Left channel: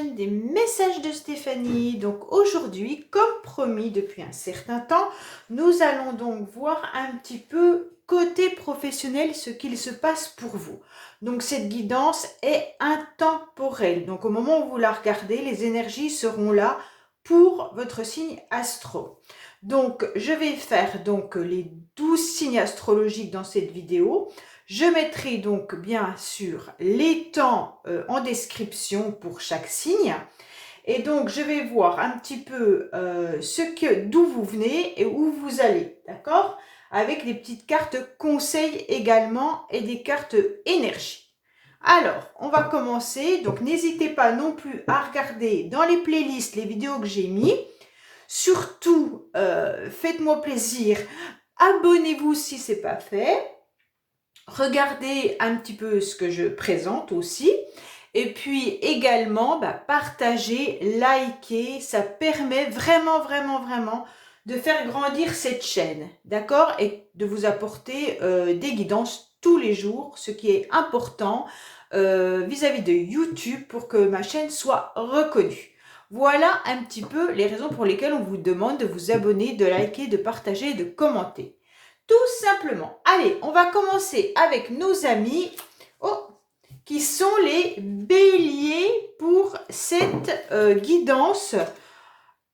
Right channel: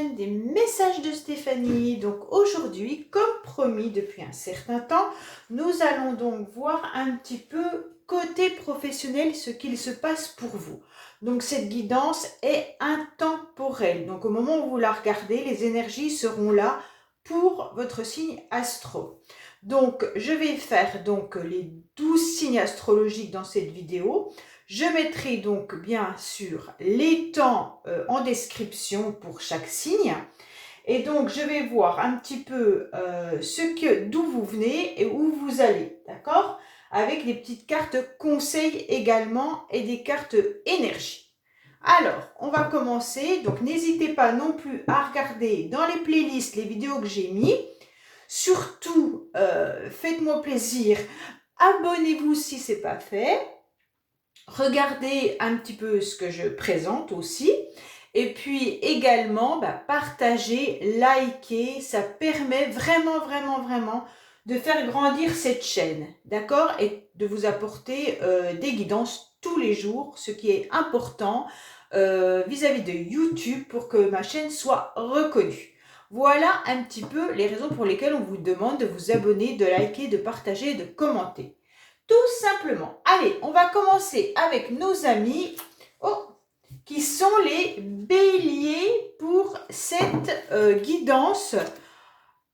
chaîne des messages de Stéphanie. Donc aujourd'hui, comme promis depuis un certain temps, nous allons donc voir un petit peu côté professionnel ce qu'il se passe pour vous. Donc cette guidance est intemporelle. Donc au moment où vous la regardez, les énergies seront là pour votre signe astro. Donc je vais faire donc les 12 signes astrologiques dans cette vidéo. Je mettrai donc bien sûr les temps en description pour chaque signe. Et donc je vais voir un petit peu d'où vous venez et où vous allez, d'accord? Avec des petites cartes conseils également et des cartes énergie. Alors, on va commencer. Donc n'hésitez pas non plus à regarder dans les playlists les vidéos que j'ai mis. Surtout, faites-moi plaisir, abonnez-vous si ce n'est pas fait. Regardez un petit peu ce que je présente aussi. Et puis également, partagez, likez. Ça permet vraiment de faire grandir cette chaîne. D'accord? Et de vous apporter des guidances tous les jours, ce qui est important vis-à-vis de YouTube pour que ma chaîne soit reconnue. Voilà un petit peu les raisons pour lesquelles on vous demande de vous abonner, de liker, de partager et de commenter. Tout simplement. Allez, on va commencer avec nos amis qui sont les béliers pour cette guidance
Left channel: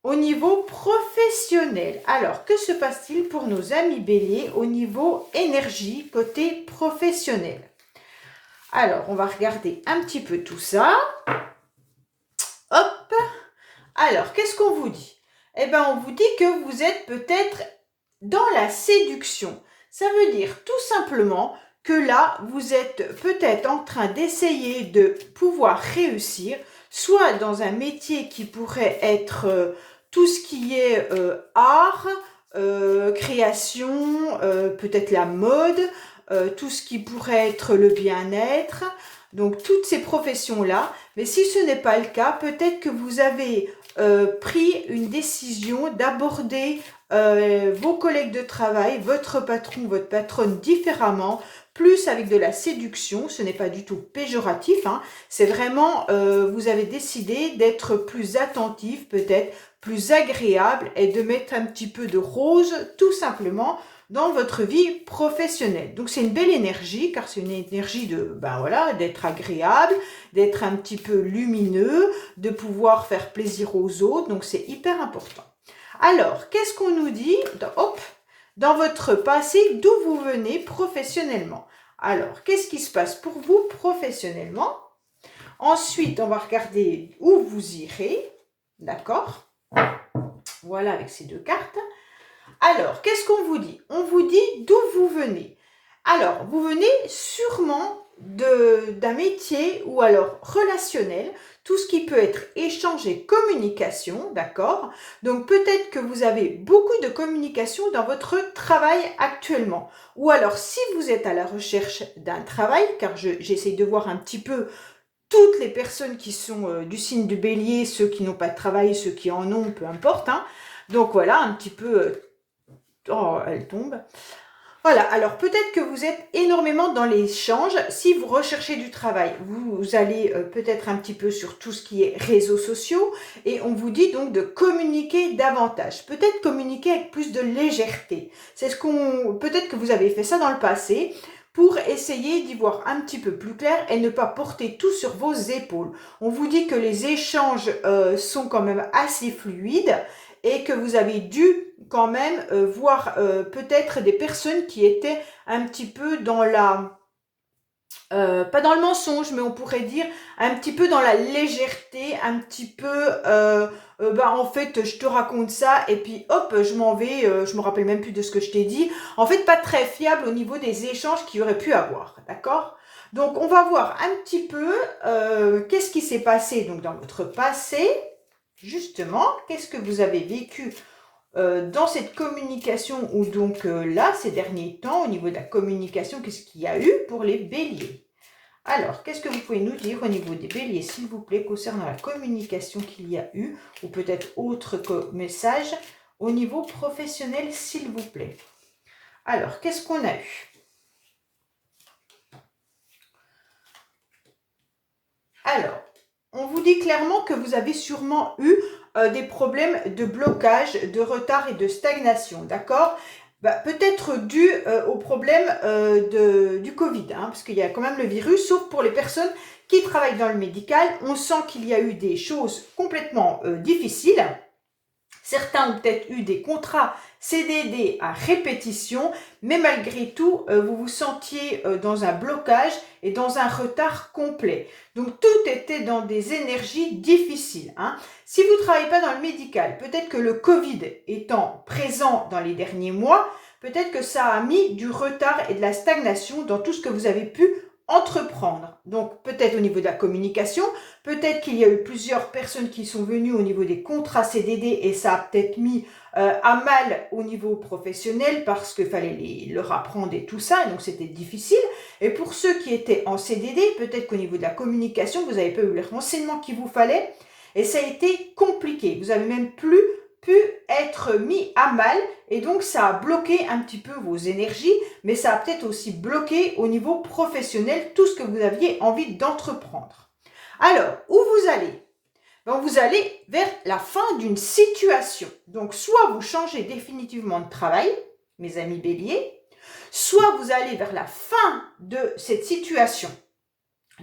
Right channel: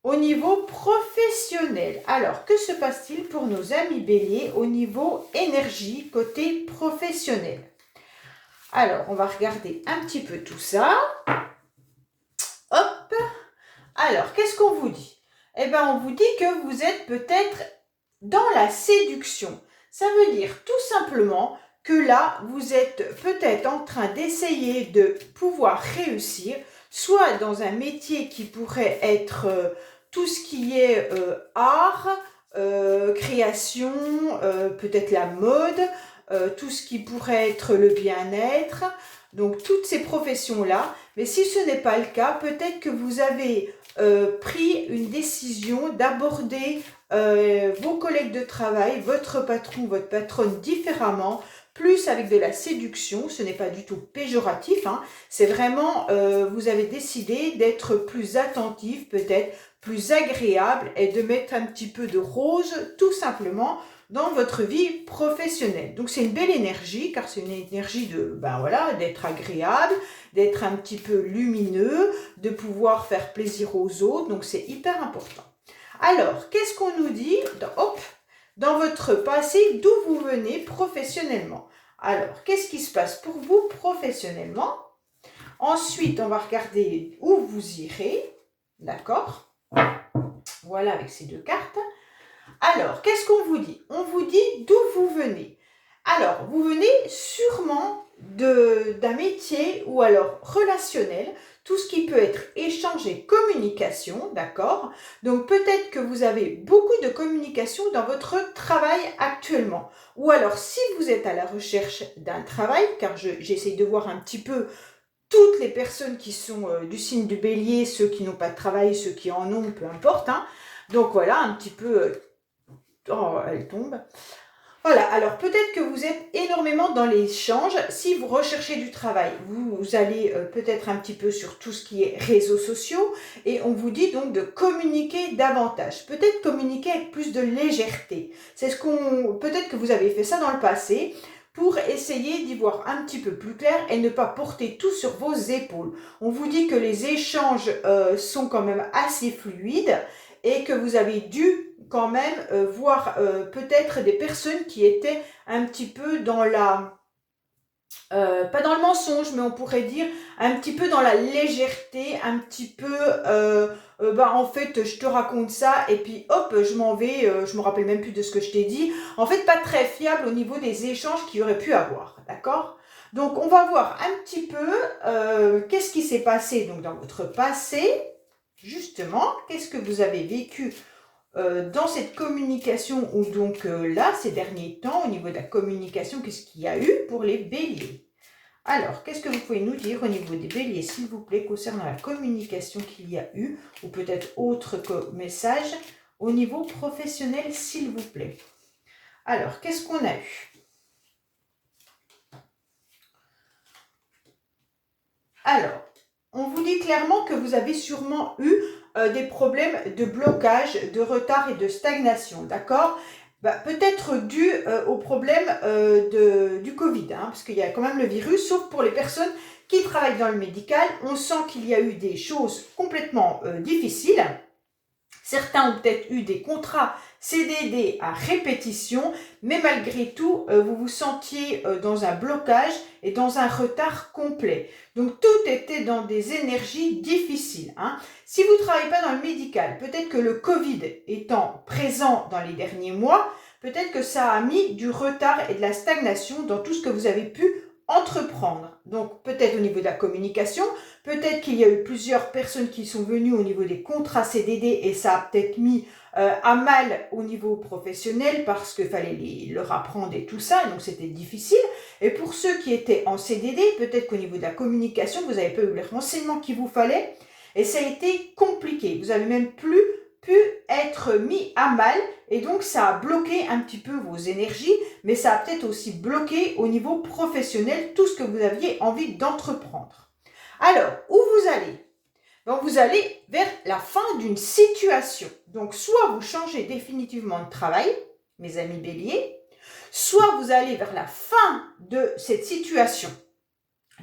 au niveau professionnel. Alors, que se passe-t-il pour nos amis béliers au niveau énergie côté professionnel? Alors, on va regarder un petit peu tout ça. Hop. Alors, qu'est-ce qu'on vous dit? Eh bien, on vous dit que vous êtes peut-être dans la séduction. Ça veut dire tout simplement que là, vous êtes peut-être en train d'essayer de pouvoir réussir, soit dans un métier qui pourrait être tout ce qui est art, création, peut-être la mode, tout ce qui pourrait être le bien-être, donc toutes ces professions-là. Mais si ce n'est pas le cas, peut-être que vous avez pris une décision d'aborder vos collègues de travail, votre patron, votre patronne différemment, plus avec de la séduction. Ce n'est pas du tout péjoratif, hein. C'est vraiment, vous avez décidé d'être plus attentif, peut-être plus agréable et de mettre un petit peu de rose, tout simplement, dans votre vie professionnelle. Donc c'est une belle énergie, car c'est une énergie de, d'être agréable, d'être un petit peu lumineux, de pouvoir faire plaisir aux autres. Donc c'est hyper important. Alors, qu'est-ce qu'on nous dit dans votre passé, d'où vous venez professionnellement? Alors, qu'est-ce qui se passe pour vous professionnellement? Ensuite, on va regarder où vous irez. D'accord? Voilà, avec ces deux cartes. Alors, qu'est-ce qu'on vous dit? On vous dit d'où vous venez. Alors, vous venez sûrement d'un métier ou alors relationnel, tout ce qui peut être échange et communication, d'accord? Donc, peut-être que vous avez beaucoup de communication dans votre travail actuellement. Ou alors, si vous êtes à la recherche d'un travail, car j'essaie de voir un petit peu toutes les personnes qui sont du signe du bélier, ceux qui n'ont pas de travail, ceux qui en ont, peu importe, hein. Donc, voilà, un petit peu... oh, elle tombe. Voilà, alors peut-être que vous êtes énormément dans l'échange. Si vous recherchez du travail, vous allez peut-être un petit peu sur tout ce qui est réseaux sociaux et on vous dit donc de communiquer davantage. Peut-être communiquer avec plus de légèreté. Peut-être que vous avez fait ça dans le passé pour essayer d'y voir un petit peu plus clair et ne pas porter tout sur vos épaules. On vous dit que les échanges sont quand même assez fluides et que vous avez dû quand même voir peut-être des personnes qui étaient un petit peu dans la... pas dans le mensonge, mais on pourrait dire un petit peu dans la légèreté, un petit peu... en fait, je te raconte ça et puis hop, je m'en vais, je me rappelle même plus de ce que je t'ai dit. En fait, pas très fiable au niveau des échanges qu'il y aurait pu avoir, d'accord? Donc, on va voir un petit peu qu'est-ce qui s'est passé donc, dans votre passé, justement, qu'est-ce que vous avez vécu dans cette communication ou donc là, ces derniers temps, au niveau de la communication, qu'est-ce qu'il y a eu pour les béliers? Alors, qu'est-ce que vous pouvez nous dire au niveau des béliers, s'il vous plaît, concernant la communication qu'il y a eu, ou peut-être autre message, au niveau professionnel, s'il vous plaît? Alors, qu'est-ce qu'on a eu? Alors, on vous dit clairement que vous avez sûrement eu des problèmes de blocage, de retard et de stagnation, d'accord? Peut-être dû au problème du Covid, hein, parce qu'il y a quand même le virus, sauf pour les personnes qui travaillent dans le médical. On sent qu'il y a eu des choses complètement difficiles. Certains ont peut-être eu des contrats CDD à répétition, mais malgré tout, vous vous sentiez dans un blocage et dans un retard complet. Donc, tout était dans des énergies difficiles, hein. Si vous ne travaillez pas dans le médical, peut-être que le Covid étant présent dans les derniers mois, peut-être que ça a mis du retard et de la stagnation dans tout ce que vous avez pu entreprendre. Donc, peut-être au niveau de la communication, peut-être qu'il y a eu plusieurs personnes qui sont venues au niveau des contrats CDD et ça a peut-être mis à mal au niveau professionnel parce qu'il fallait leur apprendre et tout ça, et donc c'était difficile. Et pour ceux qui étaient en CDD, peut-être qu'au niveau de la communication, vous n'avez pas eu les renseignements qu'il vous fallait et ça a été compliqué. Vous n'avez même plus pu être mis à mal et donc ça a bloqué un petit peu vos énergies, mais ça a peut-être aussi bloqué au niveau professionnel tout ce que vous aviez envie d'entreprendre. Alors, où vous allez? Donc, vous allez vers la fin d'une situation. Donc, soit vous changez définitivement de travail, mes amis béliers, soit vous allez vers la fin de cette situation.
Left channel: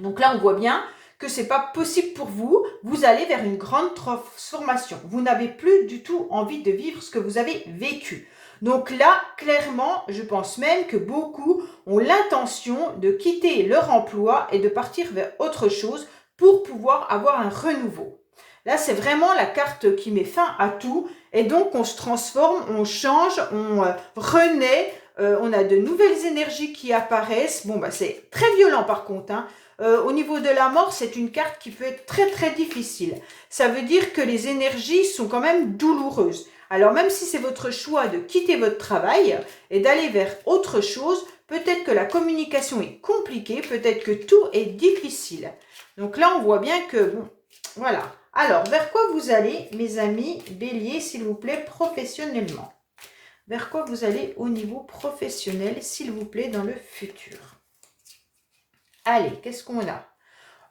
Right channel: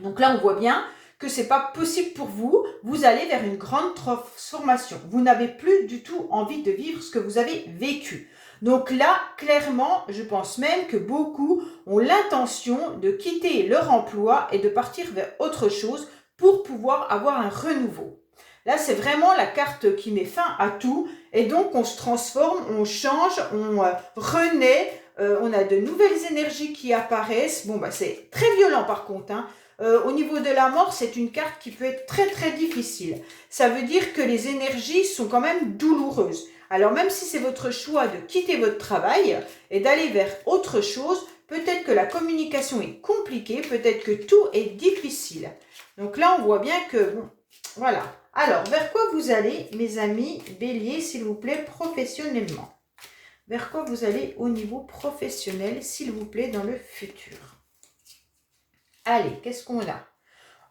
Donc là, on voit bien que ce n'est pas possible pour vous. Vous allez vers une grande transformation. Vous n'avez plus du tout envie de vivre ce que vous avez vécu. Donc là, clairement, je pense même que beaucoup ont l'intention de quitter leur emploi et de partir vers autre chose pour pouvoir avoir un renouveau. Là, c'est vraiment la carte qui met fin à tout et donc on se transforme, on change, on renaît, on a de nouvelles énergies qui apparaissent. Bon, c'est très violent par contre, hein. Au niveau de la mort, c'est une carte qui peut être très très difficile. Ça veut dire que les énergies sont quand même douloureuses. Alors même si c'est votre choix de quitter votre travail et d'aller vers autre chose, peut-être que la communication est compliquée, peut-être que tout est difficile. Donc là, on voit bien que, bon, voilà. Alors, vers quoi vous allez, mes amis béliers, s'il vous plaît, professionnellement? Vers quoi vous allez au niveau professionnel, s'il vous plaît, dans le futur? Allez, qu'est-ce qu'on a?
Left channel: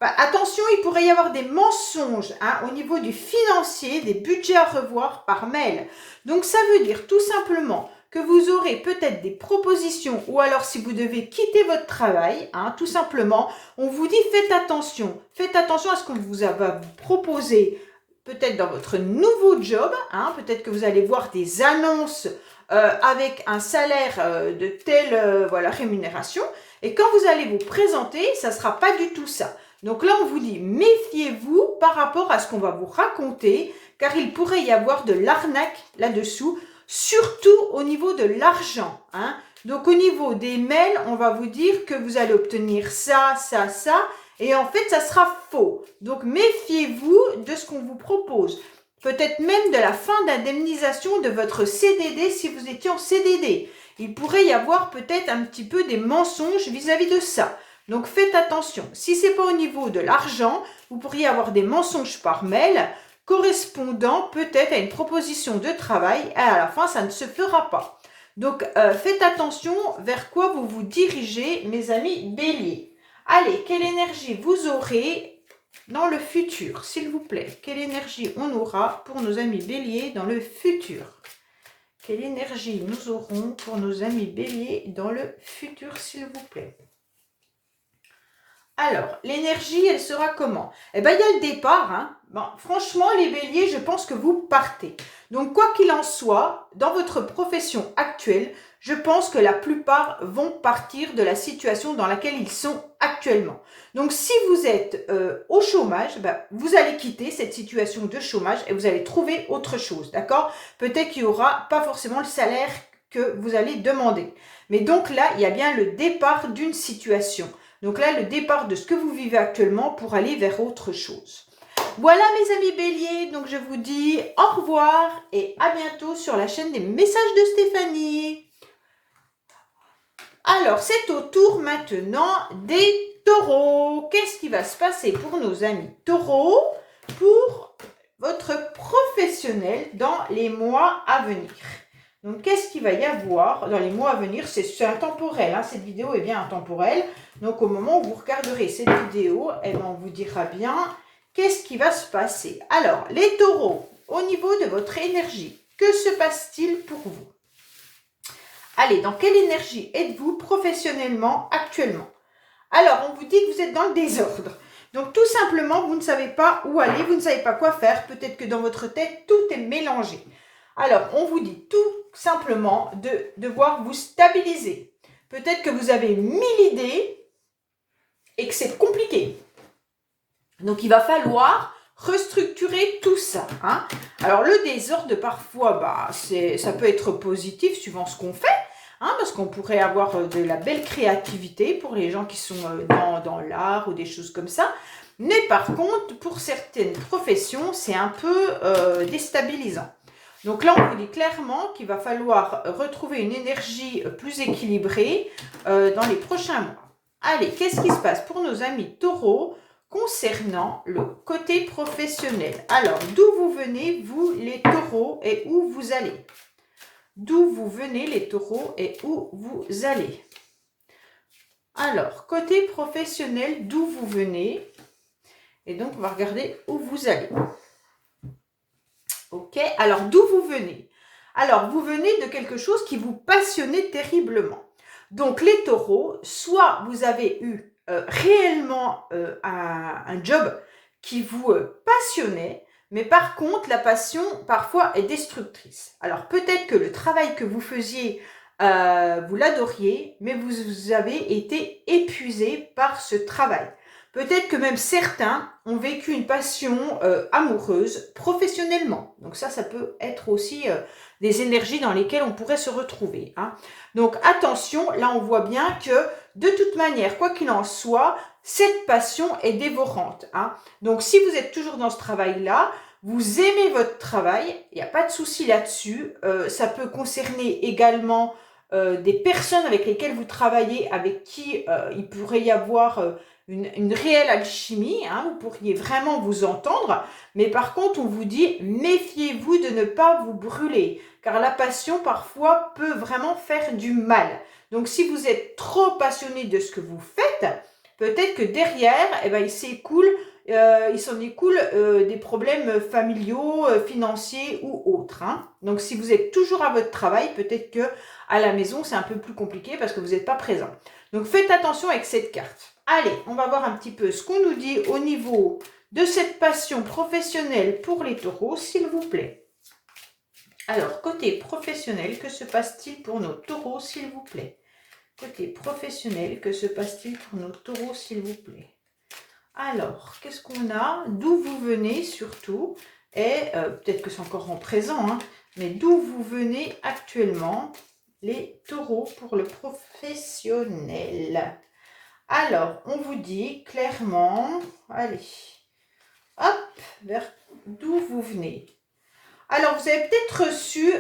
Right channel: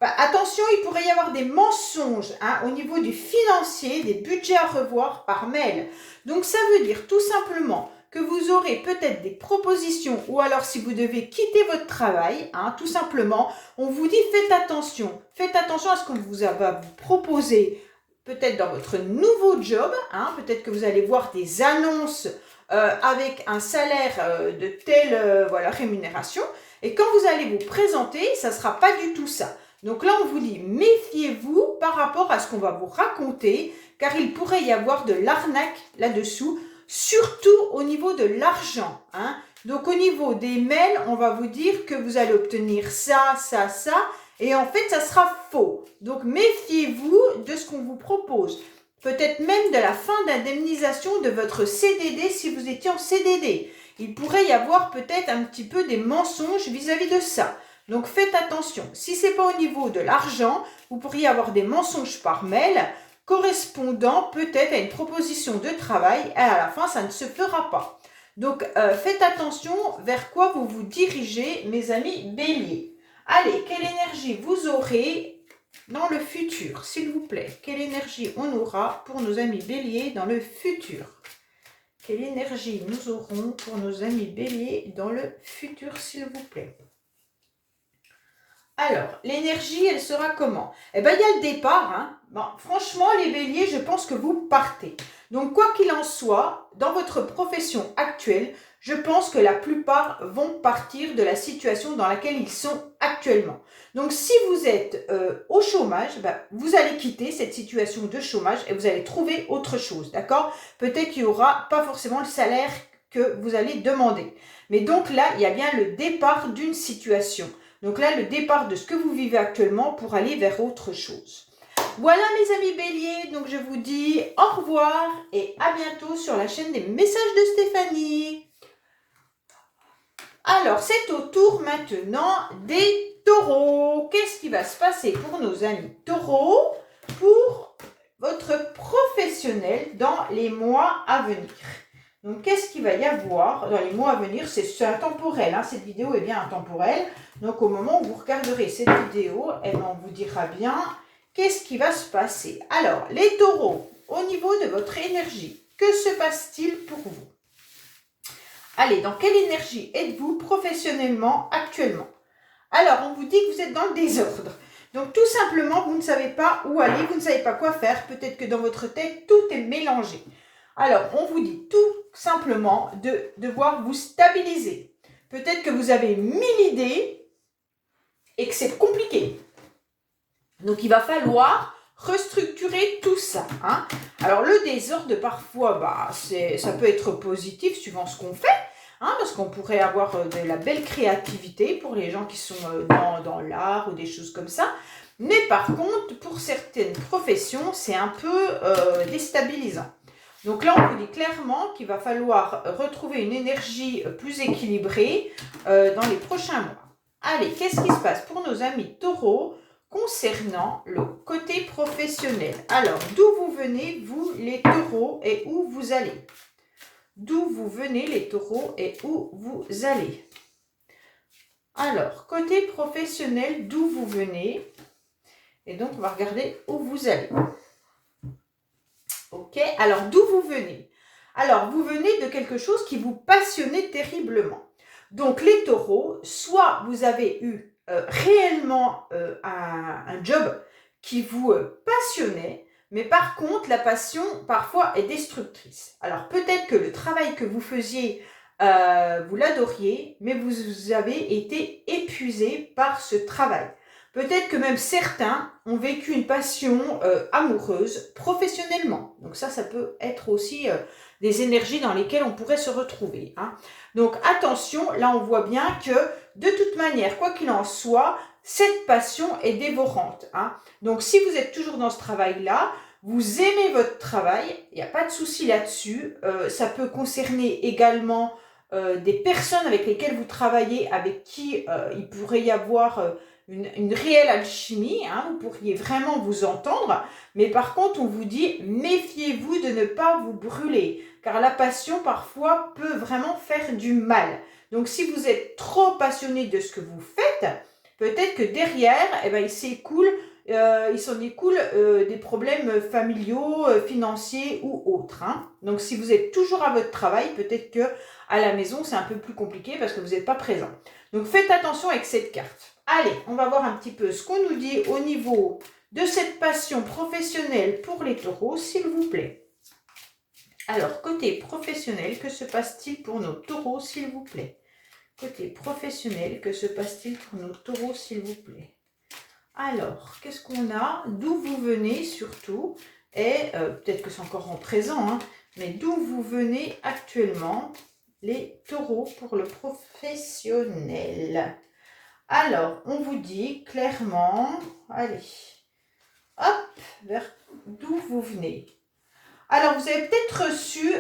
Attention, il pourrait y avoir des mensonges hein, au niveau du financier, des budgets à revoir par mail. Donc, ça veut dire tout simplement que vous aurez peut-être des propositions ou alors si vous devez quitter votre travail, hein, tout simplement, on vous dit faites attention à ce qu'on va vous proposer peut-être dans votre nouveau job, hein, peut-être que vous allez voir des annonces avec un salaire de telle voilà, rémunération et quand vous allez vous présenter, ça ne sera pas du tout ça. Donc là, on vous dit méfiez-vous par rapport à ce qu'on va vous raconter car il pourrait y avoir de l'arnaque là-dessous, surtout au niveau de l'argent, hein. Donc, au niveau des mails, on va vous dire que vous allez obtenir ça, ça, ça. Et en fait, ça sera faux. Donc, méfiez-vous de ce qu'on vous propose. Peut-être même de la fin d'indemnisation de votre CDD si vous étiez en CDD. Il pourrait y avoir peut-être un petit peu des mensonges vis-à-vis de ça. Donc, faites attention. Si ce n'est pas au niveau de l'argent, vous pourriez avoir des mensonges par mail correspondant peut-être à une proposition de travail et à la fin, ça ne se fera pas. Donc, faites attention vers quoi vous vous dirigez, mes amis béliers. Allez, quelle énergie vous aurez dans le futur, s'il vous plaît? Quelle énergie on aura pour nos amis béliers dans le futur? Quelle énergie nous aurons pour nos amis béliers dans le futur, s'il vous plaît? Alors, l'énergie, elle sera comment? Eh bien, il y a le départ. Hein. Bon, franchement, les béliers, je pense que vous partez. Donc, quoi qu'il en soit, dans votre profession actuelle, je pense que la plupart vont partir de la situation dans laquelle ils sont actuellement. Donc, si vous êtes au chômage, vous allez quitter cette situation de chômage et vous allez trouver autre chose, d'accord? Peut-être qu'il n'y aura pas forcément le salaire que vous allez demander. Mais donc là, il y a bien le départ d'une situation. Donc là, le départ de ce que vous vivez actuellement pour aller vers autre chose. Voilà mes amis béliers, donc je vous dis au revoir et à bientôt sur la chaîne des messages de Stéphanie. Alors, c'est au tour maintenant des taureaux. Qu'est-ce qui va se passer pour nos amis taureaux pour votre professionnel dans les mois à venir? Donc, qu'est-ce qu'il va y avoir dans les mois à venir? C'est intemporel, hein, cette vidéo est bien intemporelle. Donc, au moment où vous regarderez cette vidéo, on vous dira bien qu'est-ce qui va se passer? Alors, les taureaux, au niveau de votre énergie, que se passe-t-il pour vous? Allez, dans quelle énergie êtes-vous professionnellement actuellement? Alors, on vous dit que vous êtes dans le désordre. Donc, tout simplement, vous ne savez pas où aller, vous ne savez pas quoi faire. Peut-être que dans votre tête, tout est mélangé. Alors, on vous dit tout simplement de devoir vous stabiliser. Peut-être que vous avez 1000 idées et que c'est compliqué. Donc, il va falloir restructurer tout ça. Hein. Alors, le désordre, parfois, ça peut être positif suivant ce qu'on fait. Hein, parce qu'on pourrait avoir de la belle créativité pour les gens qui sont dans l'art ou des choses comme ça. Mais par contre, pour certaines professions, c'est un peu déstabilisant. Donc là, on vous dit clairement qu'il va falloir retrouver une énergie plus équilibrée dans les prochains mois. Allez, qu'est-ce qui se passe pour nos amis taureaux concernant le côté professionnel? Alors, d'où vous venez, vous les taureaux, et où vous allez? D'où vous venez les taureaux et où vous allez? Alors, côté professionnel, d'où vous venez? Et donc, on va regarder où vous allez. Ok, alors d'où vous venez? Alors, vous venez de quelque chose qui vous passionnait terriblement. Donc, les taureaux, soit vous avez eu réellement un job qui vous passionnait, mais par contre, la passion, parfois, est destructrice. Alors, peut-être que le travail que vous faisiez, vous l'adoriez, mais vous avez été épuisé par ce travail. Peut-être que même certains ont vécu une passion amoureuse professionnellement. Donc ça peut être aussi des énergies dans lesquelles on pourrait se retrouver. Hein. Donc attention, là on voit bien que de toute manière, quoi qu'il en soit, cette passion est dévorante. Hein. Donc si vous êtes toujours dans ce travail-là, vous aimez votre travail, il n'y a pas de souci là-dessus. Ça peut concerner également des personnes avec lesquelles vous travaillez, avec qui il pourrait y avoir une réelle alchimie, hein, vous pourriez vraiment vous entendre, mais par contre on vous dit méfiez-vous de ne pas vous brûler, car la passion parfois peut vraiment faire du mal. Donc si vous êtes trop passionné de ce que vous faites, peut-être que derrière, il s'en écoule des problèmes familiaux, financiers ou autres. Hein. Donc si vous êtes toujours à votre travail, peut-être que à la maison c'est un peu plus compliqué parce que vous n'êtes pas présent. Donc faites attention avec cette carte. Allez, on va voir un petit peu ce qu'on nous dit au niveau de cette passion professionnelle pour les taureaux, s'il vous plaît. Alors, côté professionnel, que se passe-t-il pour nos taureaux, s'il vous plaît? Côté professionnel, que se passe-t-il pour nos taureaux, s'il vous plaît? Alors, qu'est-ce qu'on a? D'où vous venez surtout? Et peut-être que c'est encore en présent, hein, mais d'où vous venez actuellement, les taureaux, pour le professionnel? Alors, on vous dit clairement, allez, hop, vers d'où vous venez. Alors, vous avez peut-être reçu,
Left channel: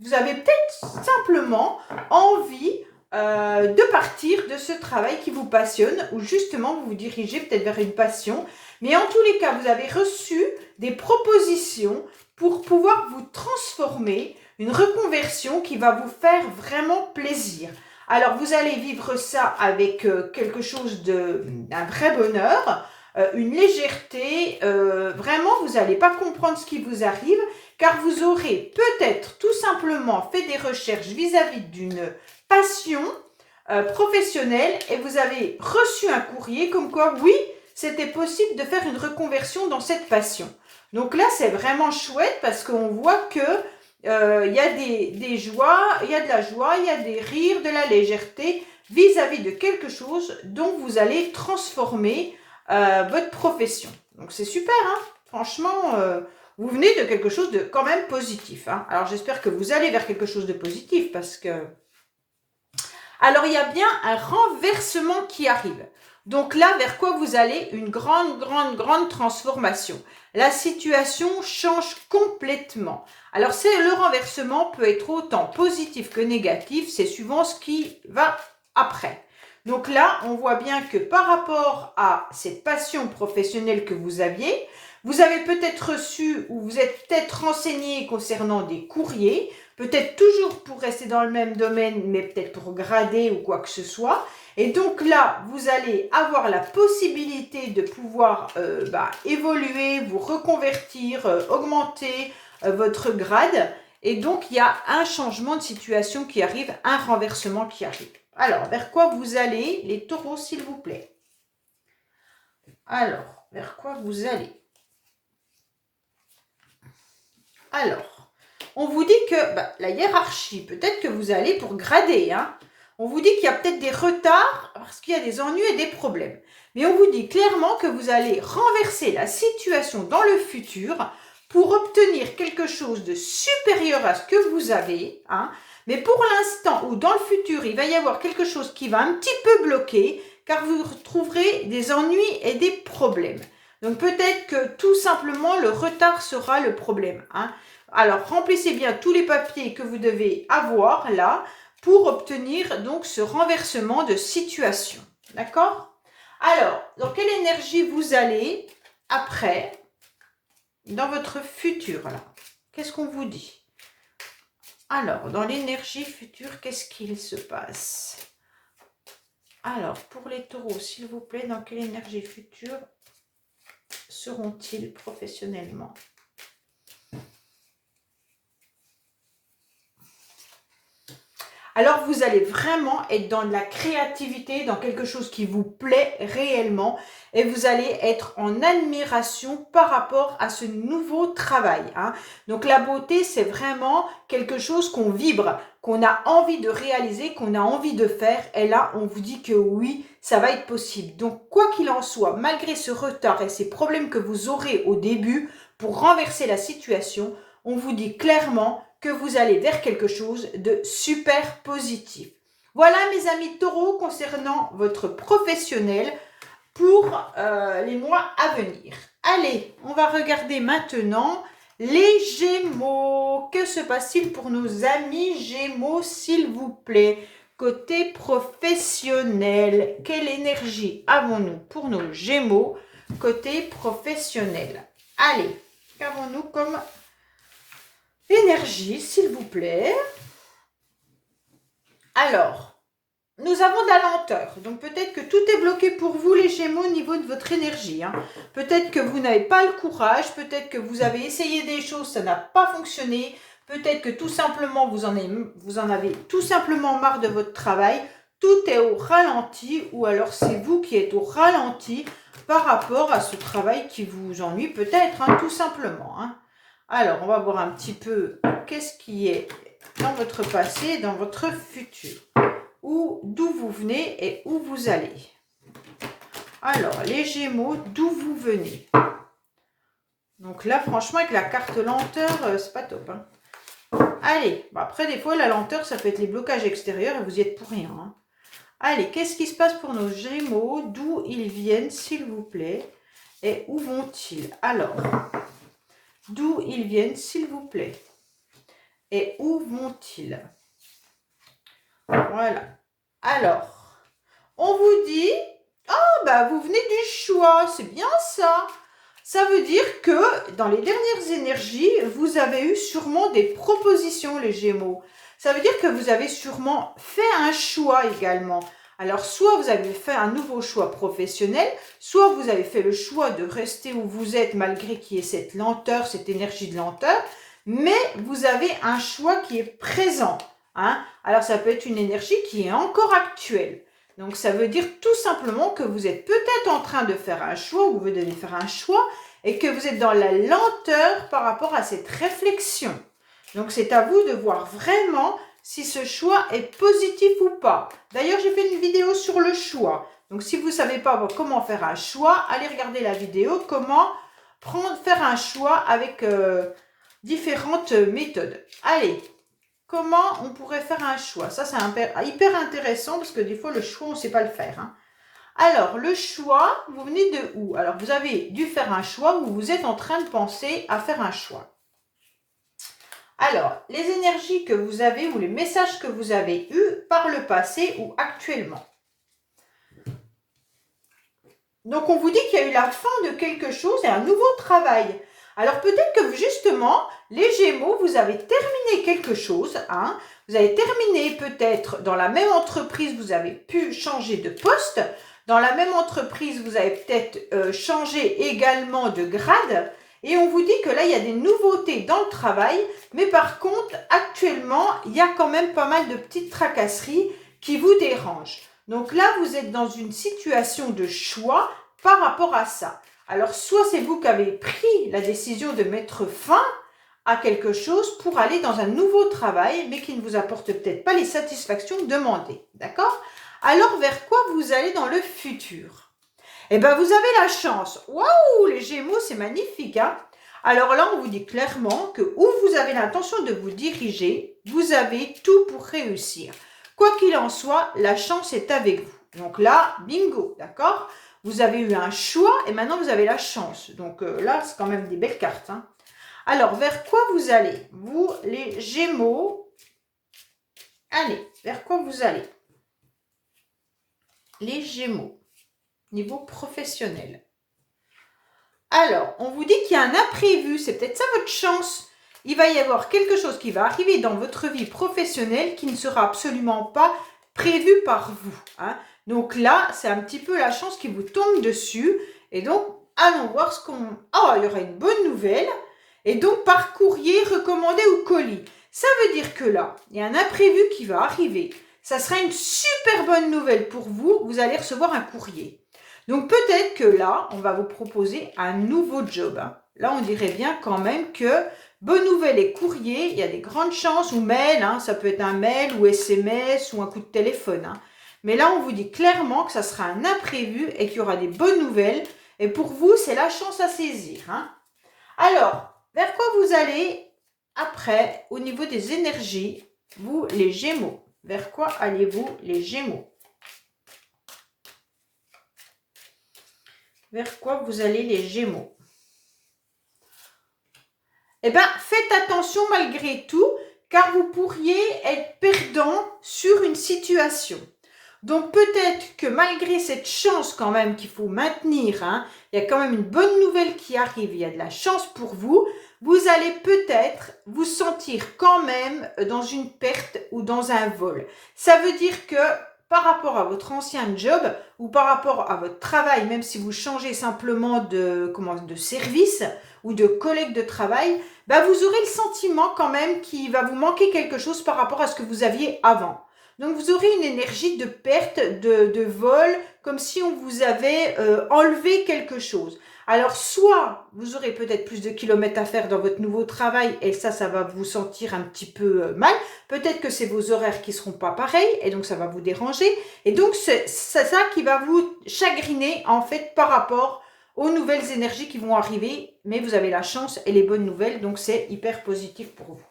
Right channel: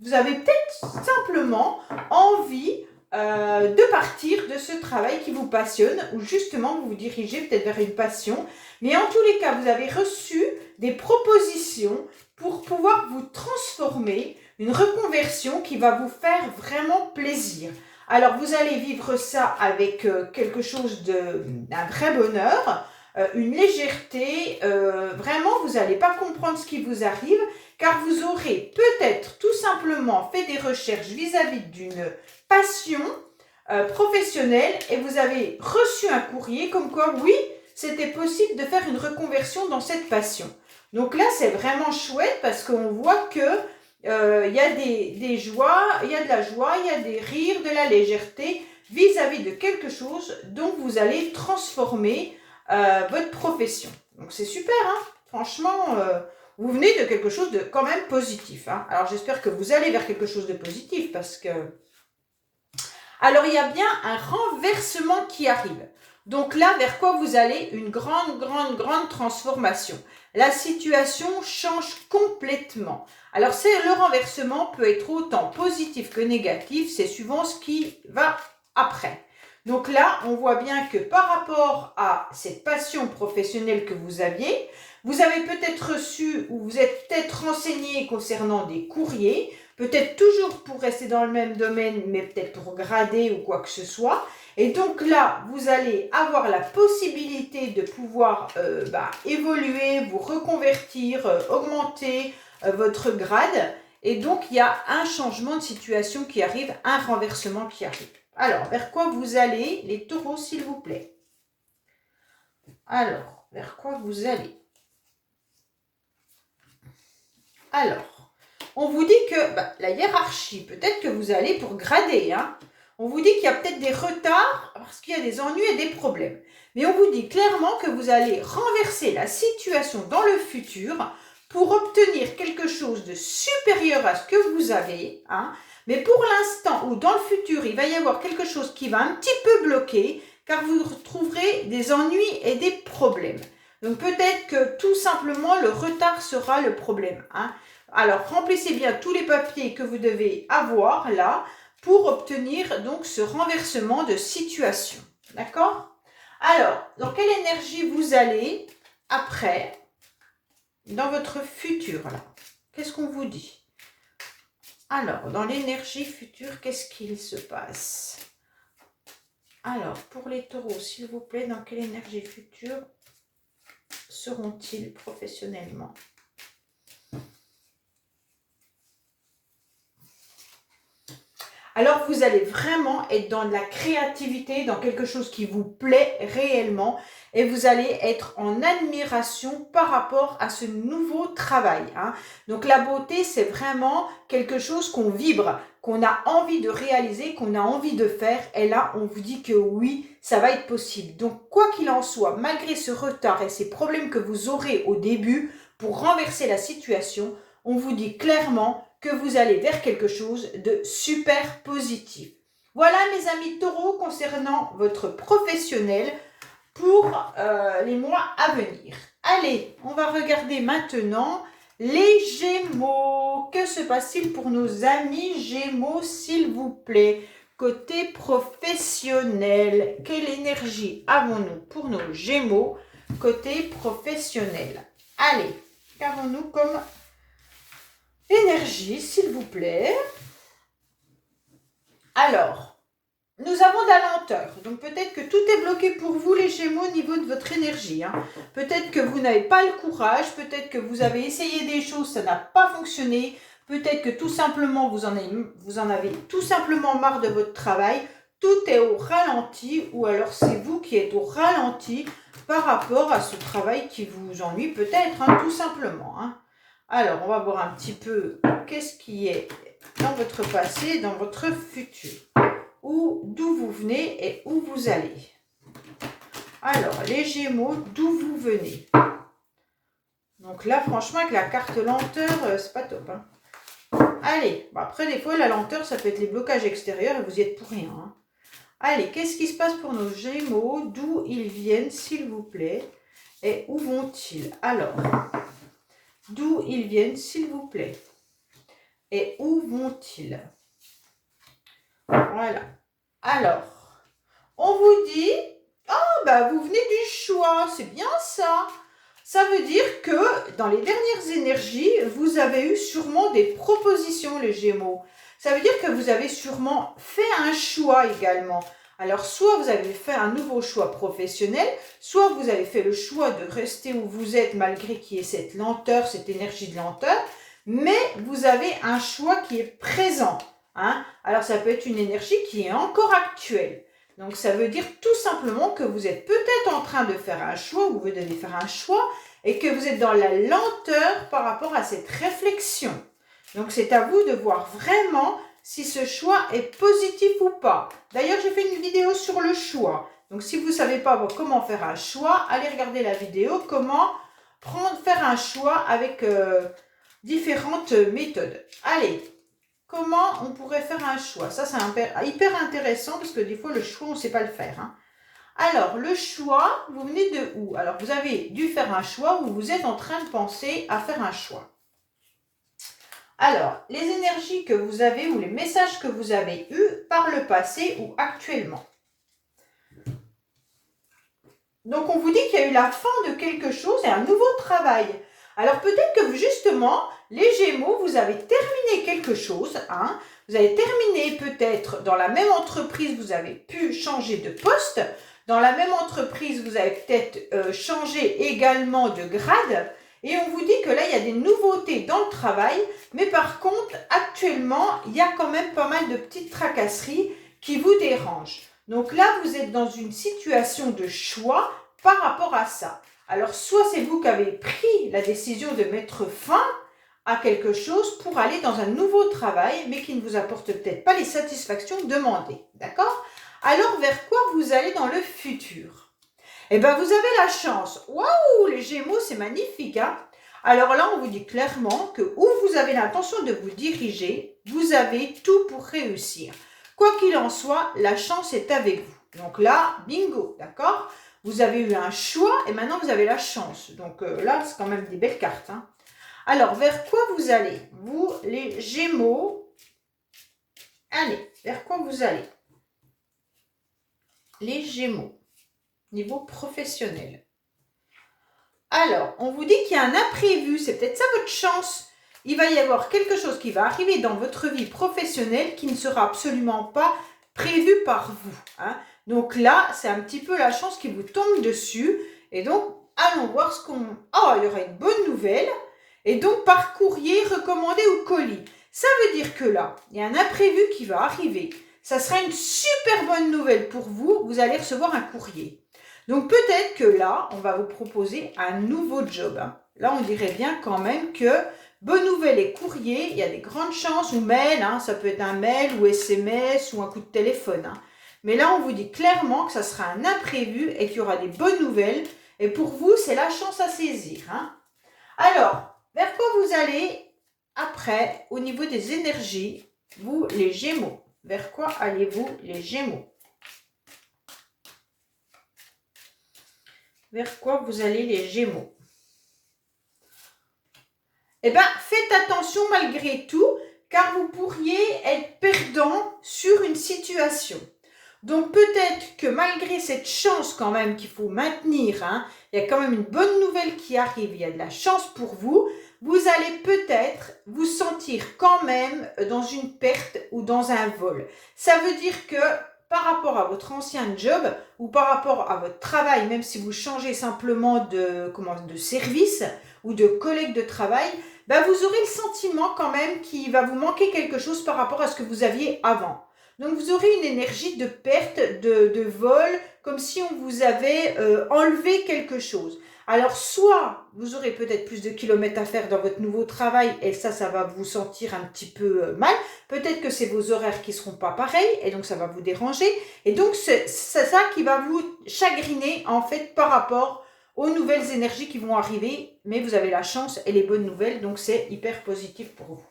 vous avez peut-être simplement envie de partir de ce travail qui vous passionne, ou justement, vous vous dirigez peut-être vers une passion. Mais en tous les cas, vous avez reçu des propositions pour pouvoir vous transformer, une reconversion qui va vous faire vraiment plaisir. Alors, vous allez vivre ça avec quelque chose d'un vrai bonheur, une légèreté. Vraiment, vous n'allez pas comprendre ce qui vous arrive, car vous aurez peut-être tout simplement fait des recherches vis-à-vis d'une passion professionnelle et vous avez reçu un courrier comme quoi, oui, c'était possible de faire une reconversion dans cette passion. Donc là, c'est vraiment chouette parce qu'on voit que il y a des joies, il y a de la joie, il y a des rires, de la légèreté vis-à-vis de quelque chose dont vous allez transformer votre profession. Donc c'est super, hein. Franchement, vous venez de quelque chose de quand même positif. Hein. Alors j'espère que vous allez vers quelque chose de positif parce que... Alors il y a bien un renversement qui arrive. Donc là, vers quoi vous allez? Une grande transformation. La situation change complètement. Alors, le renversement peut être autant positif que négatif, c'est suivant ce qui va après. Donc là, on voit bien que par rapport à cette passion professionnelle que vous avez peut-être reçu ou vous êtes peut-être renseigné concernant des courriers peut-être toujours pour rester dans le même domaine, mais peut-être pour grader ou quoi que ce soit. Et donc là, vous allez avoir la possibilité de pouvoir évoluer, vous reconvertir, augmenter votre grade. Et donc, il y a un changement de situation qui arrive, un renversement qui arrive. Alors, vers quoi vous allez, les taureaux, s'il vous plaît? Alors, vers quoi vous allez? Alors, on vous dit que la hiérarchie, peut-être que vous allez pour grader, hein. On vous dit qu'il y a peut-être des retards parce qu'il y a des ennuis et des problèmes. Mais on vous dit clairement que vous allez renverser la situation dans le futur pour obtenir quelque chose de supérieur à ce que vous avez, hein. Mais pour l'instant ou dans le futur, il va y avoir quelque chose qui va un petit peu bloquer car vous retrouverez des ennuis et des problèmes. Donc peut-être que tout simplement le retard sera le problème, hein. Alors remplissez bien tous les papiers que vous devez avoir là pour obtenir donc ce renversement de situation. D'accord? Alors, dans quelle énergie vous allez après dans votre futur là? Qu'est-ce qu'on vous dit? Alors, dans l'énergie future, qu'est-ce qu'il se passe? Alors, pour les taureaux, s'il vous plaît, dans quelle énergie future seront-ils professionnellement? Alors, vous allez vraiment être dans de la créativité, dans quelque chose qui vous plaît réellement et vous allez être en admiration par rapport à ce nouveau travail, hein. Donc, la beauté, c'est vraiment quelque chose qu'on vibre, qu'on a envie de réaliser, qu'on a envie de faire. Et là, on vous dit que oui, ça va être possible. Donc, quoi qu'il en soit, malgré ce retard et ces problèmes que vous aurez au début pour renverser la situation, on vous dit clairement que vous allez vers quelque chose de super positif. Voilà mes amis taureaux concernant votre professionnel pour les mois à venir. Allez, on va regarder maintenant les Gémeaux. Que se passe-t-il pour nos amis Gémeaux, s'il vous plaît? Côté professionnel, quelle énergie avons-nous pour nos Gémeaux côté professionnel? Allez, qu'avons-nous comme énergie, s'il vous plaît? Alors, nous avons de la lenteur. Donc, peut-être que tout est bloqué pour vous, les Gémeaux, au niveau de votre énergie, hein. Peut-être que vous n'avez pas le courage. Peut-être que vous avez essayé des choses, ça n'a pas fonctionné. Peut-être que tout simplement, vous en avez tout simplement marre de votre travail. Tout est au ralenti ou alors c'est vous qui êtes au ralenti par rapport à ce travail qui vous ennuie peut-être, hein, tout simplement, hein. Alors, on va voir un petit peu qu'est-ce qui est dans votre passé, dans votre futur. D'où vous venez et où vous allez. Alors, les Gémeaux, d'où vous venez? Donc là, franchement, avec la carte lenteur, c'est pas top, hein. Allez, bon, après, des fois, la lenteur, ça peut être les blocages extérieurs et vous y êtes pour rien, hein. Allez, qu'est-ce qui se passe pour nos Gémeaux? D'où ils viennent, s'il vous plaît? Et où vont-ils? Alors, d'où ils viennent, s'il vous plaît? Et où vont-ils? Voilà. Alors, on vous dit, vous venez du choix, c'est bien ça. Ça veut dire que dans les dernières énergies, vous avez eu sûrement des propositions, les Gémeaux. Ça veut dire que vous avez sûrement fait un choix également. Alors, soit vous avez fait un nouveau choix professionnel, soit vous avez fait le choix de rester où vous êtes malgré qu'il y ait cette lenteur, cette énergie de lenteur, mais vous avez un choix qui est présent, hein. Alors, ça peut être une énergie qui est encore actuelle. Donc, ça veut dire tout simplement que vous êtes peut-être en train de faire un choix ou vous devez faire un choix et que vous êtes dans la lenteur par rapport à cette réflexion. Donc, c'est à vous de voir vraiment si ce choix est positif ou pas. D'ailleurs, j'ai fait une vidéo sur le choix. Donc, si vous ne savez pas comment faire un choix, allez regarder la vidéo « Comment faire un choix avec différentes méthodes ». Allez, comment on pourrait faire un choix? Ça, c'est hyper intéressant parce que des fois, le choix, on ne sait pas le faire, hein. Alors, le choix, vous venez de où? Alors, vous avez dû faire un choix ou vous êtes en train de penser à faire un choix. Alors, les énergies que vous avez ou les messages que vous avez eus par le passé ou actuellement. Donc, on vous dit qu'il y a eu la fin de quelque chose et un nouveau travail. Alors peut-être que justement, les Gémeaux, vous avez terminé quelque chose, hein. Vous avez terminé peut-être dans la même entreprise, vous avez pu changer de poste. Dans la même entreprise, vous avez peut-être changé également de grade. Et on vous dit que là, il y a des nouveautés dans le travail. Mais par contre, actuellement, il y a quand même pas mal de petites tracasseries qui vous dérangent. Donc là, vous êtes dans une situation de choix par rapport à ça. Alors, soit c'est vous qui avez pris la décision de mettre fin à quelque chose pour aller dans un nouveau travail, mais qui ne vous apporte peut-être pas les satisfactions demandées. D'accord? Alors, vers quoi vous allez dans le futur? Eh bien, vous avez la chance. Waouh, les Gémeaux, c'est magnifique, hein? Alors là, on vous dit clairement que où vous avez l'intention de vous diriger, vous avez tout pour réussir. Quoi qu'il en soit, la chance est avec vous. Donc là, bingo, d'accord? Vous avez eu un choix et maintenant vous avez la chance. Donc là, c'est quand même des belles cartes, hein? Alors, vers quoi vous allez? Vous, les Gémeaux, allez, vers quoi vous allez? Les Gémeaux, niveau professionnel. Alors, on vous dit qu'il y a un imprévu, c'est peut-être ça votre chance. Il va y avoir quelque chose qui va arriver dans votre vie professionnelle qui ne sera absolument pas prévu par vous, hein. Donc là, c'est un petit peu la chance qui vous tombe dessus. Et donc, allons voir ce qu'on... Oh, il y aura une bonne nouvelle. Et donc, par courrier, recommandé ou colis. Ça veut dire que là, il y a un imprévu qui va arriver. Ça sera une super bonne nouvelle pour vous. Vous allez recevoir un courrier. Donc, peut-être que là, on va vous proposer un nouveau job, hein. Là, on dirait bien quand même que bonne nouvelle et courrier, il y a des grandes chances, ou mail, hein, ça peut être un mail ou SMS ou un coup de téléphone, hein. Mais là, on vous dit clairement que ça sera un imprévu et qu'il y aura des bonnes nouvelles. Et pour vous, c'est la chance à saisir, hein. Alors, vers quoi vous allez après au niveau des énergies, vous les Gémeaux? Vers quoi allez-vous les Gémeaux? Vers quoi vous allez les Gémeaux? Eh bien, faites attention malgré tout, car vous pourriez être perdant sur une situation. Donc peut-être que malgré cette chance quand même qu'il faut maintenir, hein, il y a quand même une bonne nouvelle qui arrive, il y a de la chance pour vous, vous allez peut-être vous sentir quand même dans une perte ou dans un vol. Ça veut dire que par rapport à votre ancien job ou par rapport à votre travail, même si vous changez simplement de service ou de collègue de travail, bah vous aurez le sentiment quand même qu'il va vous manquer quelque chose par rapport à ce que vous aviez avant. Donc, vous aurez une énergie de perte, de vol, comme si on vous avait enlevé quelque chose. Alors, soit vous aurez peut-être plus de kilomètres à faire dans votre nouveau travail et ça va vous sentir un petit peu mal. Peut-être que c'est vos horaires qui ne seront pas pareils et donc ça va vous déranger. Et donc, c'est ça qui va vous chagriner en fait par rapport aux nouvelles énergies qui vont arriver. Mais vous avez la chance et les bonnes nouvelles, donc c'est hyper positif pour vous.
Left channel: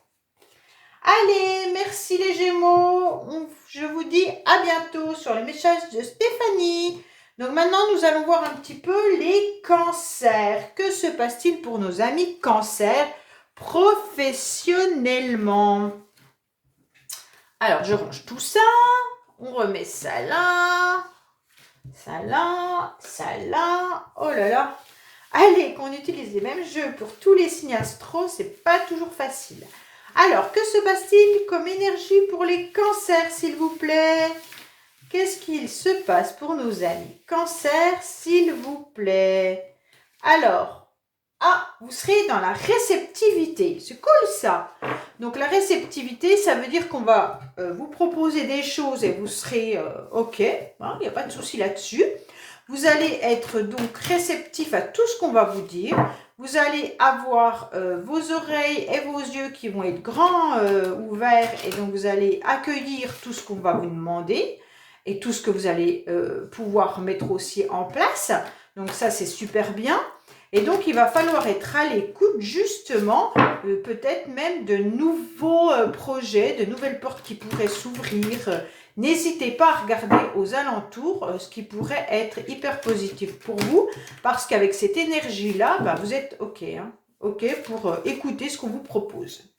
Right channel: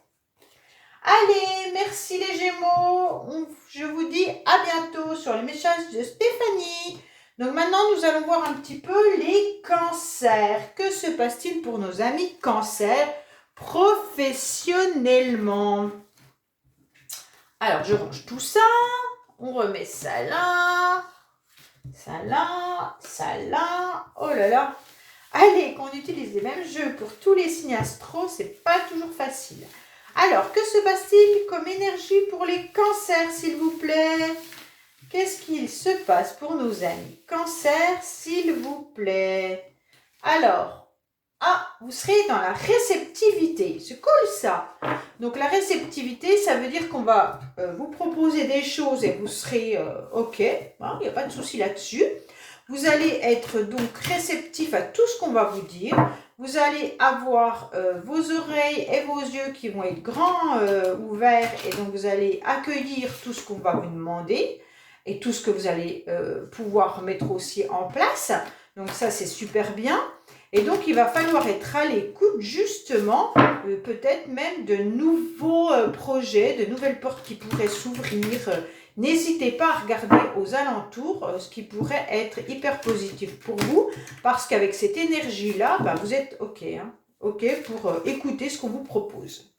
Allez, merci les Gémeaux. Je vous dis à bientôt sur les messages de Stéphanie. Donc maintenant, nous allons voir un petit peu les cancers. Que se passe-t-il pour nos amis cancers professionnellement? Alors, je range tout ça. On remet ça là. Ça là. Ça là. Oh là là. Allez, qu'on utilise les mêmes jeux pour tous les signes astro, c'est pas toujours facile. Alors, que se passe-t-il comme énergie pour les cancers, s'il vous plaît? Qu'est-ce qu'il se passe pour nos amis cancers, s'il vous plaît? Alors, vous serez dans la réceptivité. C'est cool ça. Donc, la réceptivité, ça veut dire qu'on va vous proposer des choses et vous serez OK. Il n'y a pas de souci là-dessus. Vous allez être donc réceptif à tout ce qu'on va vous dire. Vous allez avoir vos oreilles et vos yeux qui vont être grands ouverts et donc vous allez accueillir tout ce qu'on va vous demander et tout ce que vous allez pouvoir mettre aussi en place. Donc ça, c'est super bien. Et donc, il va falloir être à l'écoute justement, peut-être même de nouveaux projets, de nouvelles portes qui pourraient s'ouvrir. N'hésitez pas à regarder aux alentours ce qui pourrait être hyper positif pour vous, parce qu'avec cette énergie-là, vous êtes OK, hein, OK pour écouter ce qu'on vous propose.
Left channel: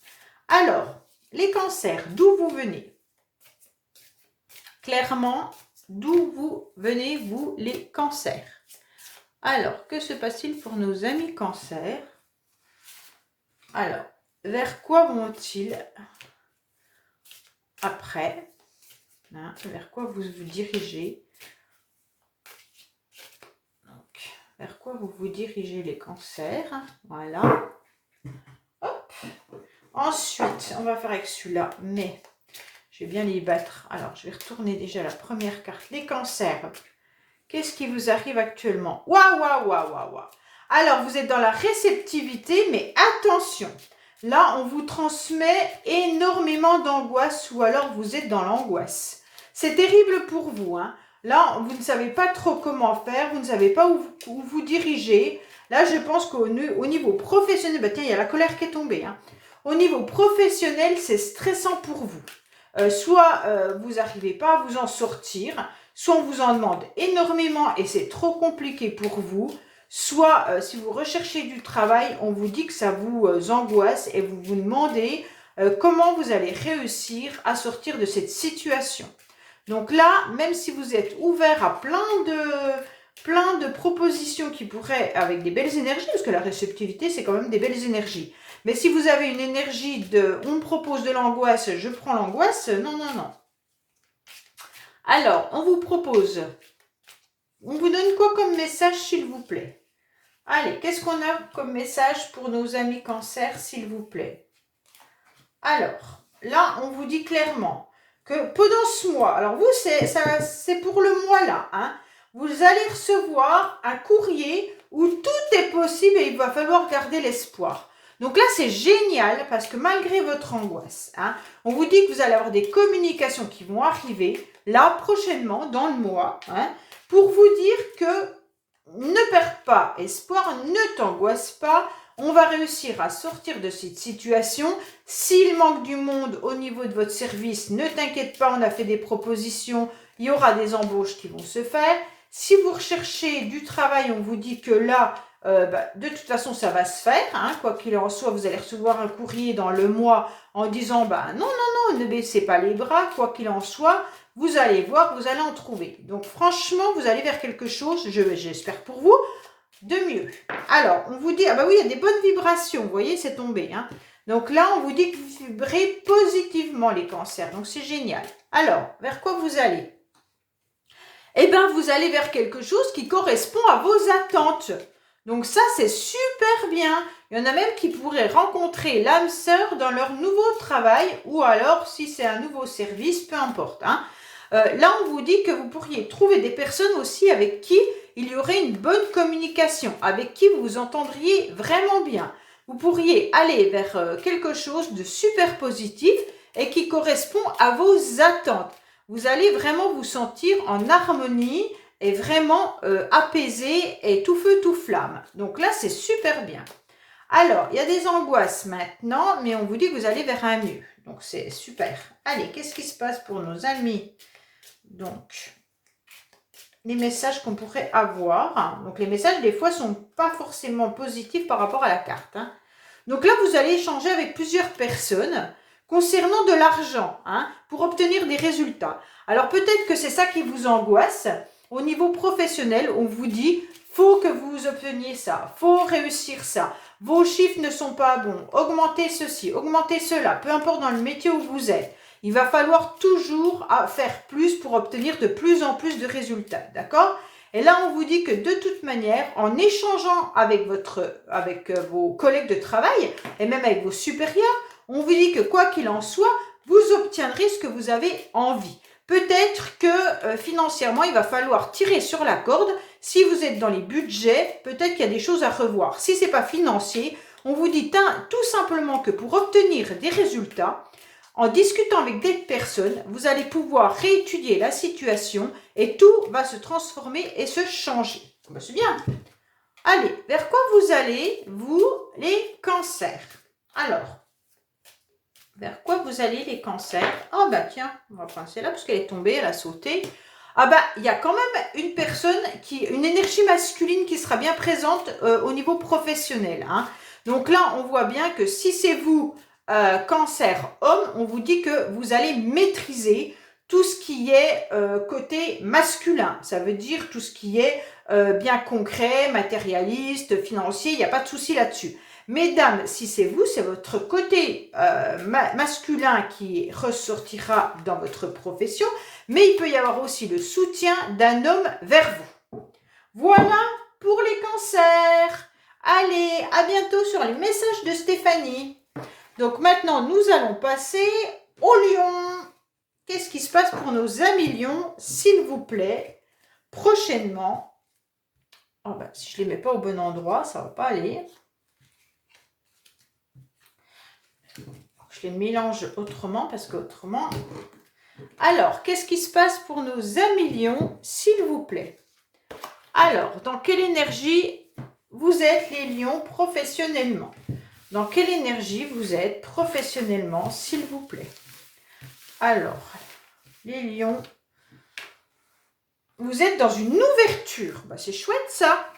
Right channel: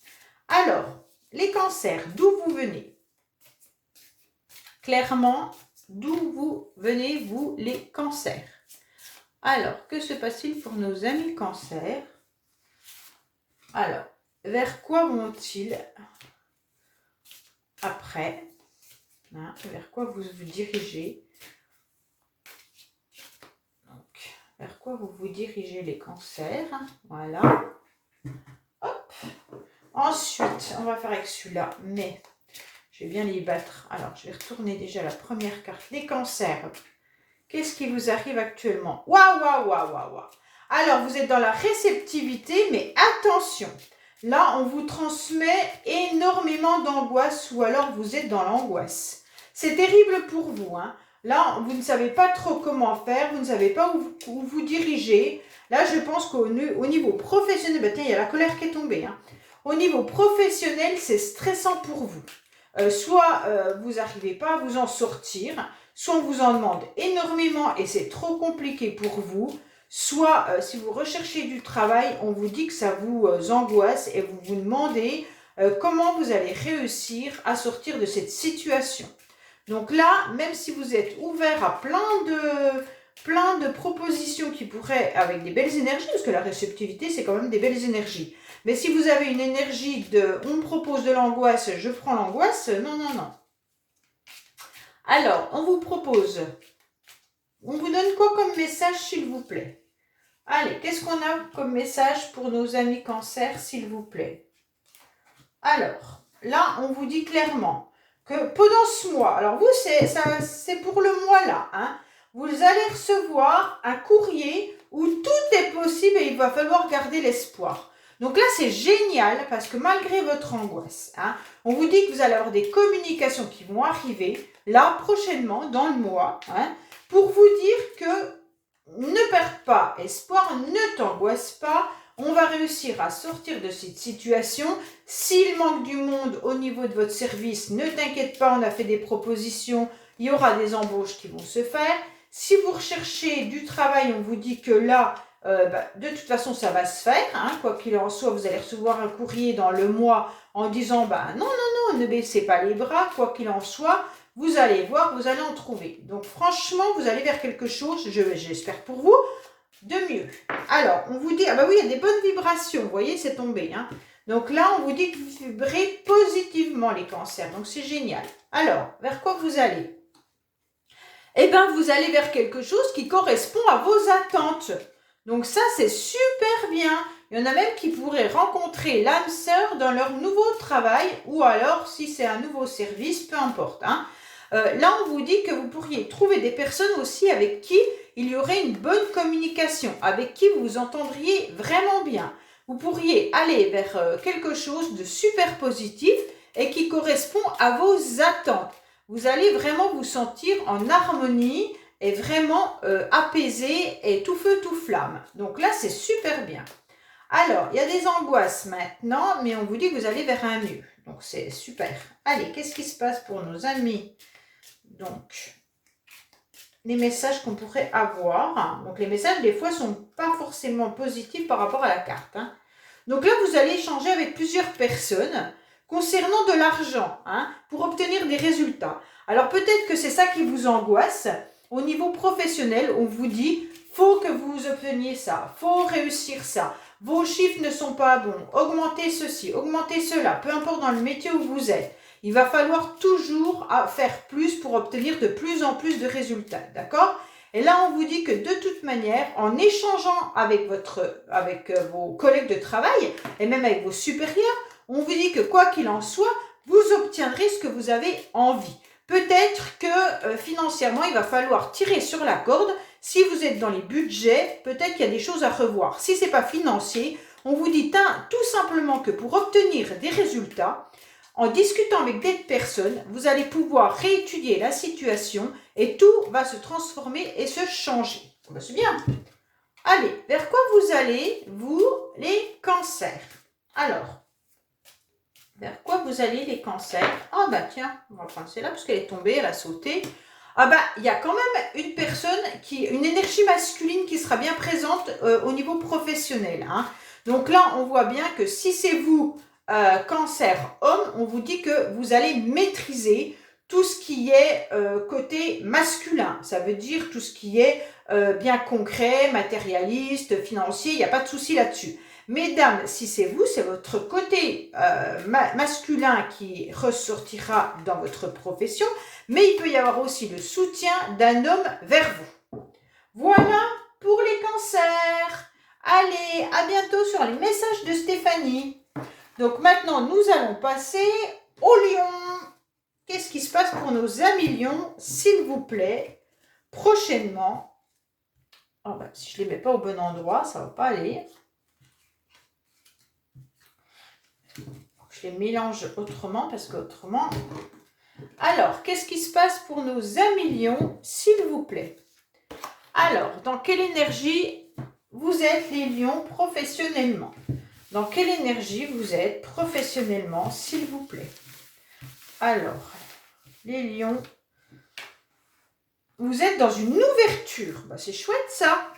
Alors, les cancers, d'où vous venez? Clairement, d'où vous venez, vous, les cancers? Alors, que se passe-t-il pour nos amis cancers? Alors, vers quoi vont-ils après, hein, vers quoi vous vous dirigez? Donc, vers quoi vous vous dirigez les cancers? Voilà. Hop. Ensuite, on va faire avec celui-là, mais je vais bien les battre. Alors, je vais retourner déjà la première carte. Les cancers, qu'est-ce qui vous arrive actuellement? Waouh, waouh, waouh, waouh, waouh. Alors, vous êtes dans la réceptivité, mais attention. Là, on vous transmet énormément d'angoisse ou alors vous êtes dans l'angoisse. C'est terrible pour vous, hein. Là, vous ne savez pas trop comment faire, vous ne savez pas où vous diriger. Là, je pense qu'au niveau professionnel, bah, tiens, il y a la colère qui est tombée, hein. Au niveau professionnel, c'est stressant pour vous. Soit vous n'arrivez pas à vous en sortir, soit on vous en demande énormément et c'est trop compliqué pour vous, soit si vous recherchez du travail, on vous dit que ça vous angoisse et vous vous demandez comment vous allez réussir à sortir de cette situation. Donc là, même si vous êtes ouvert à plein de propositions qui pourraient, avec des belles énergies, parce que la réceptivité, c'est quand même des belles énergies. Mais si vous avez une énergie de « on me propose de l'angoisse, je prends l'angoisse », non, non, non. Alors, on vous propose, on vous donne quoi comme message, s'il vous plaît? Allez, qu'est-ce qu'on a comme message pour nos amis cancer, s'il vous plaît? Alors, là, on vous dit clairement que pendant ce mois, alors vous, c'est pour le mois là, hein, vous allez recevoir un courrier où tout est possible et il va falloir garder l'espoir. Donc là, c'est génial parce que malgré votre angoisse, hein, on vous dit que vous allez avoir des communications qui vont arriver là prochainement dans le mois, hein, pour vous dire que ne perds pas espoir, ne t'angoisse pas, on va réussir à sortir de cette situation. S'il manque du monde au niveau de votre service, ne t'inquiète pas, on a fait des propositions, il y aura des embauches qui vont se faire. Si vous recherchez du travail, on vous dit que là, de toute façon, ça va se faire, hein, quoi qu'il en soit, vous allez recevoir un courrier dans le mois en disant, non, non, non, ne baissez pas les bras, quoi qu'il en soit, vous allez voir, vous allez en trouver. Donc franchement, vous allez vers quelque chose, j'espère pour vous, de mieux. Alors, on vous dit, ah bah oui, il y a des bonnes vibrations, vous voyez, c'est tombé, hein. Donc là, on vous dit que vous vibrez positivement les cancers, donc c'est génial. Alors, vers quoi vous allez? Eh bien, vous allez vers quelque chose qui correspond à vos attentes. Donc ça, c'est super bien. Il y en a même qui pourraient rencontrer l'âme sœur dans leur nouveau travail ou alors, si c'est un nouveau service, peu importe, hein. Là, on vous dit que vous pourriez trouver des personnes aussi avec qui il y aurait une bonne communication, avec qui vous vous entendriez vraiment bien. Vous pourriez aller vers quelque chose de super positif et qui correspond à vos attentes. Vous allez vraiment vous sentir en harmonie et vraiment apaisé et tout feu, tout flamme. Donc là, c'est super bien. Alors, il y a des angoisses maintenant, mais on vous dit que vous allez vers un mieux. Donc, c'est super. Allez, qu'est-ce qui se passe pour nos amis? Donc, les messages qu'on pourrait avoir. Donc, les messages, des fois, sont pas forcément positifs par rapport à la carte, hein. Donc là, vous allez échanger avec plusieurs personnes concernant de l'argent, hein, pour obtenir des résultats. Alors, peut-être que c'est ça qui vous angoisse. Au niveau professionnel, on vous dit, faut que vous obteniez ça, faut réussir ça. Vos chiffres ne sont pas bons, augmentez ceci, augmentez cela, peu importe dans le métier où vous êtes. Il va falloir toujours faire plus pour obtenir de plus en plus de résultats, d'accord? Et là, on vous dit que de toute manière, en échangeant avec vos collègues de travail et même avec vos supérieurs, on vous dit que quoi qu'il en soit, vous obtiendrez ce que vous avez envie. Peut-être que financièrement, il va falloir tirer sur la corde. Si vous êtes dans les budgets, peut-être qu'il y a des choses à revoir. Si ce n'est pas financier, on vous dit tout simplement que pour obtenir des résultats, en discutant avec des personnes, vous allez pouvoir réétudier la situation et tout va se transformer et se changer. Ben, c'est bien. Allez, vers quoi vous allez, vous, les cancers? Alors, vers quoi vous allez, les cancers? Ah bah tiens, on va passer là parce qu'elle est tombée, elle a sauté. Ah bah, il y a quand même une personne, une énergie masculine qui sera bien présente au niveau professionnel, hein. Donc là, on voit bien que si c'est vous, cancer homme, on vous dit que vous allez maîtriser tout ce qui est côté masculin. Ça veut dire tout ce qui est bien concret, matérialiste, financier, il n'y a pas de souci là-dessus. Mesdames, si c'est vous, c'est votre côté masculin qui ressortira dans votre profession, mais il peut y avoir aussi le soutien d'un homme vers vous. Voilà pour les cancers. Allez, à bientôt sur les messages de Stéphanie. Donc maintenant, nous allons passer au lion. Qu'est-ce qui se passe pour nos amis lions, s'il vous plaît, prochainement? Oh ben, si je ne les mets pas au bon endroit, ça ne va pas aller. Je les mélange autrement parce qu'autrement... Alors, qu'est-ce qui se passe pour nos amis lions, s'il vous plaît? Alors, dans quelle énergie vous êtes les lions professionnellement? Dans quelle énergie vous êtes professionnellement, s'il vous plaît? Alors, les lions, vous êtes dans une ouverture. Ben, c'est chouette ça.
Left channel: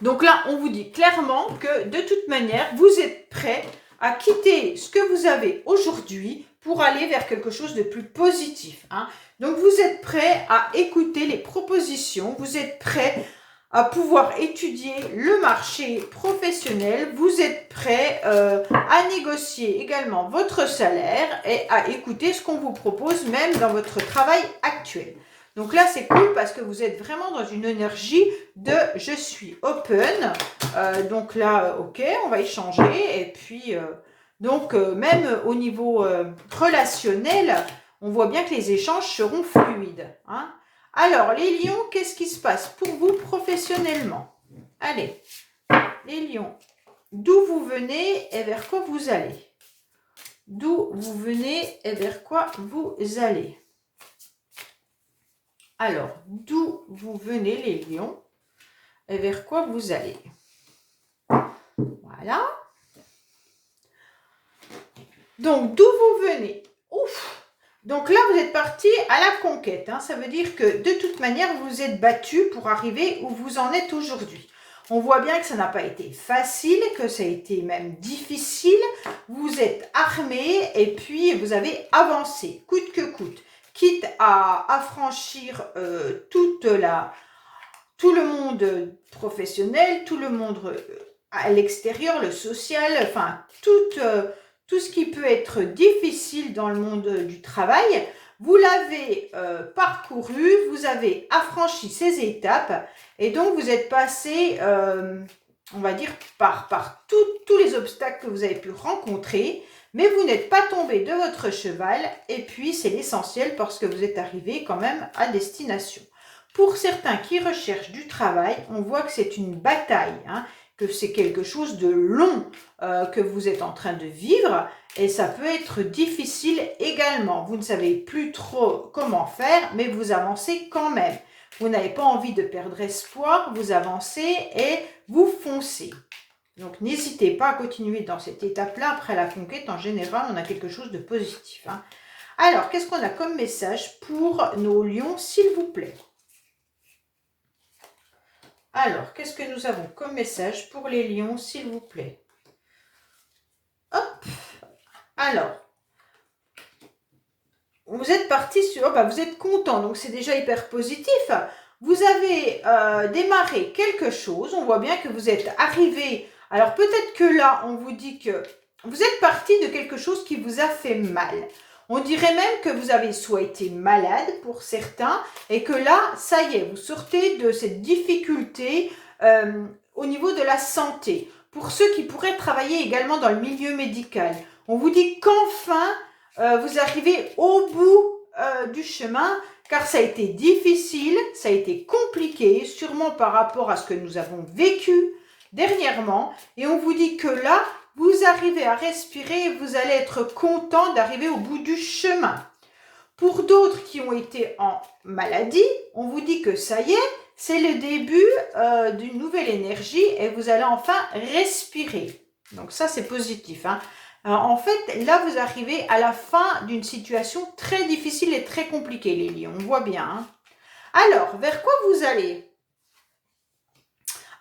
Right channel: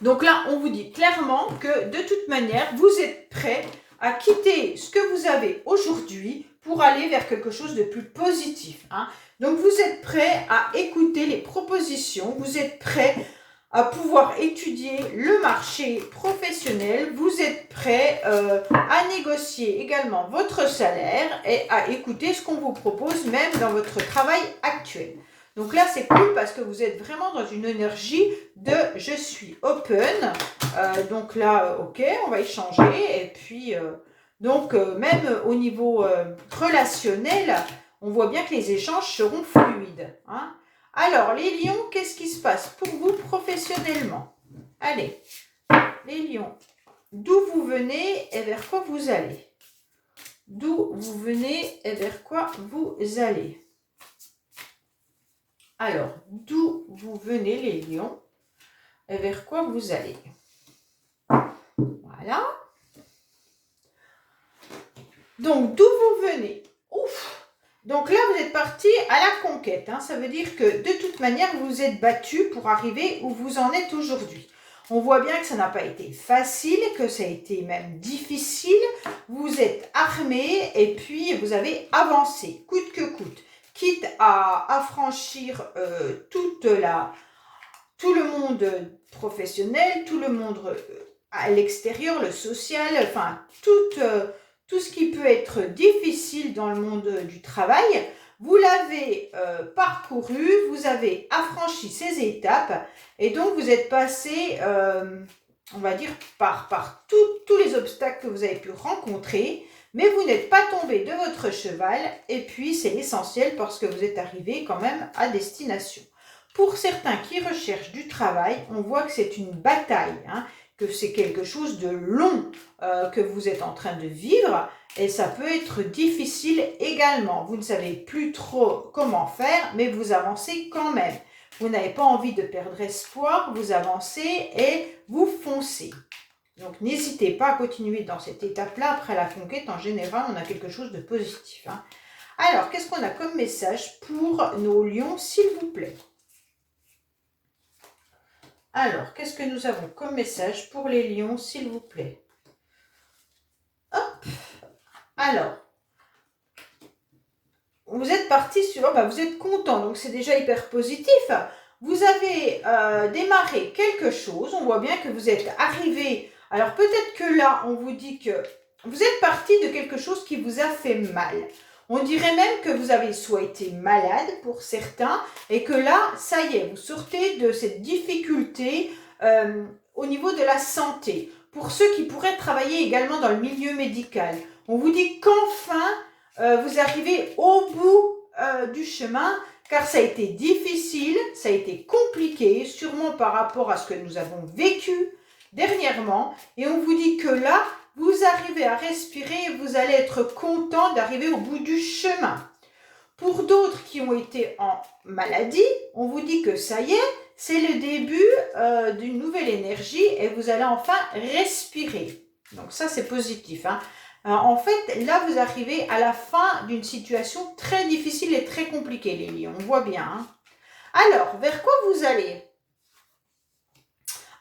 Donc là, on vous dit clairement que de toute manière, vous êtes prêts à quitter ce que vous avez aujourd'hui pour aller vers quelque chose de plus positif. Hein. Donc vous êtes prêts à écouter les propositions, vous êtes prêts à pouvoir étudier le marché professionnel, vous êtes prêts à négocier également votre salaire et à écouter ce qu'on vous propose même dans votre travail actuel. Donc là, c'est cool parce que vous êtes vraiment dans une énergie de « je suis open ». Donc là, ok, on va échanger. Et puis, même au niveau relationnel, on voit bien que les échanges seront fluides. Hein. Alors, les lions, qu'est-ce qui se passe pour vous professionnellement? Allez, les lions, d'où vous venez et vers quoi vous allez? D'où vous venez et vers quoi vous allez? Alors, d'où vous venez les lions et vers quoi vous allez? Voilà. Donc, d'où vous venez? Ouf! Donc là, vous êtes parti à la conquête. Hein. Ça veut dire que de toute manière, vous vous êtes battu pour arriver où vous en êtes aujourd'hui. On voit bien que ça n'a pas été facile, que ça a été même difficile. Vous êtes armé et puis vous avez avancé, coûte que coûte. Quitte à affranchir tout le monde professionnel, tout le monde à l'extérieur, le social, enfin tout ce qui peut être difficile dans le monde du travail. Vous l'avez parcouru, vous avez affranchi ces étapes et donc vous êtes passé, on va dire, par tous les obstacles que vous avez pu rencontrer. Mais vous n'êtes pas tombé de votre cheval et puis c'est l'essentiel parce que vous êtes arrivé quand même à destination. Pour certains qui recherchent du travail, on voit que c'est une bataille, hein, que c'est quelque chose de long que vous êtes en train de vivre et ça peut être difficile également. Vous ne savez plus trop comment faire, mais vous avancez quand même. Vous n'avez pas envie de perdre espoir, vous avancez et vous foncez. Donc, n'hésitez pas à continuer dans cette étape-là. Après la conquête, en général, on a quelque chose de positif. Hein. Alors, qu'est-ce qu'on a comme message pour nos lions, s'il vous plaît? Alors, qu'est-ce que nous avons comme message pour les lions, s'il vous plaît? Hop! Alors, vous êtes parti sur... vous êtes content, donc c'est déjà hyper positif. Vous avez démarré quelque chose. On voit bien que vous êtes arrivé... Alors peut-être que là, on vous dit que vous êtes parti de quelque chose qui vous a fait mal. On dirait même que vous avez soit été malade pour certains et que là, ça y est, vous sortez de cette difficulté au niveau de la santé. Pour ceux qui pourraient travailler également dans le milieu médical, on vous dit qu'enfin, vous arrivez au bout du chemin car ça a été difficile, ça a été compliqué, sûrement par rapport à ce que nous avons vécu dernièrement, et on vous dit que là, vous arrivez à respirer et vous allez être content d'arriver au bout du chemin. Pour d'autres qui ont été en maladie, on vous dit que ça y est, c'est le début d'une nouvelle énergie et vous allez enfin respirer. Donc ça, c'est positif. Hein. Alors, en fait, là, vous arrivez à la fin d'une situation très difficile et très compliquée, les lions. On voit bien. Hein. Alors, vers quoi vous allez ?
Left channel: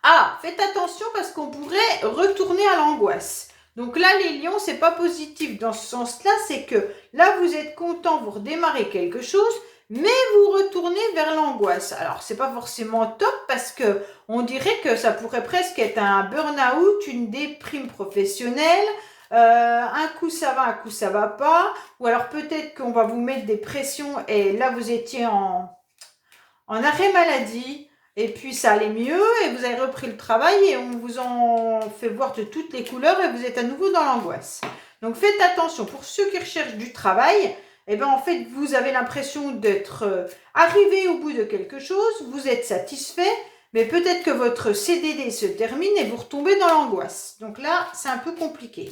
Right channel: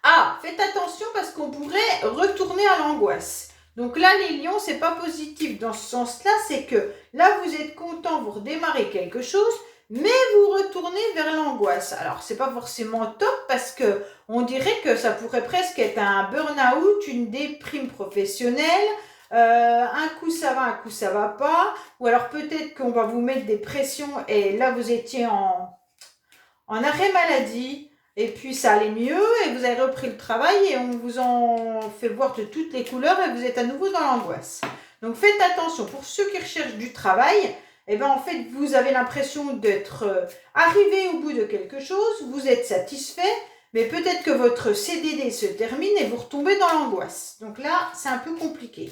Ah, faites attention parce qu'on pourrait retourner à l'angoisse. Donc là, les lions, c'est pas positif dans ce sens-là. C'est que là, vous êtes content, vous redémarrez quelque chose, mais vous retournez vers l'angoisse. Alors, c'est pas forcément top parce que on dirait que ça pourrait presque être un burn-out, une déprime professionnelle. Un coup ça va, un coup ça va pas. Ou alors peut-être qu'on va vous mettre des pressions et là vous étiez en arrêt maladie. Et puis ça allait mieux et vous avez repris le travail et on vous en fait voir de toutes les couleurs et vous êtes à nouveau dans l'angoisse. Donc faites attention, pour ceux qui recherchent du travail, eh ben en fait vous avez l'impression d'être arrivé au bout de quelque chose, vous êtes satisfait, mais peut-être que votre CDD se termine et vous retombez dans l'angoisse. Donc là, c'est un peu compliqué.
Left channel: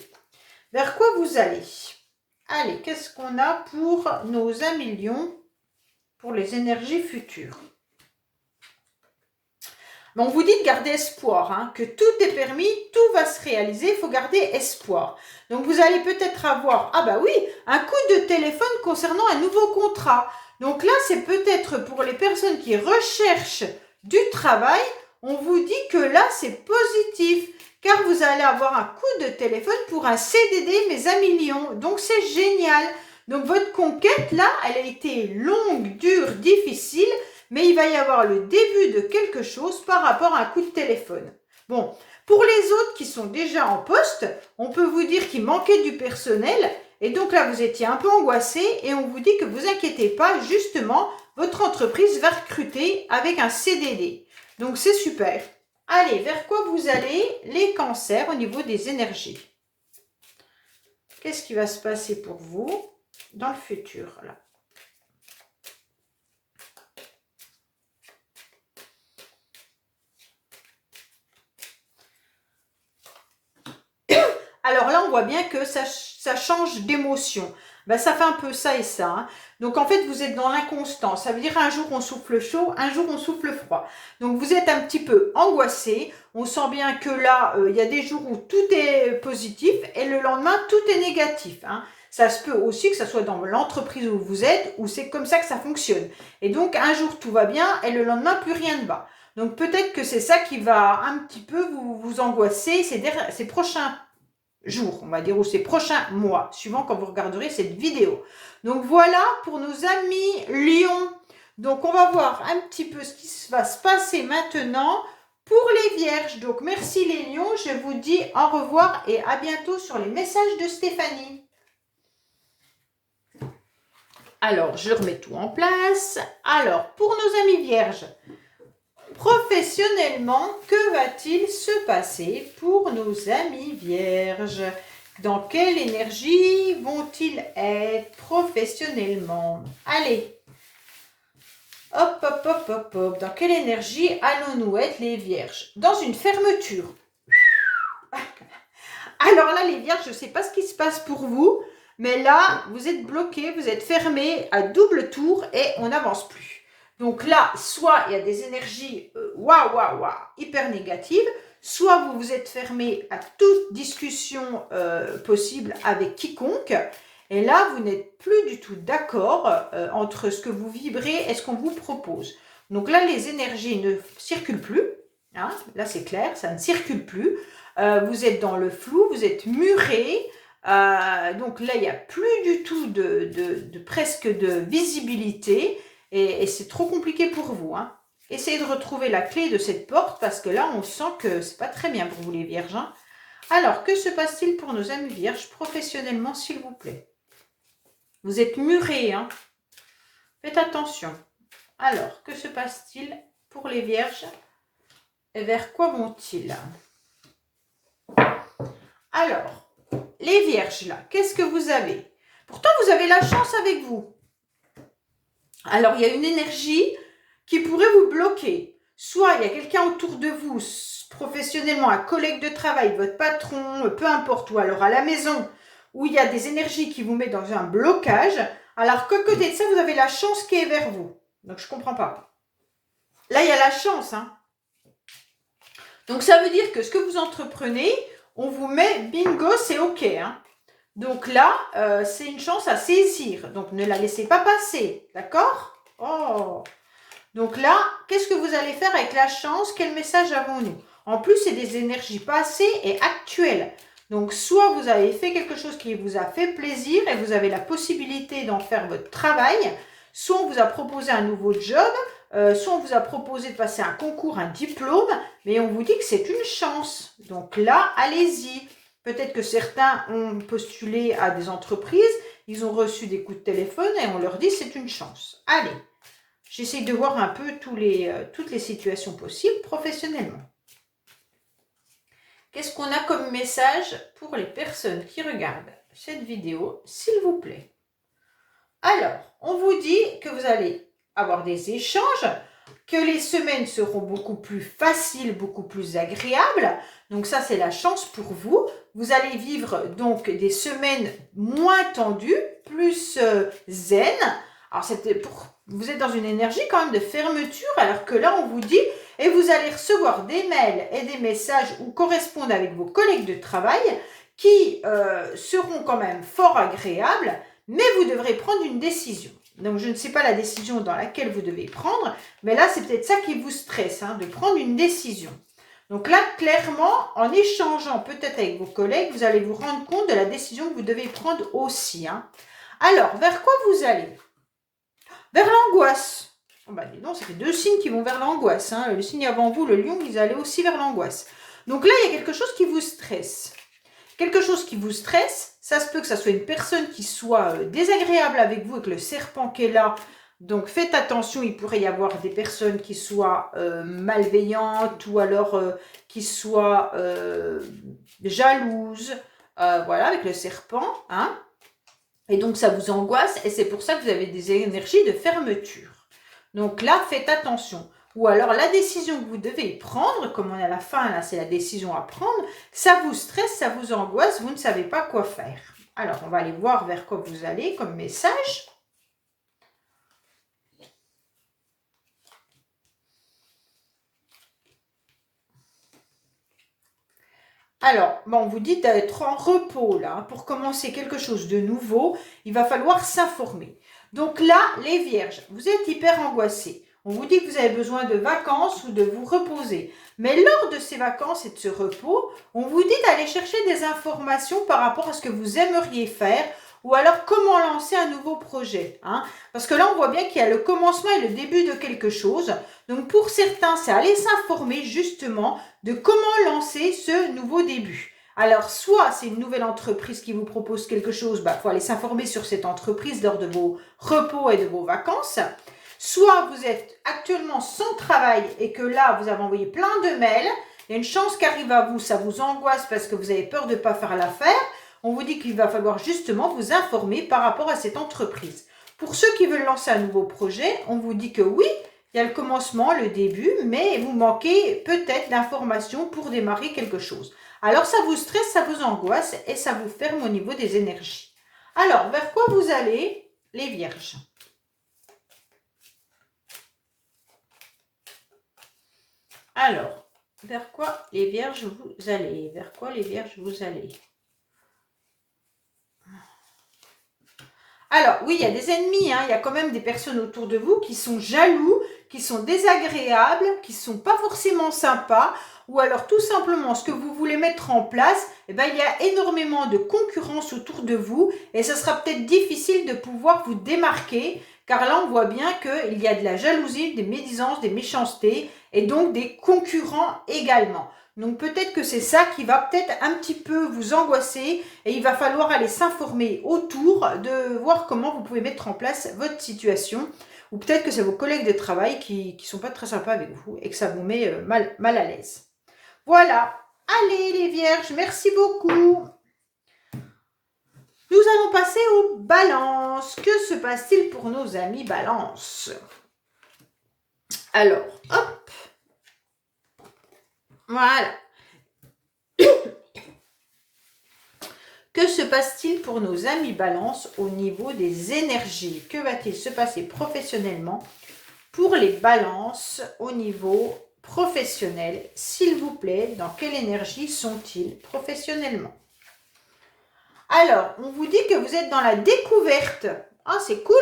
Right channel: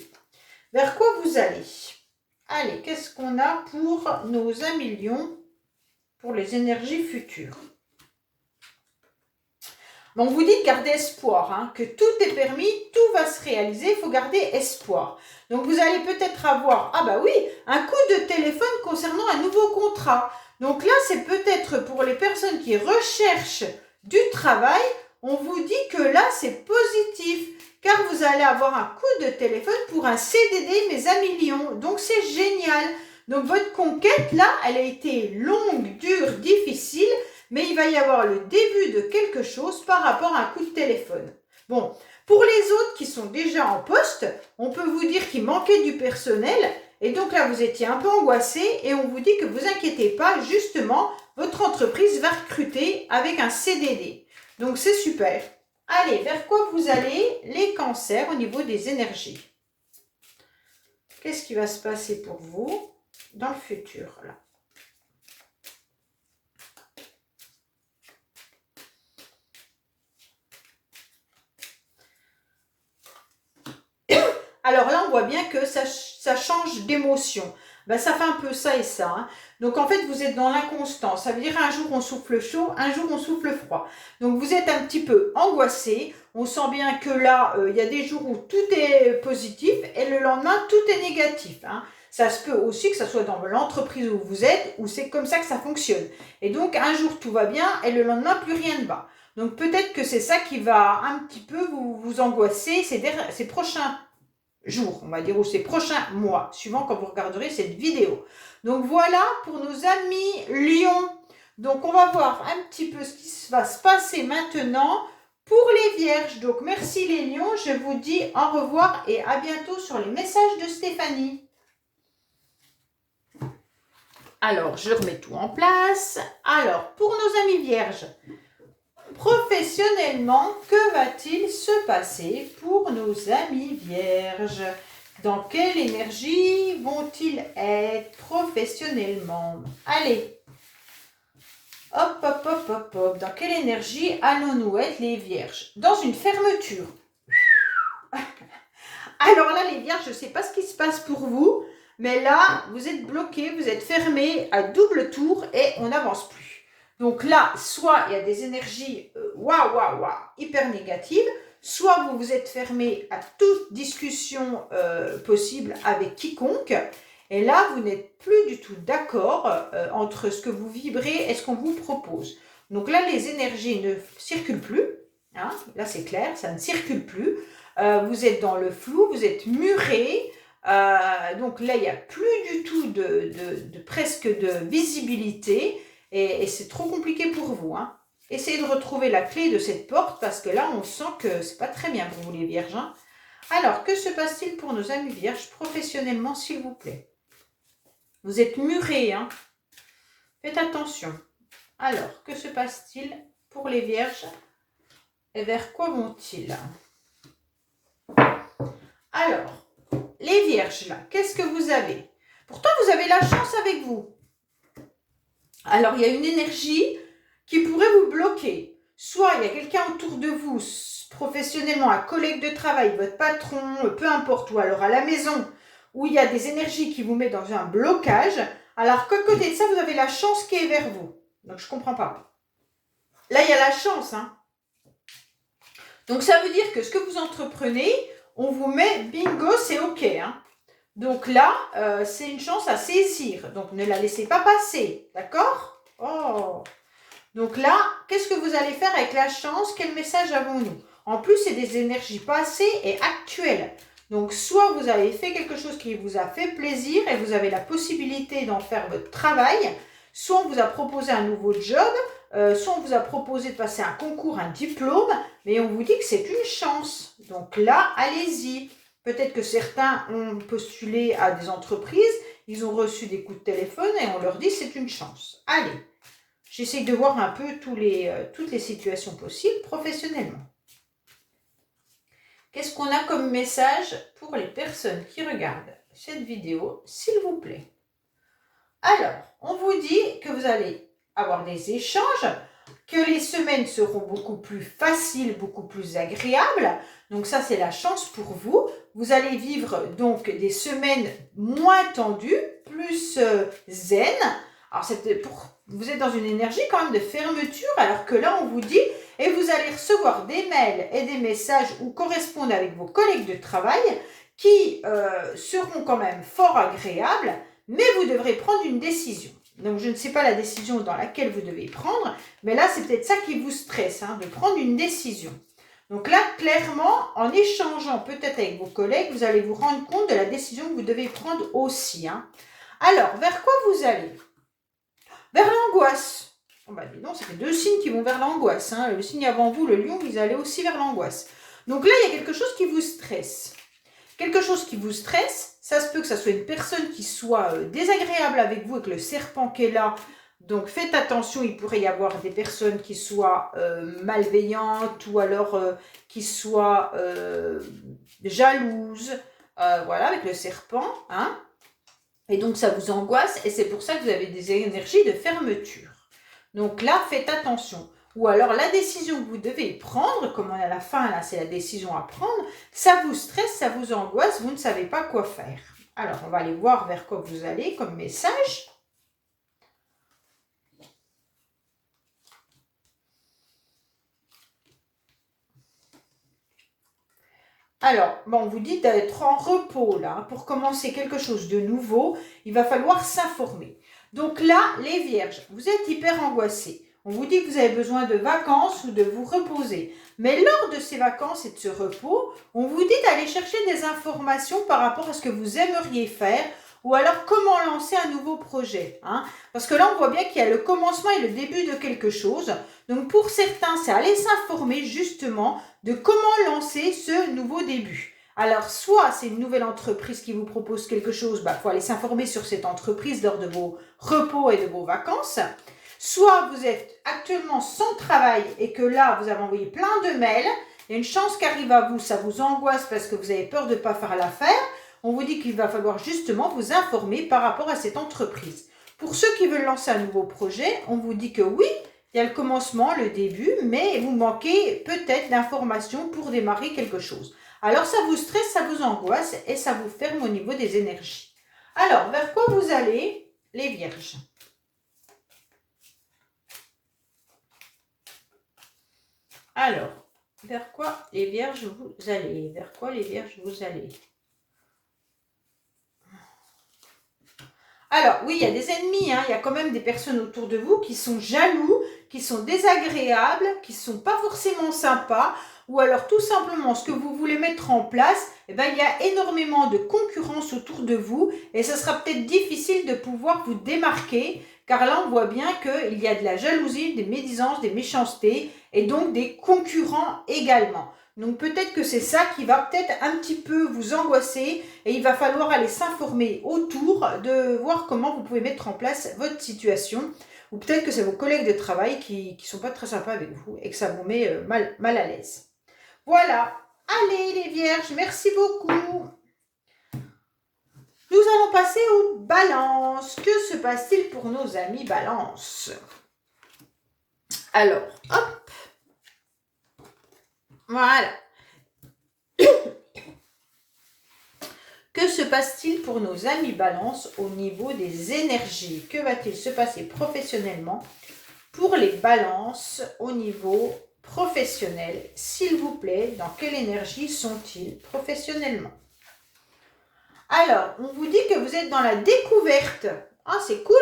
Vers quoi vous allez? Allez, qu'est-ce qu'on a pour nos 1 million pour les énergies futures? On vous dit de garder espoir, hein, que tout est permis, tout va se réaliser, il faut garder espoir. Donc vous allez peut-être avoir, ah bah oui, un coup de téléphone concernant un nouveau contrat. Donc là, c'est peut-être pour les personnes qui recherchent du travail, on vous dit que là, c'est positif, car vous allez avoir un coup de téléphone pour un CDD, mais à millions. Donc c'est génial. Donc votre conquête, là, elle a été longue, dure, difficile, mais il va y avoir le début de quelque chose par rapport à un coup de téléphone. Bon, pour les autres qui sont déjà en poste, on peut vous dire qu'il manquait du personnel, et donc là, vous étiez un peu angoissé, et on vous dit que vous inquiétez pas, justement, votre entreprise va recruter avec un CDD. Donc c'est super. Allez, vers quoi vous allez? Les cancers au niveau des énergies. Qu'est-ce qui va se passer pour vous dans le futur, là? Alors là, on voit bien que ça change d'émotion. Ben, ça fait un peu ça et ça. Hein. Donc en fait, vous êtes dans l'inconstance. Ça veut dire un jour on souffle chaud, un jour on souffle froid. Donc vous êtes un petit peu angoissé. On sent bien que là, il y a des jours où tout est positif et le lendemain, tout est négatif. Hein. Ça se peut aussi que ça soit dans l'entreprise où vous êtes, où c'est comme ça que ça fonctionne. Et donc un jour tout va bien et le lendemain, plus rien ne va. Donc peut-être que c'est ça qui va un petit peu vous angoisser ces prochains jours, on va dire, ou ces prochains mois, suivant quand vous regarderez cette vidéo. Donc voilà pour nos amis Lions. Donc on va voir un petit peu ce qui va se passer maintenant pour les Vierges. Donc merci les Lions, je vous dis au revoir et à bientôt sur les messages de Stéphanie. Alors, je remets tout en place. Alors, pour nos amis Vierges, professionnellement, que va-t-il se passer pour nos amis Vierges? Dans quelle énergie vont-ils être professionnellement? Allez, hop, hop, hop, hop, hop. Dans quelle énergie allons-nous être les Vierges? Dans une fermeture. Alors là, les Vierges, je ne sais pas ce qui se passe pour vous, mais là, vous êtes bloqués, vous êtes fermés à double tour et on n'avance plus. Donc là, soit il y a des énergies hyper négatives, soit vous vous êtes fermé à toute discussion possible avec quiconque, et là, vous n'êtes plus du tout d'accord entre ce que vous vibrez et ce qu'on vous propose. Donc là, les énergies ne circulent plus, hein, là c'est clair, ça ne circule plus, vous êtes dans le flou, vous êtes muré, donc là, il n'y a plus du tout presque de visibilité, et c'est trop compliqué pour vous. Hein. Essayez de retrouver la clé de cette porte parce que là, on sent que c'est pas très bien pour vous les Vierges. Hein. Alors, que se passe-t-il pour nos amis Vierges professionnellement, s'il vous plaît? Vous êtes murés. Hein. Faites attention. Alors, que se passe-t-il pour les Vierges? Et vers quoi vont-ils? Alors, les Vierges, là, qu'est-ce que vous avez? Pourtant, vous avez la chance avec vous. Alors, il y a une énergie qui pourrait vous bloquer. Soit il y a quelqu'un autour de vous, professionnellement, un collègue de travail, votre patron, peu importe, ou alors à la maison, où il y a des énergies qui vous mettent dans un blocage. Alors, qu'à côté de ça, vous avez la chance qui est vers vous. Donc, je ne comprends pas. Là, il y a la chance. Hein. Donc, ça veut dire que ce que vous entreprenez, on vous met bingo, c'est OK. Hein. Donc là, c'est une chance à saisir. Donc, ne la laissez pas passer. D'accord? Oh. Donc là, qu'est-ce que vous allez faire avec la chance? Quel message avons-nous? En plus, c'est des énergies passées et actuelles. Donc, soit vous avez fait quelque chose qui vous a fait plaisir et vous avez la possibilité d'en faire votre travail, soit on vous a proposé un nouveau job, soit on vous a proposé de passer un concours, un diplôme, mais on vous dit que c'est une chance. Donc là, allez-y. Peut-être que certains ont postulé à des entreprises, ils ont reçu des coups de téléphone et on leur dit c'est une chance. Allez, j'essaie de voir un peu toutes les situations possibles professionnellement. Qu'est-ce qu'on a comme message pour les personnes qui regardent cette vidéo, s'il vous plaît? Alors, on vous dit que vous allez avoir des échanges, que les semaines seront beaucoup plus faciles, beaucoup plus agréables. Donc ça, c'est la chance pour vous. Vous allez vivre donc des semaines moins tendues, plus zen. Alors, vous êtes dans une énergie quand même de fermeture, alors que là, on vous dit, et vous allez recevoir des mails et des messages ou correspondre avec vos collègues de travail qui seront quand même fort agréables, mais vous devrez prendre une décision. Donc, je ne sais pas la décision dans laquelle vous devez prendre, mais là, c'est peut-être ça qui vous stresse, de prendre une décision. Donc là, clairement, en échangeant peut-être avec vos collègues, vous allez vous rendre compte de la décision que vous devez prendre aussi. Alors, vers quoi vous allez? Vers l'angoisse. Oh bah dis donc, ça fait 2 signes qui vont vers l'angoisse. Le signe avant vous, le lion, vous allez aussi vers l'angoisse. Donc là, il y a quelque chose qui vous stresse. Quelque chose qui vous stresse, ça se peut que ça soit une personne qui soit désagréable avec vous, avec le serpent qui est là. Donc faites attention, il pourrait y avoir des personnes qui soient malveillantes ou alors qui soient jalouses. Voilà, avec le serpent. Et donc ça vous angoisse et c'est pour ça que vous avez des énergies de fermeture. Donc là, faites attention. Ou alors la décision que vous devez prendre, comme on est à la fin, là c'est la décision à prendre, ça vous stresse, ça vous angoisse, vous ne savez pas quoi faire. Alors on va aller voir vers quoi vous allez comme message. Alors, on vous dit d'être en repos là. Pour commencer quelque chose de nouveau, il va falloir s'informer. Donc là, les vierges, vous êtes hyper angoissés. On vous dit que vous avez besoin de vacances ou de vous reposer. Mais lors de ces vacances et de ce repos, on vous dit d'aller chercher des informations par rapport à ce que vous aimeriez faire ou alors comment lancer un nouveau projet. Parce que là, on voit bien qu'il y a le commencement et le début de quelque chose. Donc pour certains, c'est aller s'informer justement de comment lancer ce nouveau début. Alors, soit c'est une nouvelle entreprise qui vous propose quelque chose, il faut aller s'informer sur cette entreprise lors de vos repos et de vos vacances. Soit vous êtes actuellement sans travail et que là, vous avez envoyé plein de mails, il y a une chance qui arrive à vous, ça vous angoisse parce que vous avez peur de ne pas faire l'affaire. On vous dit qu'il va falloir justement vous informer par rapport à cette entreprise. Pour ceux qui veulent lancer un nouveau projet, on vous dit que oui, il y a le commencement, le début, mais vous manquez peut-être d'informations pour démarrer quelque chose. Alors ça vous stresse, ça vous angoisse et ça vous ferme au niveau des énergies. Alors, vers quoi vous allez, les vierges? Alors, vers quoi les vierges vous allez? Vers quoi les vierges vous allez? Alors, oui, il y a des ennemis, il y a quand même des personnes autour de vous qui sont jaloux, qui sont désagréables, qui ne sont pas forcément sympas, ou alors tout simplement ce que vous voulez mettre en place, il y a énormément de concurrence autour de vous et ce sera peut-être difficile de pouvoir vous démarquer, car là on voit bien qu'il y a de la jalousie, des médisances, des méchancetés et donc des concurrents également. Donc peut-être que c'est ça qui va peut-être un petit peu vous angoisser et il va falloir aller s'informer autour de voir comment vous pouvez mettre en place votre situation. Ou peut-être que c'est vos collègues de travail qui ne sont pas très sympas avec vous et que ça vous met mal à l'aise. Voilà. Allez les vierges, merci beaucoup. Nous allons passer aux balances. Que se passe-t-il pour nos amis balance? Alors, hop. Voilà. Que se passe-t-il pour nos amis balance au niveau des énergies? Que va-t-il se passer professionnellement pour les balances au niveau professionnel? S'il vous plaît, dans quelle énergie sont-ils professionnellement? Alors, on vous dit que vous êtes dans la découverte. C'est cool.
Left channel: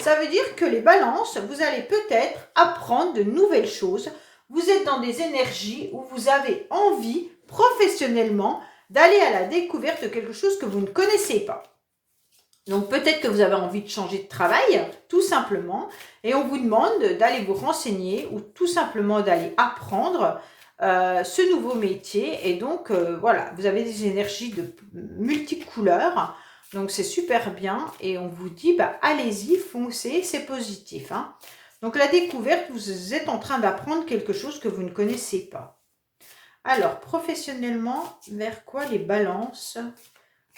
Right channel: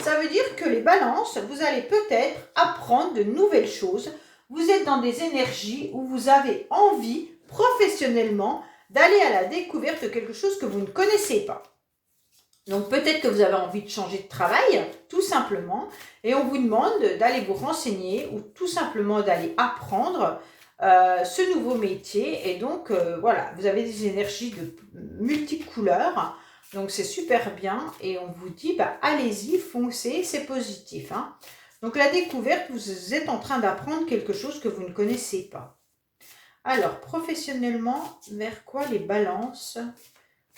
Ça veut dire que les balances, vous allez peut-être apprendre de nouvelles choses. Vous êtes dans des énergies où vous avez envie, professionnellement, d'aller à la découverte de quelque chose que vous ne connaissez pas. Donc peut-être que vous avez envie de changer de travail, tout simplement, et on vous demande d'aller vous renseigner ou tout simplement d'aller apprendre ce nouveau métier. Et donc voilà, vous avez des énergies de multicouleurs, donc c'est super bien. Et on vous dit, bah, allez-y, foncez, c'est positif, hein. Donc la découverte, vous êtes en train d'apprendre quelque chose que vous ne connaissez pas. Alors, professionnellement, vers quoi les balances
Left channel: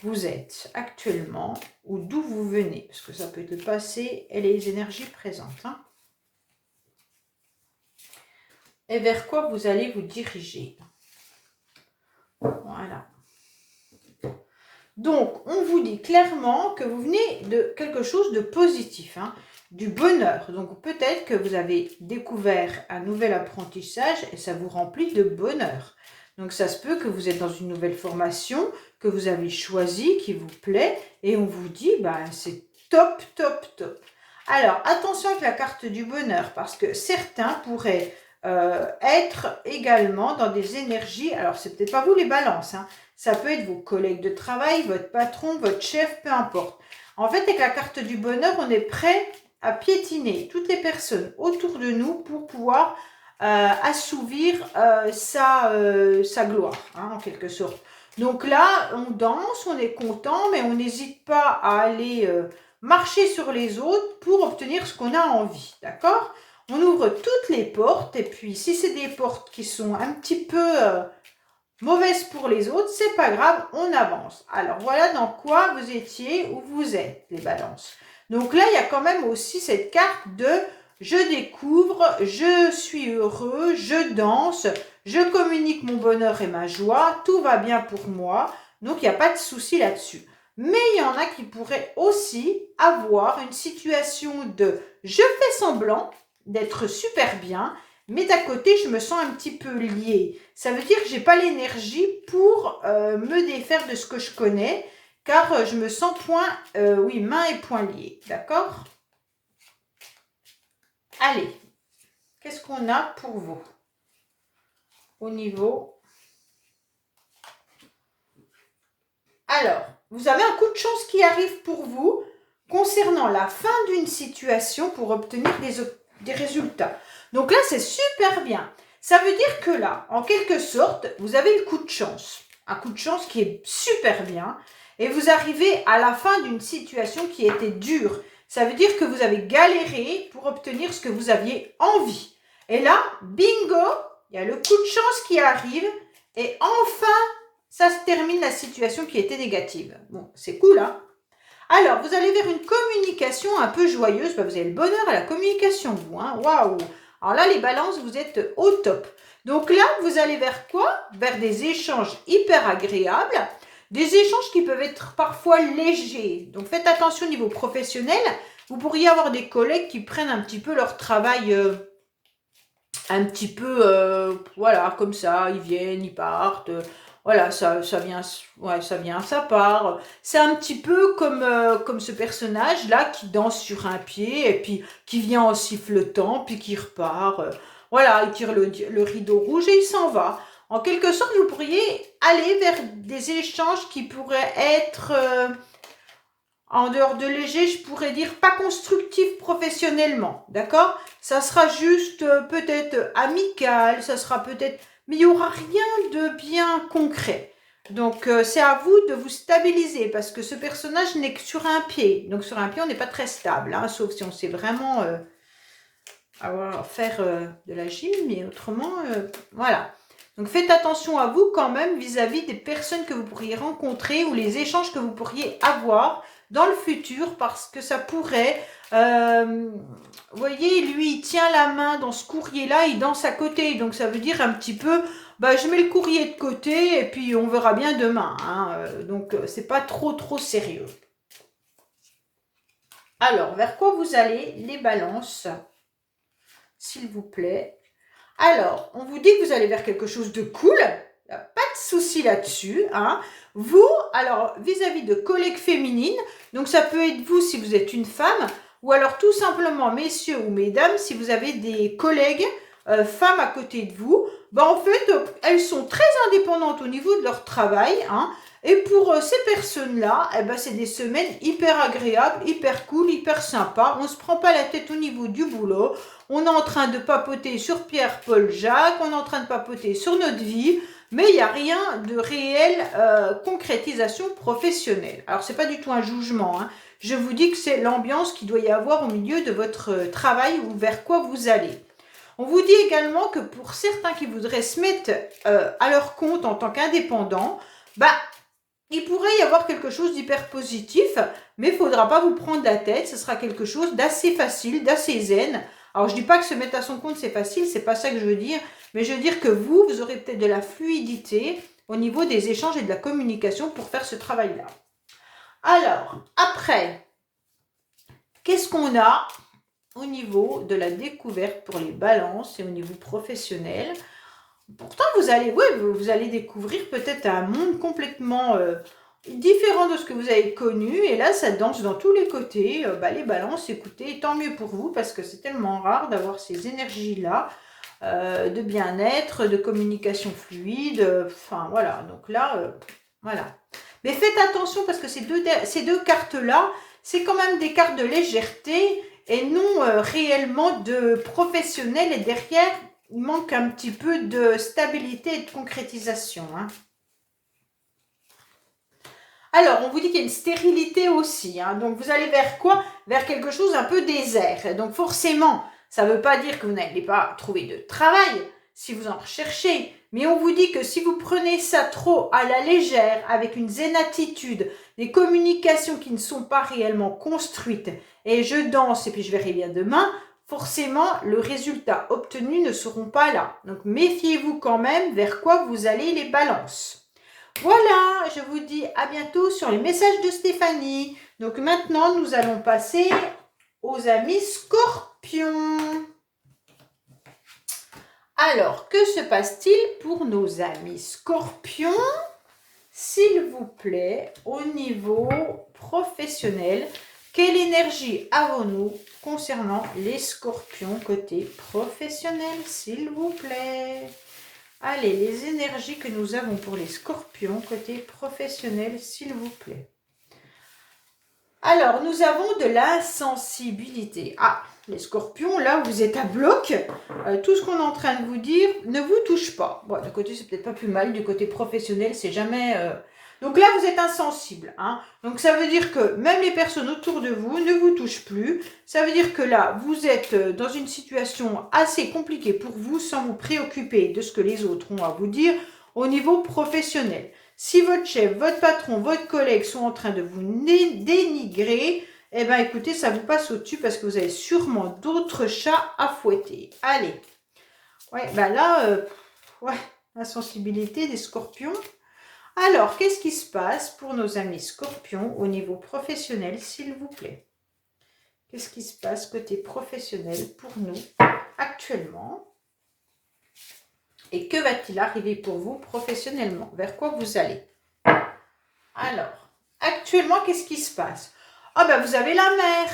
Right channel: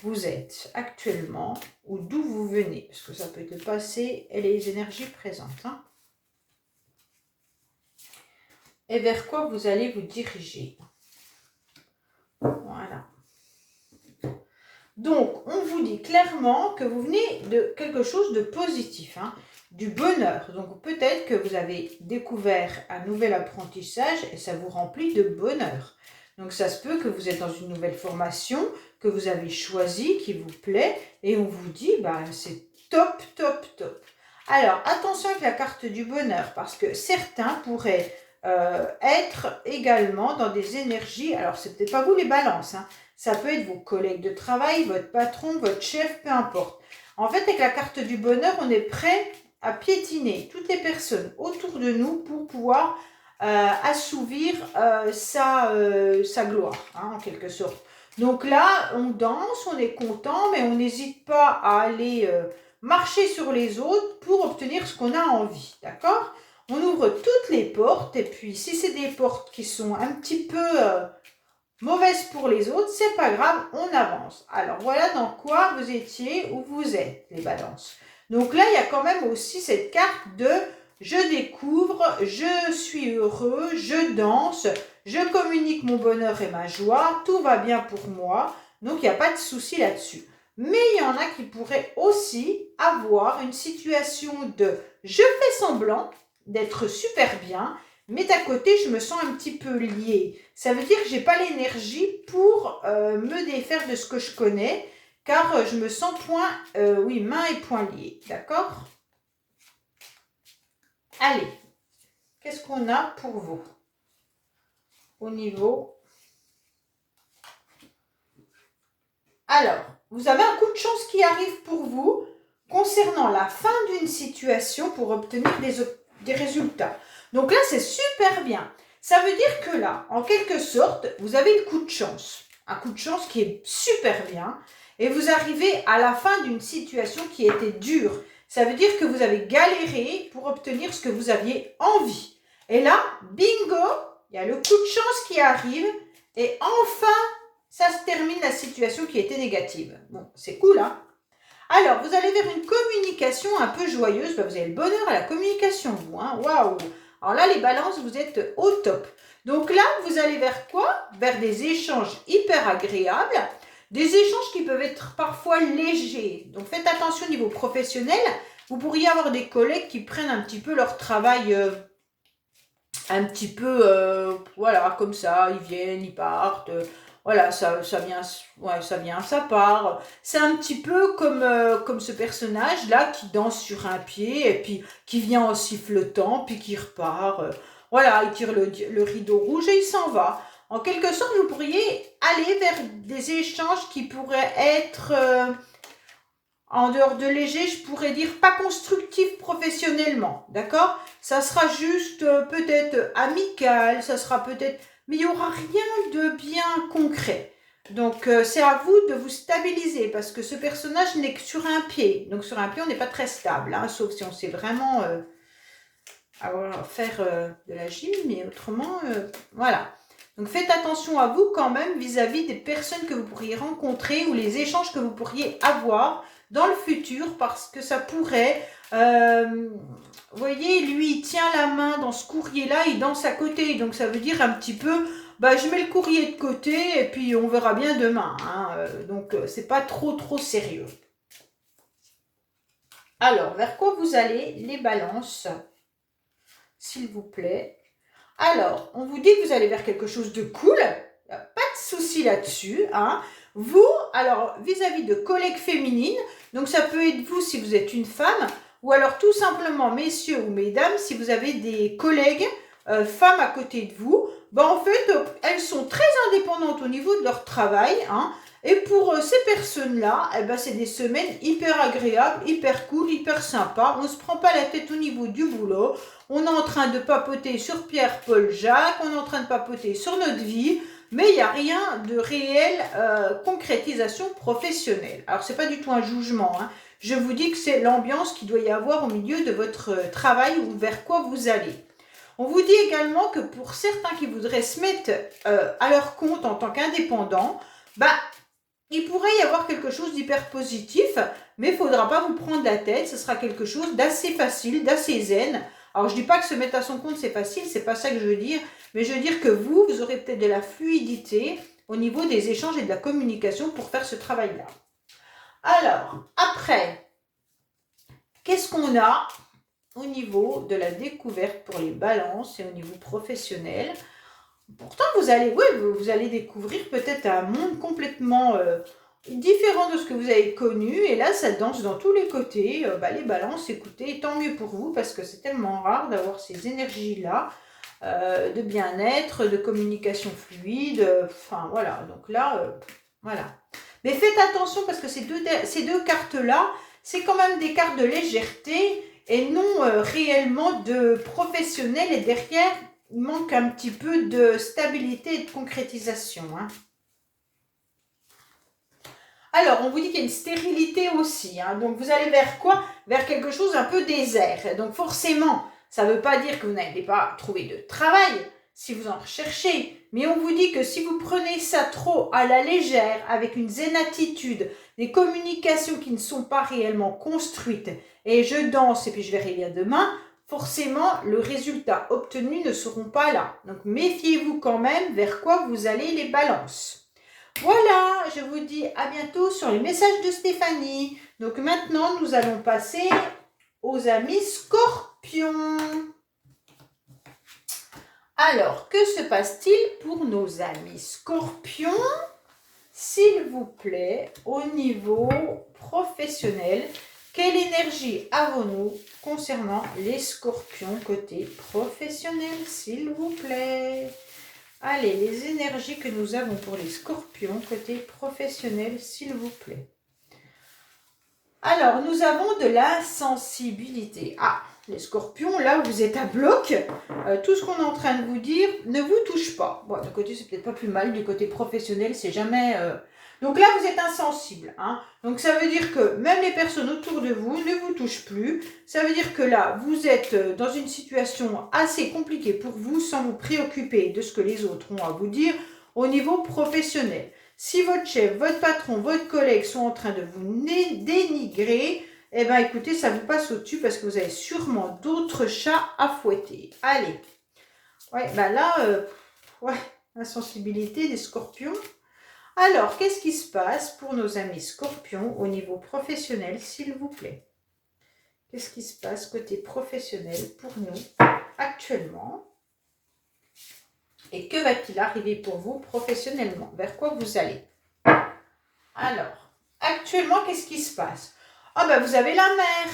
vous êtes actuellement ou d'où vous venez? Parce que ça peut être le passé et les énergies présentes, hein. Et vers quoi vous allez vous diriger? Voilà. Donc, on vous dit clairement que vous venez de quelque chose de positif, hein, du bonheur. Donc, peut-être que vous avez découvert un nouvel apprentissage et ça vous remplit de bonheur. Donc, ça se peut que vous êtes dans une nouvelle formation, que vous avez choisi, qui vous plaît, et on vous dit, bah, c'est top, top, top. Alors, attention avec la carte du bonheur, parce que certains pourraient être également dans des énergies, alors c'est peut-être pas vous les balances, hein, ça peut être vos collègues de travail, votre patron, votre chef, peu importe. En fait, avec la carte du bonheur, on est prêt à piétiner toutes les personnes autour de nous pour pouvoir assouvir sa gloire, hein, en quelque sorte. Donc là, on danse, on est content, mais on n'hésite pas à aller marcher sur les autres pour obtenir ce qu'on a envie, d'accord? On ouvre toutes les portes, et puis si c'est des portes qui sont un petit peu mauvaises pour les autres, c'est pas grave, on avance. Alors voilà dans quoi vous étiez, où vous êtes, les balances. Donc là, il y a quand même aussi cette carte de je découvre, je suis heureux, je danse, je communique mon bonheur et ma joie, tout va bien pour moi, donc il n'y a pas de souci là-dessus. Mais il y en a qui pourraient aussi avoir une situation de je fais semblant d'être super bien, mais d'à côté, je me sens un petit peu liée. Ça veut dire que je n'ai pas l'énergie pour me défaire de ce que je connais, car je me sens main et poing liés. D'accord? Allez, qu'est-ce qu'on a pour vous au niveau? Alors, vous avez un coup de chance qui arrive pour vous concernant la fin d'une situation pour obtenir des résultats. Donc là, c'est super bien. Ça veut dire que là, en quelque sorte, vous avez le coup de chance. Un coup de chance qui est super bien. Et vous arrivez à la fin d'une situation qui était dure. Ça veut dire que vous avez galéré pour obtenir ce que vous aviez envie. Et là, bingo, il y a le coup de chance qui arrive. Et enfin, ça se termine la situation qui était négative. Bon, c'est cool, hein? Alors, vous allez vers une communication un peu joyeuse. Vous avez le bonheur à la communication, vous, hein? Waouh! Alors là, les balances, vous êtes au top. Donc là, vous allez vers quoi? Vers des échanges hyper agréables, des échanges qui peuvent être parfois légers. Donc faites attention au niveau professionnel. Vous pourriez avoir des collègues qui prennent un petit peu leur travail un petit peu, voilà, comme ça, ils viennent, ils partent. Voilà, ça vient, ouais, ça vient, ça part. C'est un petit peu comme ce personnage-là qui danse sur un pied et puis qui vient en sifflotant, puis qui repart. Voilà, il tire le rideau rouge et il s'en va. En quelque sorte, vous pourriez aller vers des échanges qui pourraient être, en dehors de léger, je pourrais dire pas constructif professionnellement, d'accord? Ça sera juste peut-être amical, ça sera peut-être... Mais il n'y aura rien de bien concret. Donc, c'est à vous de vous stabiliser parce que ce personnage n'est que sur un pied. Donc, sur un pied, on n'est pas très stable, hein, sauf si on sait vraiment faire de la gym, mais autrement, voilà. Donc, faites attention à vous quand même vis-à-vis des personnes que vous pourriez rencontrer ou les échanges que vous pourriez avoir dans le futur parce que ça pourrait... vous voyez, lui, il tient la main dans ce courrier-là, il danse à côté. Donc, ça veut dire un petit peu, bah, je mets le courrier de côté et puis on verra bien demain, hein. Donc, c'est pas trop sérieux. Alors, vers quoi vous allez, les balances, s'il vous plaît? Alors, on vous dit que vous allez vers quelque chose de cool. Pas de souci là-dessus, hein. Vous, alors, vis-à-vis de collègues féminines, donc ça peut être vous si vous êtes une femme, ou alors tout simplement, messieurs ou mesdames, si vous avez des collègues femmes à côté de vous, ben en fait, elles sont très indépendantes au niveau de leur travail, hein. Et pour ces personnes-là, eh ben, c'est des semaines hyper agréables, hyper cool, hyper sympa. On ne se prend pas la tête au niveau du boulot. On est en train de papoter sur Pierre, Paul, Jacques. On est en train de papoter sur notre vie. Mais il n'y a rien de réel concrétisation professionnelle. Alors, ce n'est pas du tout un jugement, hein. Je vous dis que c'est l'ambiance qu'il doit y avoir au milieu de votre travail ou vers quoi vous allez. On vous dit également que pour certains qui voudraient se mettre à leur compte en tant qu'indépendants, bah, il pourrait y avoir quelque chose d'hyper positif, mais il ne faudra pas vous prendre la tête, ce sera quelque chose d'assez facile, d'assez zen. Alors je ne dis pas que se mettre à son compte c'est facile, c'est pas ça que je veux dire, mais je veux dire que vous aurez peut-être de la fluidité au niveau des échanges et de la communication pour faire ce travail-là. Alors, après, qu'est-ce qu'on a au niveau de la découverte pour les balances et au niveau professionnel? Pourtant, vous allez découvrir peut-être un monde complètement différent de ce que vous avez connu. Et là, ça danse dans tous les côtés. Les balances, écoutez, tant mieux pour vous parce que c'est tellement rare d'avoir ces énergies-là de bien-être, de communication fluide. Enfin, voilà. Donc là, voilà. Mais faites attention parce que ces deux cartes-là, c'est quand même des cartes de légèreté et non réellement de professionnel. Et derrière, il manque un petit peu de stabilité et de concrétisation, hein. Alors, on vous dit qu'il y a une stérilité aussi, hein. Donc, vous allez vers quoi? Vers quelque chose un peu désert. Donc, forcément, ça ne veut pas dire que vous n'allez pas trouver de travail si vous en recherchez. Mais on vous dit que si vous prenez ça trop à la légère, avec une zen attitude, des communications qui ne sont pas réellement construites, et je danse et puis je verrai bien demain, forcément, le résultat obtenu ne seront pas là. Donc, méfiez-vous quand même vers quoi vous allez les balances. Voilà, je vous dis à bientôt sur les messages de Stéphanie. Donc, maintenant, nous allons passer aux amis scorpions. Alors, que se passe-t-il pour nos amis scorpions, s'il vous plaît, au niveau professionnel? Quelle énergie avons-nous concernant les scorpions côté professionnel, s'il vous plaît? Allez, les énergies que nous avons pour les scorpions côté professionnel, s'il vous plaît. Alors, nous avons de la sensibilité. Ah, les scorpions, là, vous êtes à bloc. Tout ce qu'on est en train de vous dire ne vous touche pas. Bon, d'un côté, c'est peut-être pas plus mal. Du côté professionnel, c'est jamais... Donc là, vous êtes insensible, hein. Donc ça veut dire que même les personnes autour de vous ne vous touchent plus. Ça veut dire que là, vous êtes dans une situation assez compliquée pour vous sans vous préoccuper de ce que les autres ont à vous dire au niveau professionnel. Si votre chef, votre patron, votre collègue sont en train de vous dénigrer, eh bien écoutez, ça vous passe au-dessus parce que vous avez sûrement d'autres chats à fouetter. Allez. Ouais, ben là, la sensibilité des scorpions. Alors, qu'est-ce qui se passe pour nos amis scorpions au niveau professionnel, s'il vous plaît? Qu'est-ce qui se passe côté professionnel pour nous actuellement? Et que va-t-il arriver pour vous professionnellement? Vers quoi vous allez? Alors, actuellement, qu'est-ce qui se passe? Ah ben, vous avez la mer.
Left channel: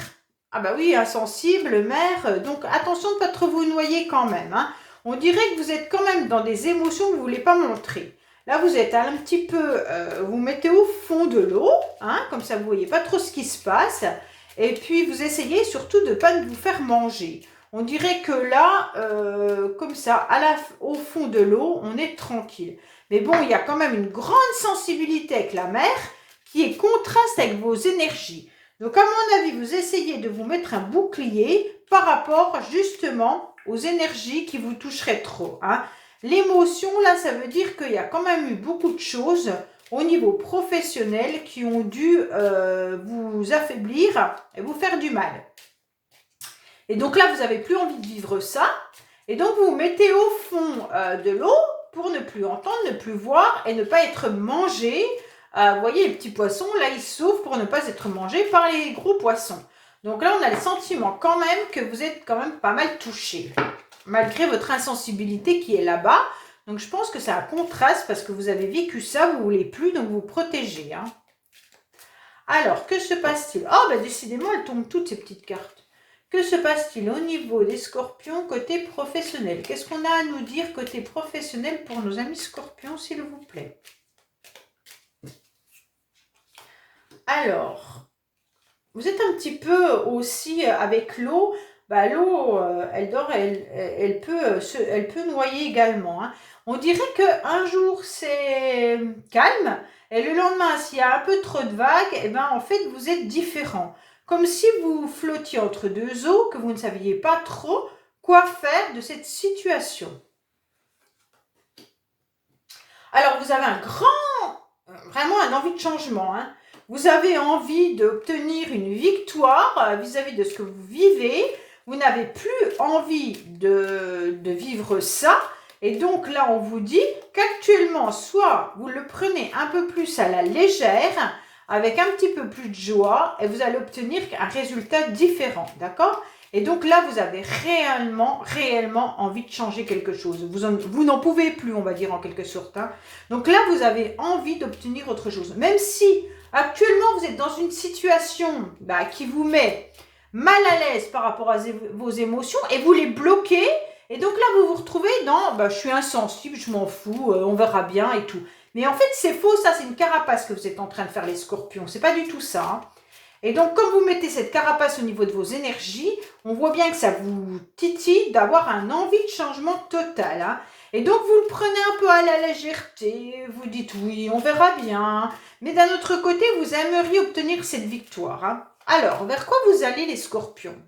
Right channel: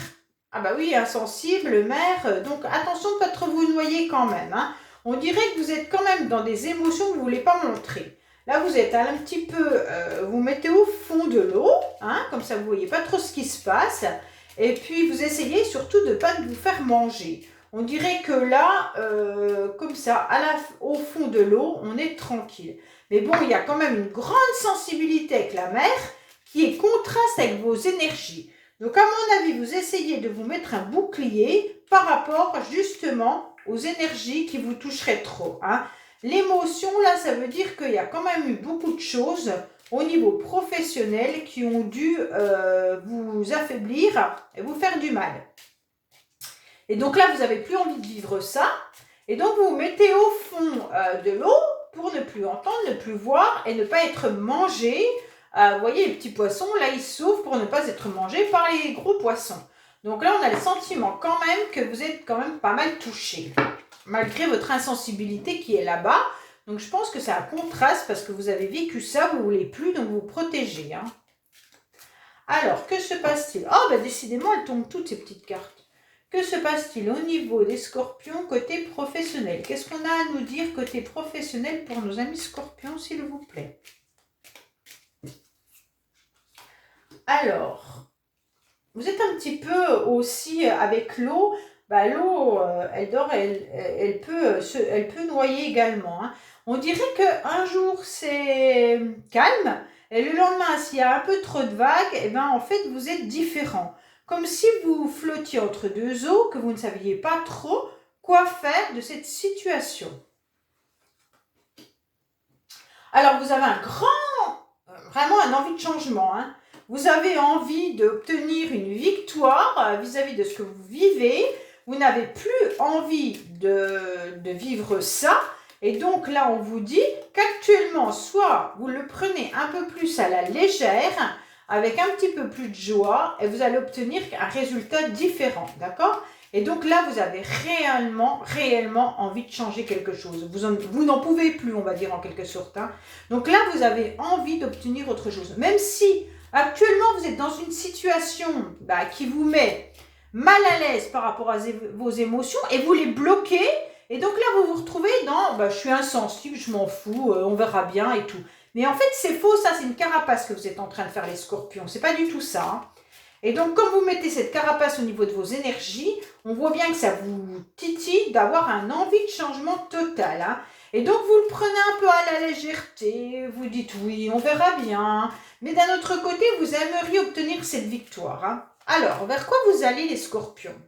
Ah ben oui, insensible, mer. Donc, attention de ne pas trop vous noyer quand même, hein. On dirait que vous êtes quand même dans des émotions que vous ne voulez pas montrer. Là, vous êtes un petit peu, vous mettez au fond de l'eau, hein, comme ça vous ne voyez pas trop ce qui se passe. Et puis, vous essayez surtout de ne pas vous faire manger. On dirait que là, comme ça, au fond de l'eau, on est tranquille. Mais bon, il y a quand même une grande sensibilité avec la mer qui est contraste avec vos énergies. Donc, à mon avis, vous essayez de vous mettre un bouclier par rapport justement aux énergies qui vous toucheraient trop, hein. L'émotion, là, ça veut dire qu'il y a quand même eu beaucoup de choses au niveau professionnel qui ont dû vous affaiblir et vous faire du mal. Et donc là, vous n'avez plus envie de vivre ça. Et donc, vous vous mettez au fond de l'eau pour ne plus entendre, ne plus voir et ne pas être mangé. Vous voyez, les petits poissons, là, ils s'ouvrent pour ne pas être mangés par les gros poissons. Donc là, on a le sentiment quand même que vous êtes quand même pas mal touché, malgré votre insensibilité qui est là-bas. Donc, je pense que c'est un contraste parce que vous avez vécu ça, vous ne voulez plus, donc vous protégez, hein. Alors, que se passe-t-il? Oh, ben décidément, elles tombent toutes ces petites cartes. Que se passe-t-il au niveau des scorpions côté professionnel? Qu'est-ce qu'on a à nous dire côté professionnel pour nos amis scorpions, s'il vous plaît? Alors, vous êtes un petit peu aussi avec l'eau. Bah, l'eau, elle dort, elle peut noyer également, hein. On dirait qu'un jour c'est calme et le lendemain, s'il y a un peu trop de vagues, et ben en fait vous êtes différent. Comme si vous flottiez entre deux eaux, que vous ne saviez pas trop quoi faire de cette situation. Alors vous avez vraiment un envie de changement, hein. Vous avez envie d'obtenir une victoire vis-à-vis de ce que vous vivez. Vous n'avez plus envie de vivre ça. Et donc là, on vous dit qu'actuellement, soit vous le prenez un peu plus à la légère, avec un petit peu plus de joie, et vous allez obtenir un résultat différent, d'accord? Et donc là, vous avez réellement envie de changer quelque chose. Vous n'en pouvez plus, on va dire en quelque sorte, hein. Donc là, vous avez envie d'obtenir autre chose. Même si actuellement, vous êtes dans une situation qui vous met mal à l'aise par rapport à vos émotions et vous les bloquez. Et donc là, vous vous retrouvez dans je suis insensible, je m'en fous, on verra bien et tout. Mais en fait, c'est faux, ça, c'est une carapace que vous êtes en train de faire, les scorpions. C'est pas du tout ça, hein. Et donc, comme vous mettez cette carapace au niveau de vos énergies, on voit bien que ça vous titille d'avoir un envie de changement total, hein. Et donc, vous le prenez un peu à la légèreté, vous dites oui, on verra bien. Mais d'un autre côté, vous aimeriez obtenir cette victoire, hein. Alors, vers quoi vous allez, les scorpions?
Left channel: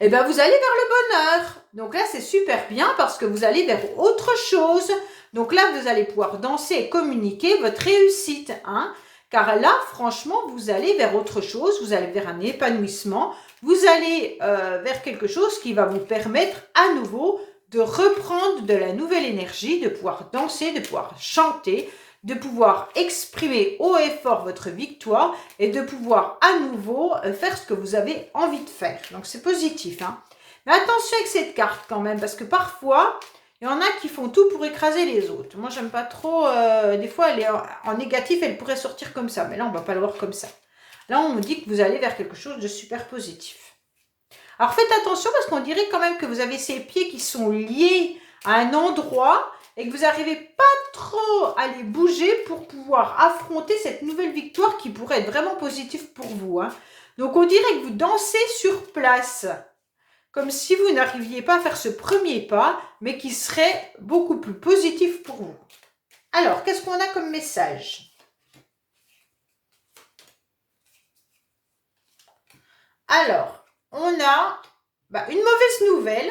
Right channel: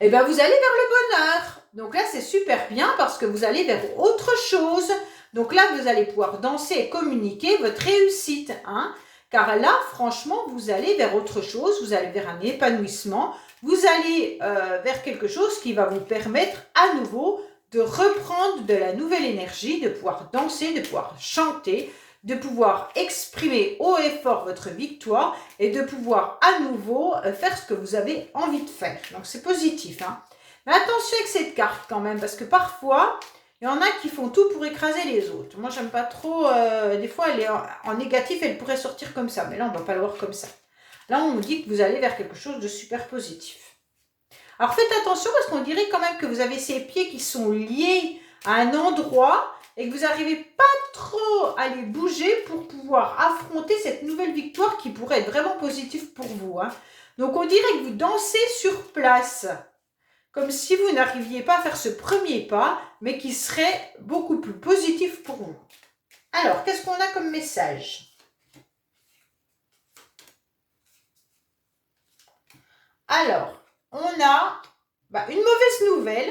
Eh bien, vous allez vers le bonheur. Donc là, c'est super bien parce que vous allez vers autre chose. Donc là, vous allez pouvoir danser et communiquer votre réussite, hein. Car là, franchement, vous allez vers autre chose, vous allez vers un épanouissement, vous allez vers quelque chose qui va vous permettre à nouveau de reprendre de la nouvelle énergie, de pouvoir danser, de pouvoir chanter, de pouvoir exprimer haut et fort votre victoire et de pouvoir à nouveau faire ce que vous avez envie de faire. Donc c'est positif, hein. Mais attention avec cette carte quand même, parce que parfois, il y en a qui font tout pour écraser les autres. Moi, j'aime pas trop. Des fois, elle est en négatif, elle pourrait sortir comme ça. Mais là, on va pas le voir comme ça. Là, on me dit que vous allez vers quelque chose de super positif. Alors, faites attention parce qu'on dirait quand même que vous avez ces pieds qui sont liés à un endroit et que vous n'arrivez pas trop à les bouger pour pouvoir affronter cette nouvelle victoire qui pourrait être vraiment positive pour vous, hein. Donc, on dirait que vous dansez sur place, comme si vous n'arriviez pas à faire ce premier pas, mais qui serait beaucoup plus positif pour vous. Alors, qu'est-ce qu'on a comme message? Alors, on a une mauvaise nouvelle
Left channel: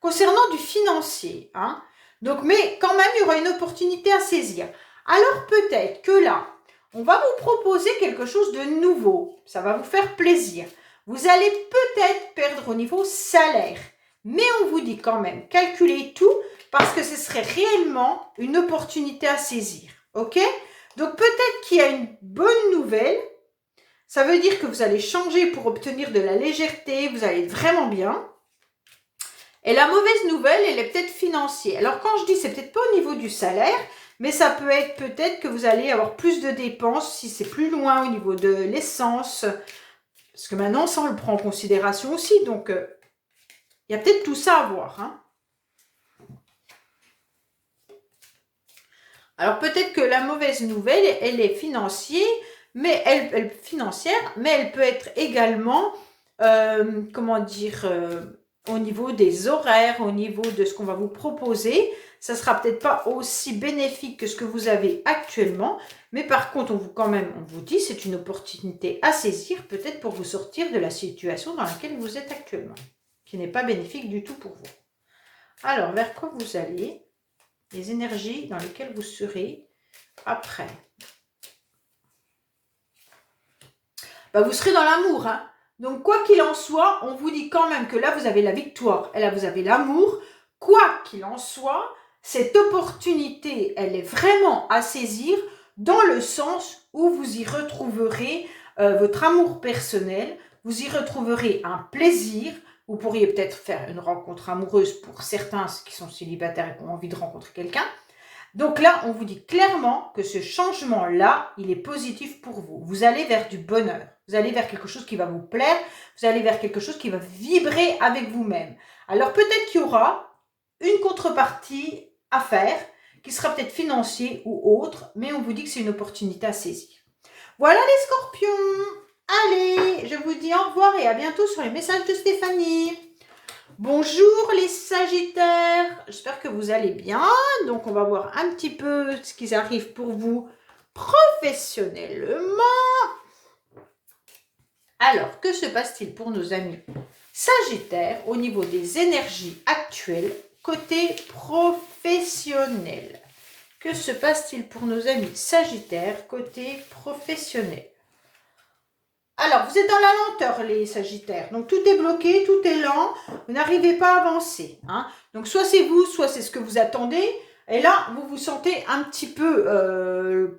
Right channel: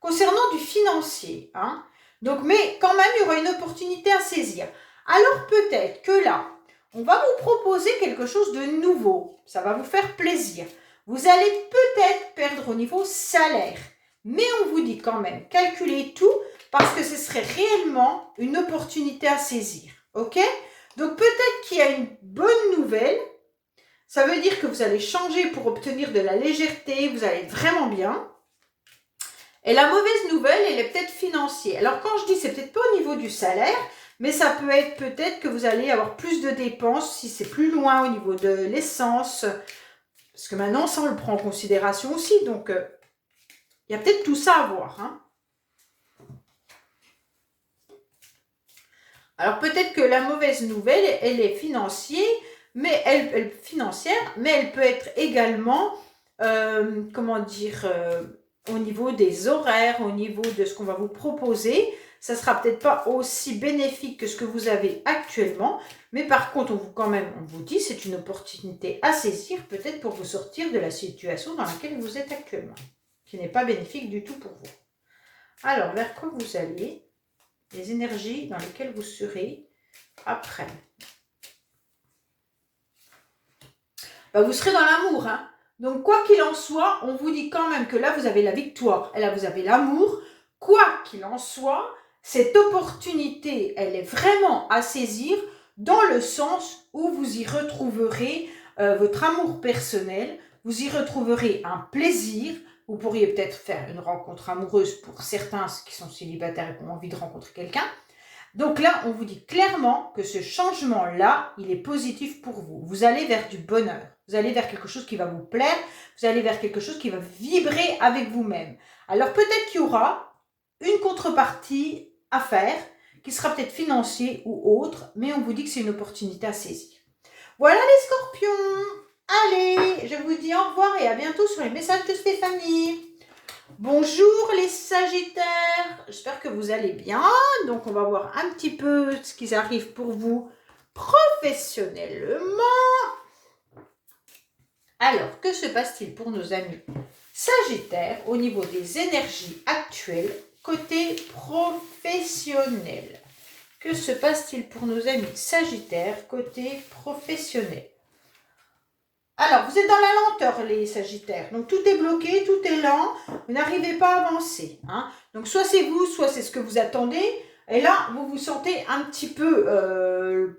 concernant du financier, hein. Donc, mais quand même, il y aura une opportunité à saisir. Alors, peut-être que là, on va vous proposer quelque chose de nouveau. Ça va vous faire plaisir. Vous allez peut-être perdre au niveau salaire. Mais on vous dit quand même, calculez tout parce que ce serait réellement une opportunité à saisir. Ok? Donc, peut-être qu'il y a une bonne nouvelle. Ça veut dire que vous allez changer pour obtenir de la légèreté. Vous allez être vraiment bien. Et la mauvaise nouvelle, elle est peut-être financière. Alors, quand je dis, c'est peut-être pas au niveau du salaire, mais ça peut être peut-être que vous allez avoir plus de dépenses si c'est plus loin au niveau de l'essence. Parce que maintenant, ça, on le prend en considération aussi. Donc, il y a peut-être tout ça à voir, hein. Alors, peut-être que la mauvaise nouvelle, elle est financière, mais elle peut être également, au niveau des horaires, au niveau de ce qu'on va vous proposer. Ça ne sera peut-être pas aussi bénéfique que ce que vous avez actuellement, mais par contre, on vous dit, c'est une opportunité à saisir, peut-être pour vous sortir de la situation dans laquelle vous êtes actuellement, qui n'est pas bénéfique du tout pour vous. Alors, vers quoi vous allez? Les énergies dans lesquelles vous serez après. Vous serez dans l'amour, hein. Donc, quoi qu'il en soit, on vous dit quand même que là, vous avez la victoire et là, vous avez l'amour. Quoi qu'il en soit, cette opportunité, elle est vraiment à saisir dans le sens où vous y retrouverez votre amour personnel, vous y retrouverez un plaisir. Vous pourriez peut-être faire une rencontre amoureuse pour certains qui sont célibataires et qui ont envie de rencontrer quelqu'un. Donc là, on vous dit clairement que ce changement-là, il est positif pour vous. Vous allez vers du bonheur. Vous allez vers quelque chose qui va vous plaire. Vous allez vers quelque chose qui va vibrer avec vous-même. Alors peut-être qu'il y aura une contrepartie à faire, qui sera peut-être financier ou autre, mais on vous dit que c'est une opportunité à saisir. Voilà les scorpions. Allez, je vous dis au revoir et à bientôt sur les messages de Stéphanie. Bonjour les sagittaires, j'espère que vous allez bien. Donc on va voir un petit peu ce qui arrive pour vous professionnellement. Alors, que se passe-t-il pour nos amis sagittaires au niveau des énergies actuelles côté professionnel? Que se passe-t-il pour nos amis sagittaires côté professionnel? Alors, vous êtes dans la lenteur, les sagittaires. Donc, tout est bloqué, tout est lent. Vous n'arrivez pas à avancer. Hein. Donc, soit c'est vous, soit c'est ce que vous attendez. Et là, vous vous sentez un petit peu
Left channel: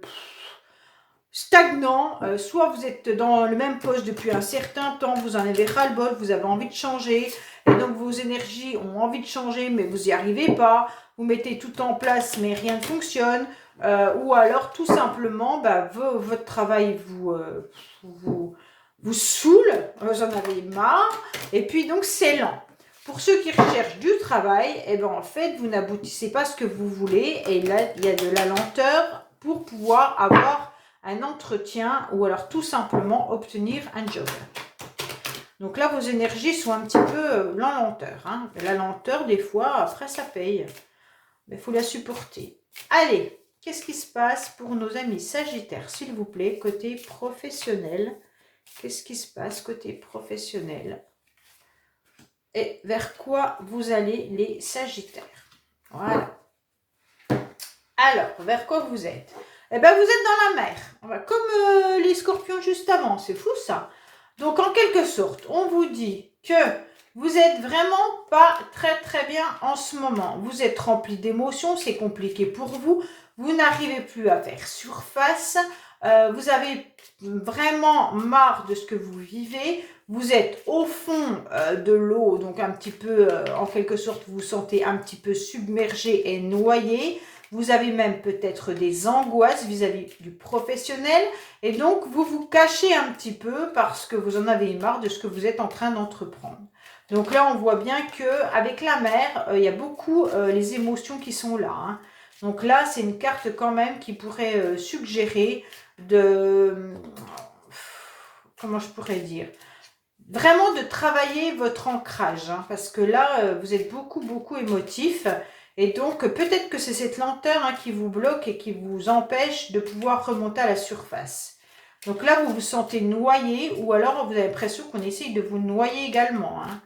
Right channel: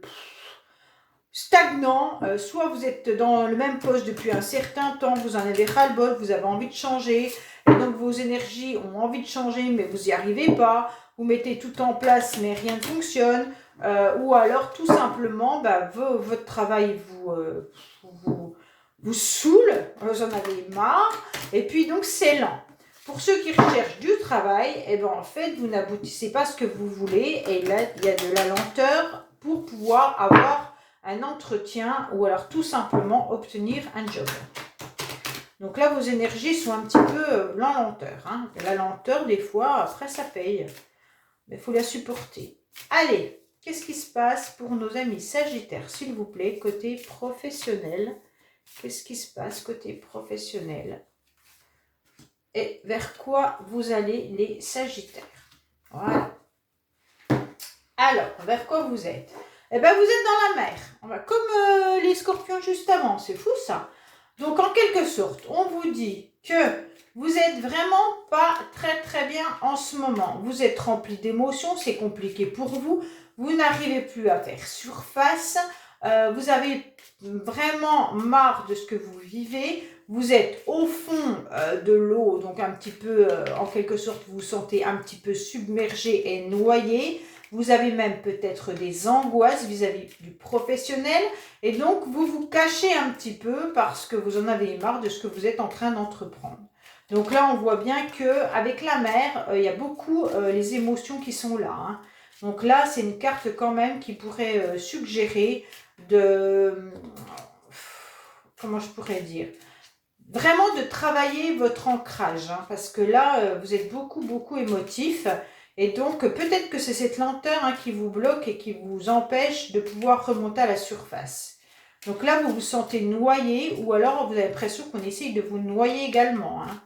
stagnant. Soit vous êtes dans le même poste depuis un certain temps, vous en avez ras-le-bol, vous avez envie de changer. Et donc, vos énergies ont envie de changer, mais vous n'y arrivez pas. Vous mettez tout en place, mais rien ne fonctionne. Ou alors, tout simplement, votre travail vous saoule, vous en avez marre, et puis donc c'est lent. Pour ceux qui recherchent du travail, eh ben en fait, vous n'aboutissez pas à ce que vous voulez, et là, il y a de la lenteur pour pouvoir avoir un entretien, ou alors tout simplement obtenir un job. Donc là, vos énergies sont un petit peu en lenteur. Hein. La lenteur, des fois, après, ça paye. Mais il faut la supporter. Allez, qu'est-ce qui se passe pour nos amis sagittaires, s'il vous plaît, côté professionnel? Qu'est-ce qui se passe côté professionnel? Et vers quoi vous allez les sagittaires? Voilà. Alors, vers quoi vous êtes? Eh bien, vous êtes dans la mer. Comme les scorpions juste avant. C'est fou, ça. Donc, en quelque sorte, on vous dit que vous êtes vraiment pas très, très bien en ce moment. Vous êtes rempli d'émotions. C'est compliqué pour vous. Vous n'arrivez plus à faire surface. Vous avez vraiment marre de ce que vous vivez, vous êtes au fond de l'eau, donc un petit peu, en quelque sorte, vous vous sentez un petit peu submergé et noyé, vous avez même peut-être des angoisses vis-à-vis du professionnel, et donc vous vous cachez un petit peu parce que vous en avez marre de ce que vous êtes en train d'entreprendre. Donc là, on voit bien qu'avec la mer, il y a beaucoup les émotions qui sont là. Hein. Donc là, c'est une carte quand même qui pourrait suggérer comment je pourrais dire, vraiment de travailler votre ancrage, hein, parce que là, vous êtes beaucoup émotif, et donc peut-être que c'est cette lenteur hein, qui vous bloque et qui vous empêche de pouvoir remonter à la surface. Donc là, vous vous sentez noyé, ou alors vous avez l'impression qu'on essaye de vous noyer également. Hein.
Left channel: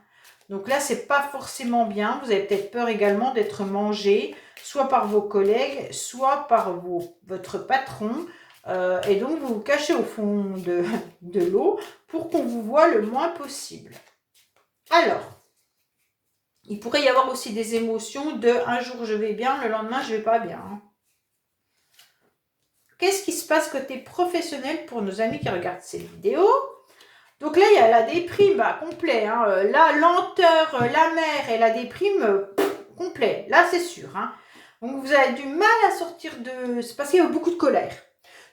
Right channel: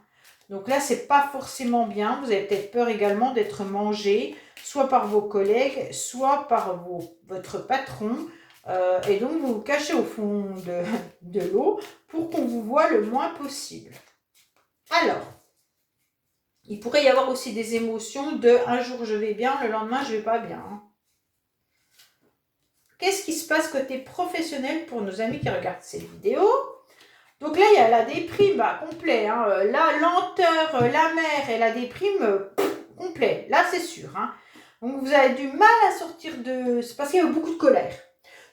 Donc là, c'est pas forcément bien, vous avez peut-être peur également d'être mangé, soit par vos collègues, soit par votre patron, et donc, vous vous cachez au fond de l'eau pour qu'on vous voit le moins possible. Alors, il pourrait y avoir aussi des émotions de un jour je vais bien, le lendemain je vais pas bien. Hein. Qu'est-ce qui se passe côté professionnel pour nos amis qui regardent cette vidéo? Donc là, il y a la déprime complet. Hein. La lenteur, la mer et la déprime complet. Là, c'est sûr. Hein. Donc, vous avez du mal à sortir de... C'est parce qu'il y a beaucoup de colère.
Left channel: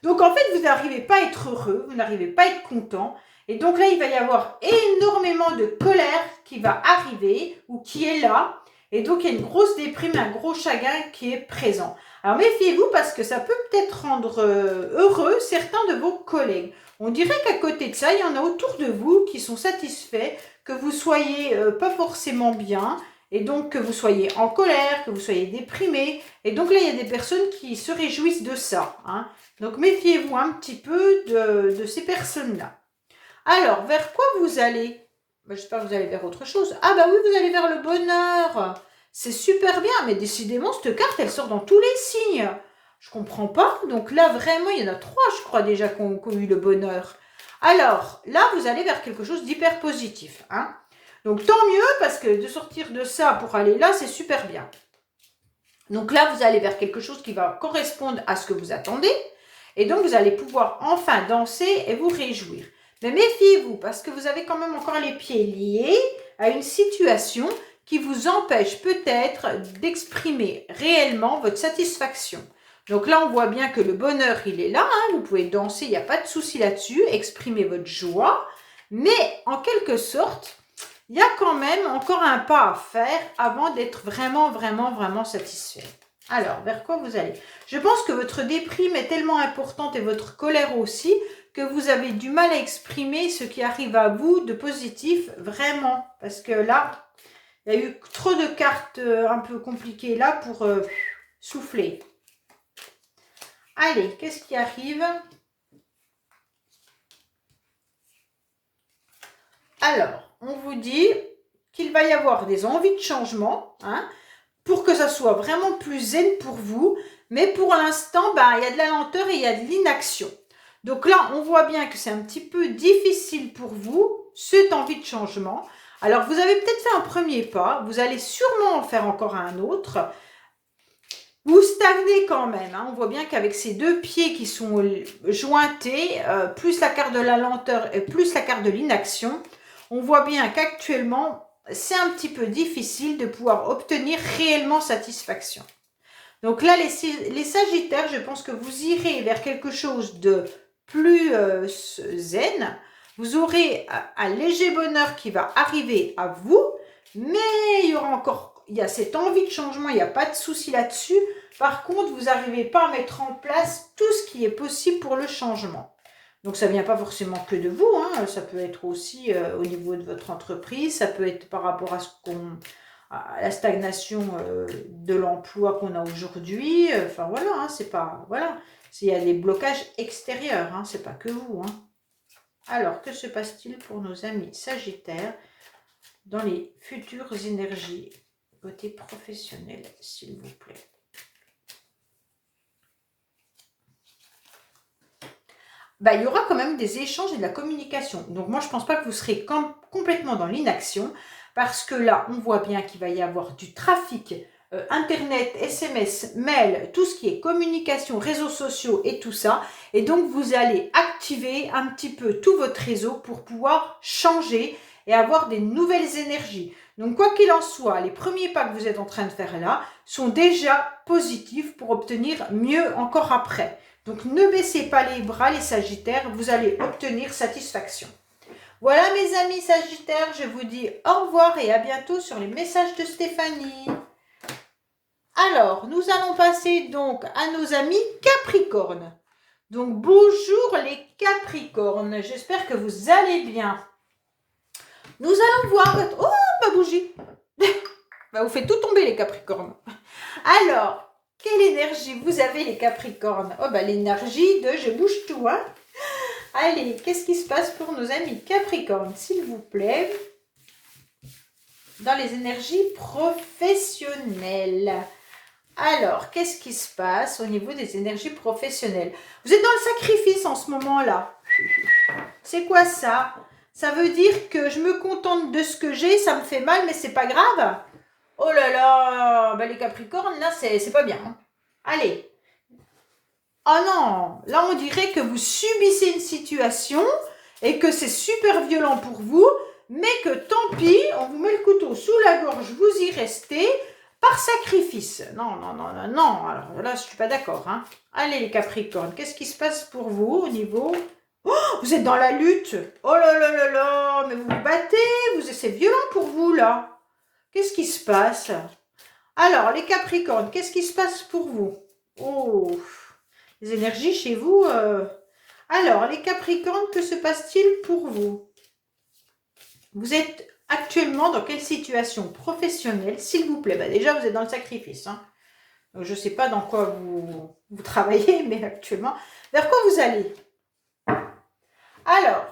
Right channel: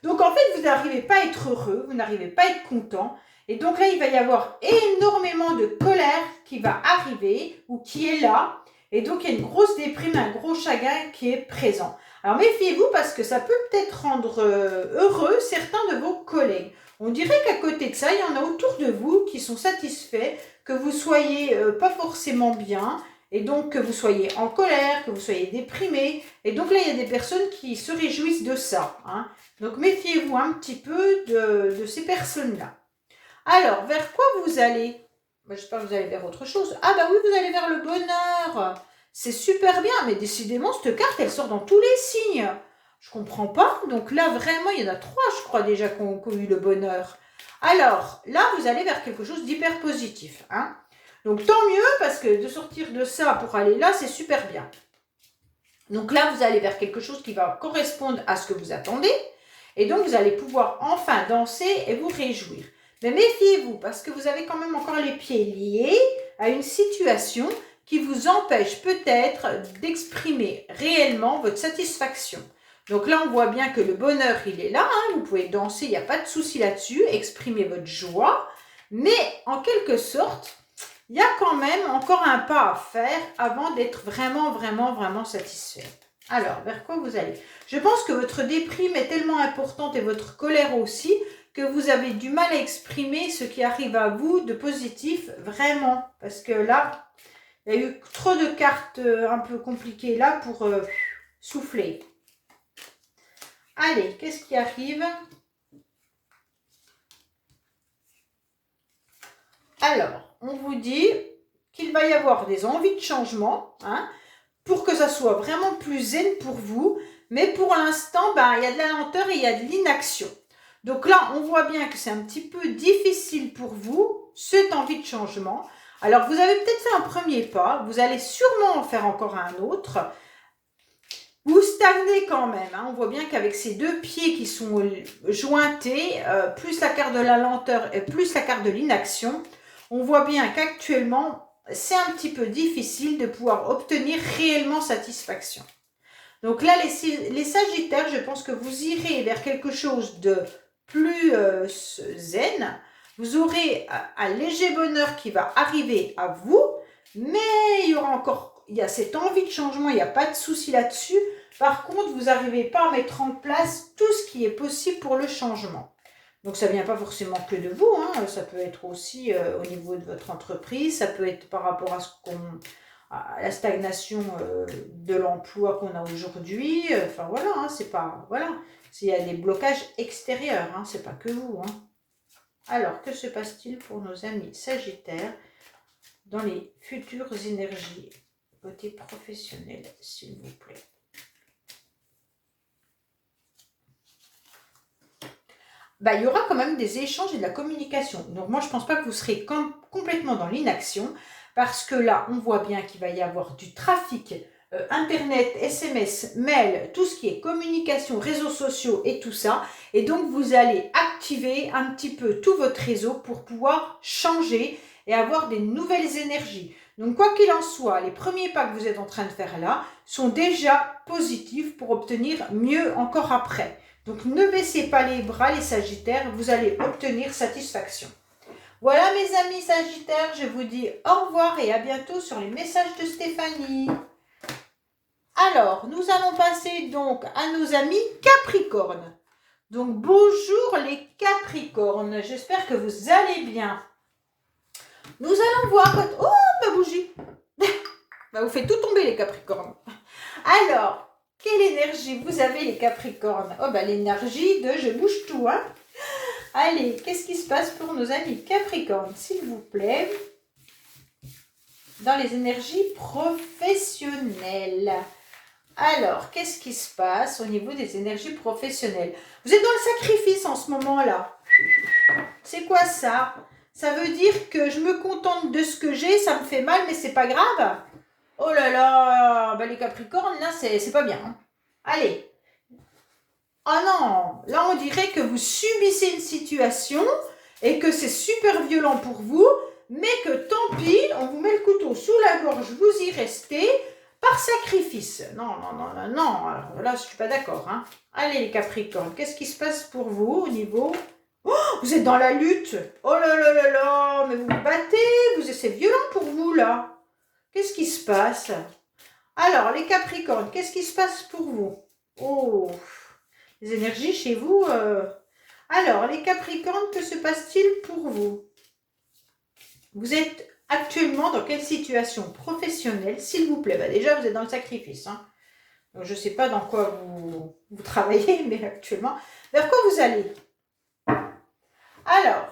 Donc, en fait, vous n'arrivez pas à être heureux, vous n'arrivez pas à être content. Et donc là, il va y avoir énormément de colère qui va arriver ou qui est là. Et donc, il y a une grosse déprime, un gros chagrin qui est présent. Alors, méfiez-vous parce que ça peut peut-être rendre heureux certains de vos collègues. On dirait qu'à côté de ça, il y en a autour de vous qui sont satisfaits que vous soyez pas forcément bien. Et donc, que vous soyez en colère, que vous soyez déprimé. Et donc là, il y a des personnes qui se réjouissent de ça. Hein. Donc, méfiez-vous un petit peu de ces personnes-là. Alors, vers quoi vous allez? J'espère que vous allez vers autre chose. Ah bah oui, vous allez vers le bonheur. C'est super bien, mais décidément, cette carte, elle sort dans tous les signes. Je comprends pas. Donc là, vraiment, il y en a 3, je crois, déjà qui ont eu le bonheur. Alors, là, vous allez vers quelque chose d'hyper positif. Hein. Donc, tant mieux, parce que de sortir de ça pour aller là, c'est super bien. Donc là, vous allez vers quelque chose qui va correspondre à ce que vous attendez. Et donc, vous allez pouvoir enfin danser et vous réjouir. Mais méfiez-vous, parce que vous avez quand même encore les pieds liés à une situation qui vous empêche peut-être d'exprimer réellement votre satisfaction. Donc là, on voit bien que le bonheur, il est là. Hein, vous pouvez danser, il n'y a pas de souci là-dessus. Exprimer votre joie. Mais en quelque sorte, il y a quand même encore un pas à faire avant d'être vraiment satisfait. Alors, vers quoi vous allez? Je pense que votre déprime est tellement importante et votre colère aussi que vous avez du mal à exprimer ce qui arrive à vous de positif, vraiment. Parce que là, il y a eu trop de cartes un peu compliquées là pour souffler. Allez, qu'est-ce qui arrive? Alors, on vous dit qu'il va y avoir des envies de changement, hein, pour que ça soit vraiment plus zen pour vous. Mais pour l'instant, ben, il y a de la lenteur et il y a de l'inaction. Donc là, on voit bien que c'est un petit peu difficile pour vous, cette envie de changement. Alors, vous avez peut-être fait un premier pas, vous allez sûrement en faire encore un autre. Vous stagnez quand même, hein. On voit bien qu'avec ces deux pieds qui sont jointés, plus la carte de la lenteur et plus la carte de l'inaction, on voit bien qu'actuellement, c'est un petit peu difficile de pouvoir obtenir réellement satisfaction. Donc là, les Sagittaires, je pense que vous irez vers quelque chose de plus zen. Vous aurez un léger bonheur qui va arriver à vous, mais il y a cette envie de changement, il n'y a pas de souci là-dessus. Par contre, vous n'arrivez pas à mettre en place tout ce qui est possible pour le changement. Donc ça ne vient pas forcément que de vous, hein. Ça peut être aussi au niveau de votre entreprise, ça peut être par rapport à la stagnation de l'emploi qu'on a aujourd'hui. Enfin voilà, hein, c'est pas... Voilà, il y a des blocages extérieurs, hein, c'est pas que vous. Hein. Alors, que se passe-t-il pour nos amis Sagittaires dans les futures énergies côté professionnel, s'il vous plaît? Ben, il y aura quand même des échanges et de la communication. Donc moi, je ne pense pas que vous serez complètement dans l'inaction, parce que là, on voit bien qu'il va y avoir du trafic, Internet, SMS, mail, tout ce qui est communication, réseaux sociaux et tout ça. Et donc, vous allez activer un petit peu tout votre réseau pour pouvoir changer et avoir des nouvelles énergies. Donc, quoi qu'il en soit, les premiers pas que vous êtes en train de faire là sont déjà positifs pour obtenir mieux encore après. Donc, ne baissez pas les bras, les Sagittaires, vous allez obtenir satisfaction. Voilà, mes amis Sagittaires, je vous dis au revoir et à bientôt sur les messages de Stéphanie. Alors, nous allons passer donc à nos amis Capricornes. Donc, bonjour les Capricornes, j'espère que vous allez bien. Nous allons voir votre... Oh, ma bougie. Bah, vous faites tout tomber les Capricornes. Alors... Quelle énergie vous avez les Capricornes? Oh bah l'énergie de je bouge tout, hein. Allez, qu'est-ce qui se passe pour nos amis Capricornes, s'il vous plaît? Dans les énergies professionnelles. Alors, qu'est-ce qui se passe au niveau des énergies professionnelles? Vous êtes dans le sacrifice en ce moment-là. C'est quoi ça? Ça veut dire que je me contente de ce que j'ai, ça me fait mal, mais c'est pas grave? Oh là là, bah les Capricornes, là, c'est pas bien. Hein. Allez. Oh non, là, on dirait que vous subissez une situation et que c'est super violent pour vous, mais que tant pis, on vous met le couteau sous la gorge, vous y restez par sacrifice. Non, non, non, non, non. Alors là, je suis pas d'accord. Hein. Allez, les Capricornes, qu'est-ce qui se passe pour vous au niveau... Oh, vous êtes dans la lutte. Oh là là là là, mais vous vous battez, c'est violent pour vous, là. Qu'est-ce qui se passe? Alors, les Capricornes, qu'est-ce qui se passe pour vous? Oh, les énergies chez vous. Alors, les Capricornes, que se passe-t-il pour vous? Vous êtes actuellement dans quelle situation professionnelle, s'il vous plaît? Bah, déjà, vous êtes dans le sacrifice. Hein. Donc, je ne sais pas dans quoi vous travaillez, mais actuellement, vers quoi vous allez? Alors,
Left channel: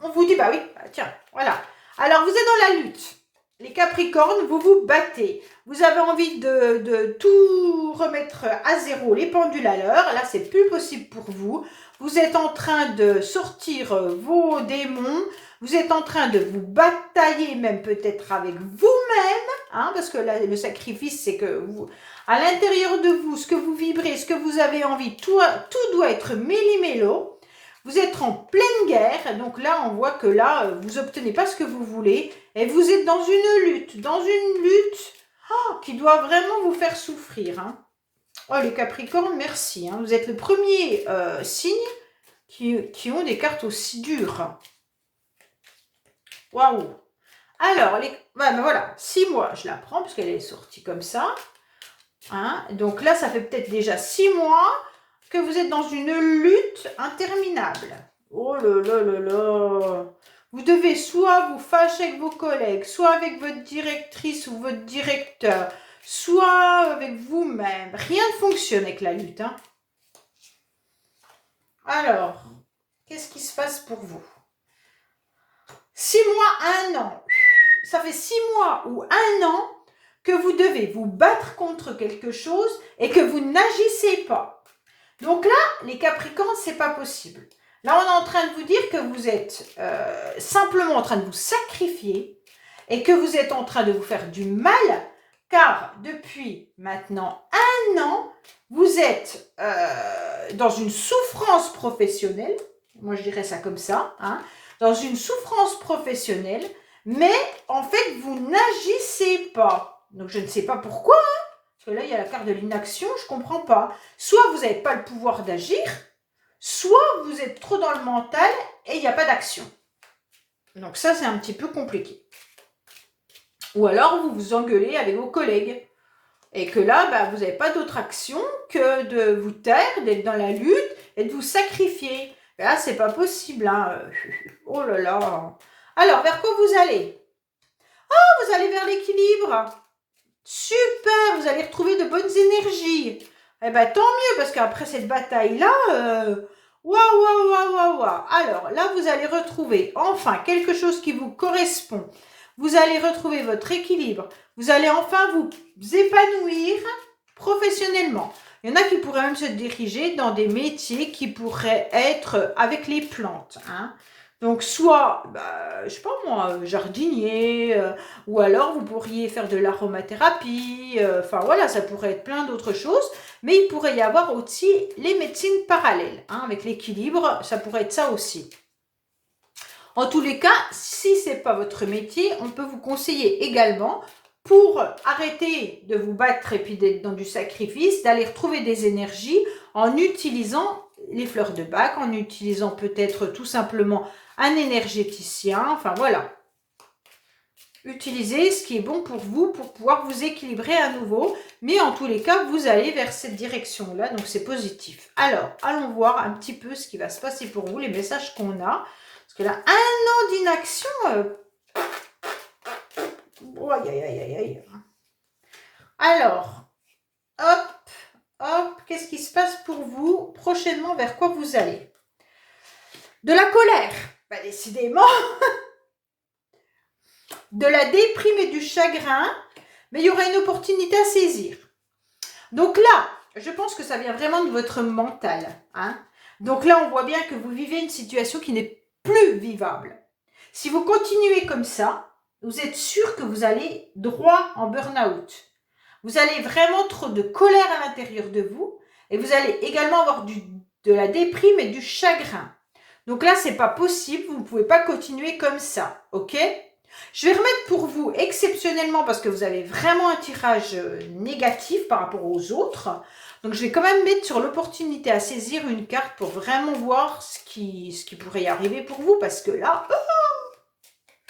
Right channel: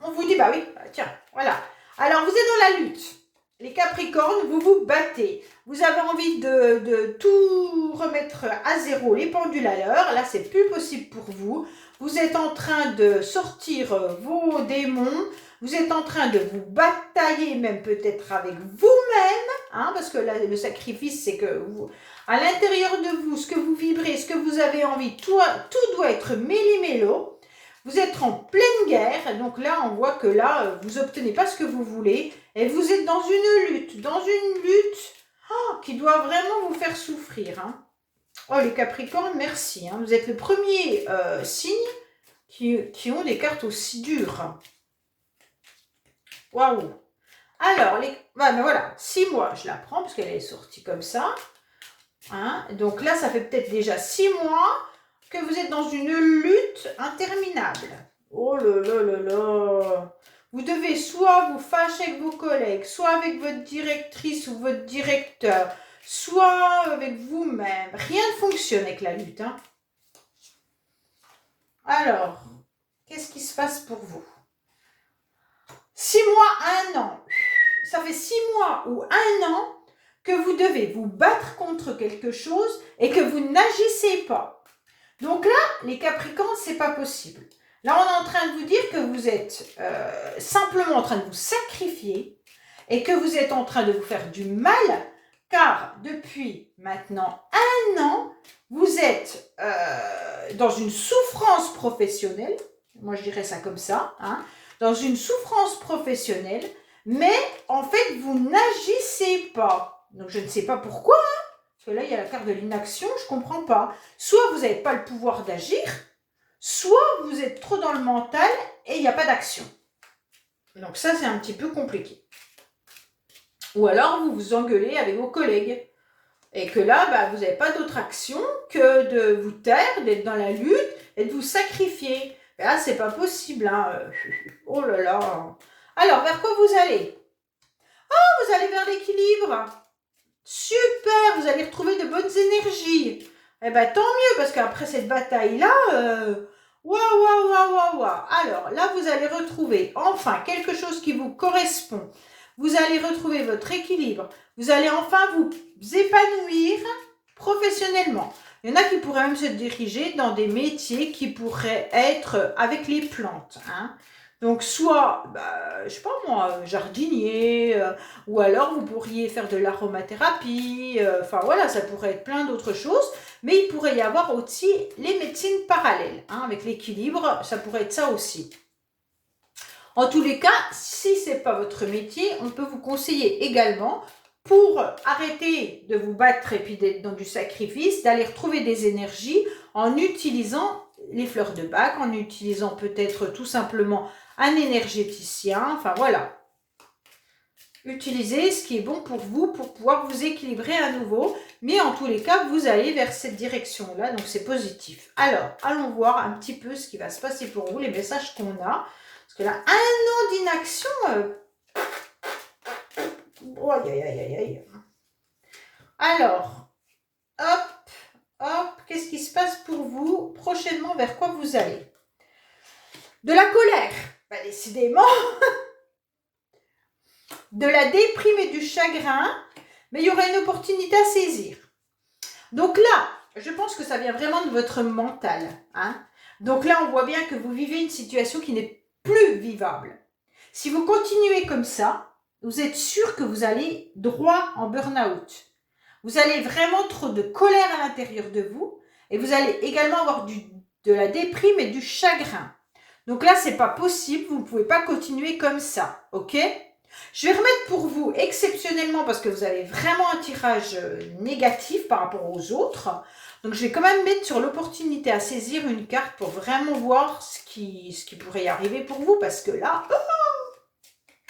on vous dit, bah oui, bah, tiens, voilà. Alors, vous êtes dans la lutte. Les Capricornes, vous vous battez. Vous avez envie de tout remettre à zéro, les pendules à l'heure. Là, c'est plus possible pour vous. Vous êtes en train de sortir vos démons. Vous êtes en train de vous batailler, même peut-être avec vous-même. Hein, parce que là, le sacrifice, c'est que vous, à l'intérieur de vous, ce que vous vibrez, ce que vous avez envie, tout doit être méli-mélo. Vous êtes en pleine guerre, donc là, on voit que là, vous n'obtenez pas ce que vous voulez, et vous êtes dans une lutte qui doit vraiment vous faire souffrir. Hein. Oh, les Capricornes, merci. Hein. Vous êtes le premier signe qui ont des cartes aussi dures. Waouh. Alors, ben voilà, 6 mois, je la prends, parce qu'elle est sortie comme ça. Hein. Donc là, ça fait peut-être déjà 6 mois que vous êtes dans une lutte interminable. Oh là là là là. Vous devez soit vous fâcher avec vos collègues, soit avec votre directrice ou votre directeur, soit avec vous-même. Rien ne fonctionne avec la lutte. Hein. Alors, qu'est-ce qui se passe pour vous? 6 mois, 1 an. Ça fait 6 mois ou 1 an que vous devez vous battre contre quelque chose et que vous n'agissez pas. Donc là, les Capricornes, c'est pas possible. Là, on est en train de vous dire que vous êtes simplement en train de vous sacrifier et que vous êtes en train de vous faire du mal, car depuis maintenant 1 an, vous êtes dans une souffrance professionnelle, moi je dirais ça comme ça, hein, dans une souffrance professionnelle, mais en fait, vous n'agissez pas. Donc, je ne sais pas pourquoi, hein, parce que là, il y a la carte de l'inaction, je ne comprends pas. Soit vous n'avez pas le pouvoir d'agir, soit vous êtes trop dans le mental et il n'y a pas d'action. Donc, ça, c'est un petit peu compliqué. Ou alors, vous vous engueulez avec vos collègues. Et que là, bah, vous n'avez pas d'autre action que de vous taire, d'être dans la lutte et de vous sacrifier. Mais là, c'est pas possible. Hein. Oh là là. Alors, vers quoi vous allez? Oh, vous allez vers l'équilibre. Super, vous allez retrouver de bonnes énergies. Eh bien, tant mieux, parce qu'après cette bataille-là, waouh. Alors, là, vous allez retrouver enfin quelque chose qui vous correspond. Vous allez retrouver votre équilibre. Vous allez enfin vous épanouir professionnellement. Il y en a qui pourraient même se diriger dans des métiers qui pourraient être avec les plantes. Hein. Donc, soit, je sais pas moi, jardinier, ou alors vous pourriez faire de l'aromathérapie, enfin voilà, ça pourrait être plein d'autres choses, mais il pourrait y avoir aussi les médecines parallèles, hein, avec l'équilibre, ça pourrait être ça aussi. En tous les cas, si ce n'est pas votre métier, on peut vous conseiller également, pour arrêter de vous battre et puis d'être dans du sacrifice, d'aller retrouver des énergies en utilisant les fleurs de bac, en utilisant peut-être tout simplement un énergéticien, enfin voilà. Utilisez ce qui est bon pour vous pour pouvoir vous équilibrer à nouveau. Mais en tous les cas, vous allez vers cette direction-là, donc c'est positif. Alors, allons voir un petit peu ce qui va se passer pour vous, les messages qu'on a. Parce que là, 1 an d'inaction... Oh, aïe. Alors, hop, qu'est-ce qui se passe pour vous prochainement, vers quoi vous allez? De la colère, décidément, de la déprime et du chagrin, mais il y aura une opportunité à saisir. Donc là, je pense que ça vient vraiment de votre mental. Hein. Donc là, on voit bien que vous vivez une situation qui n'est plus vivable. Si vous continuez comme ça, vous êtes sûr que vous allez droit en burn-out. Vous allez vraiment trop de colère à l'intérieur de vous et vous allez également avoir de la déprime et du chagrin. Donc là, c'est pas possible, vous ne pouvez pas continuer comme ça, ok? Je vais remettre pour vous exceptionnellement parce que vous avez vraiment un tirage négatif par rapport aux autres. Donc je vais quand même mettre sur l'opportunité à saisir une carte pour vraiment voir ce qui pourrait y arriver pour vous parce que là...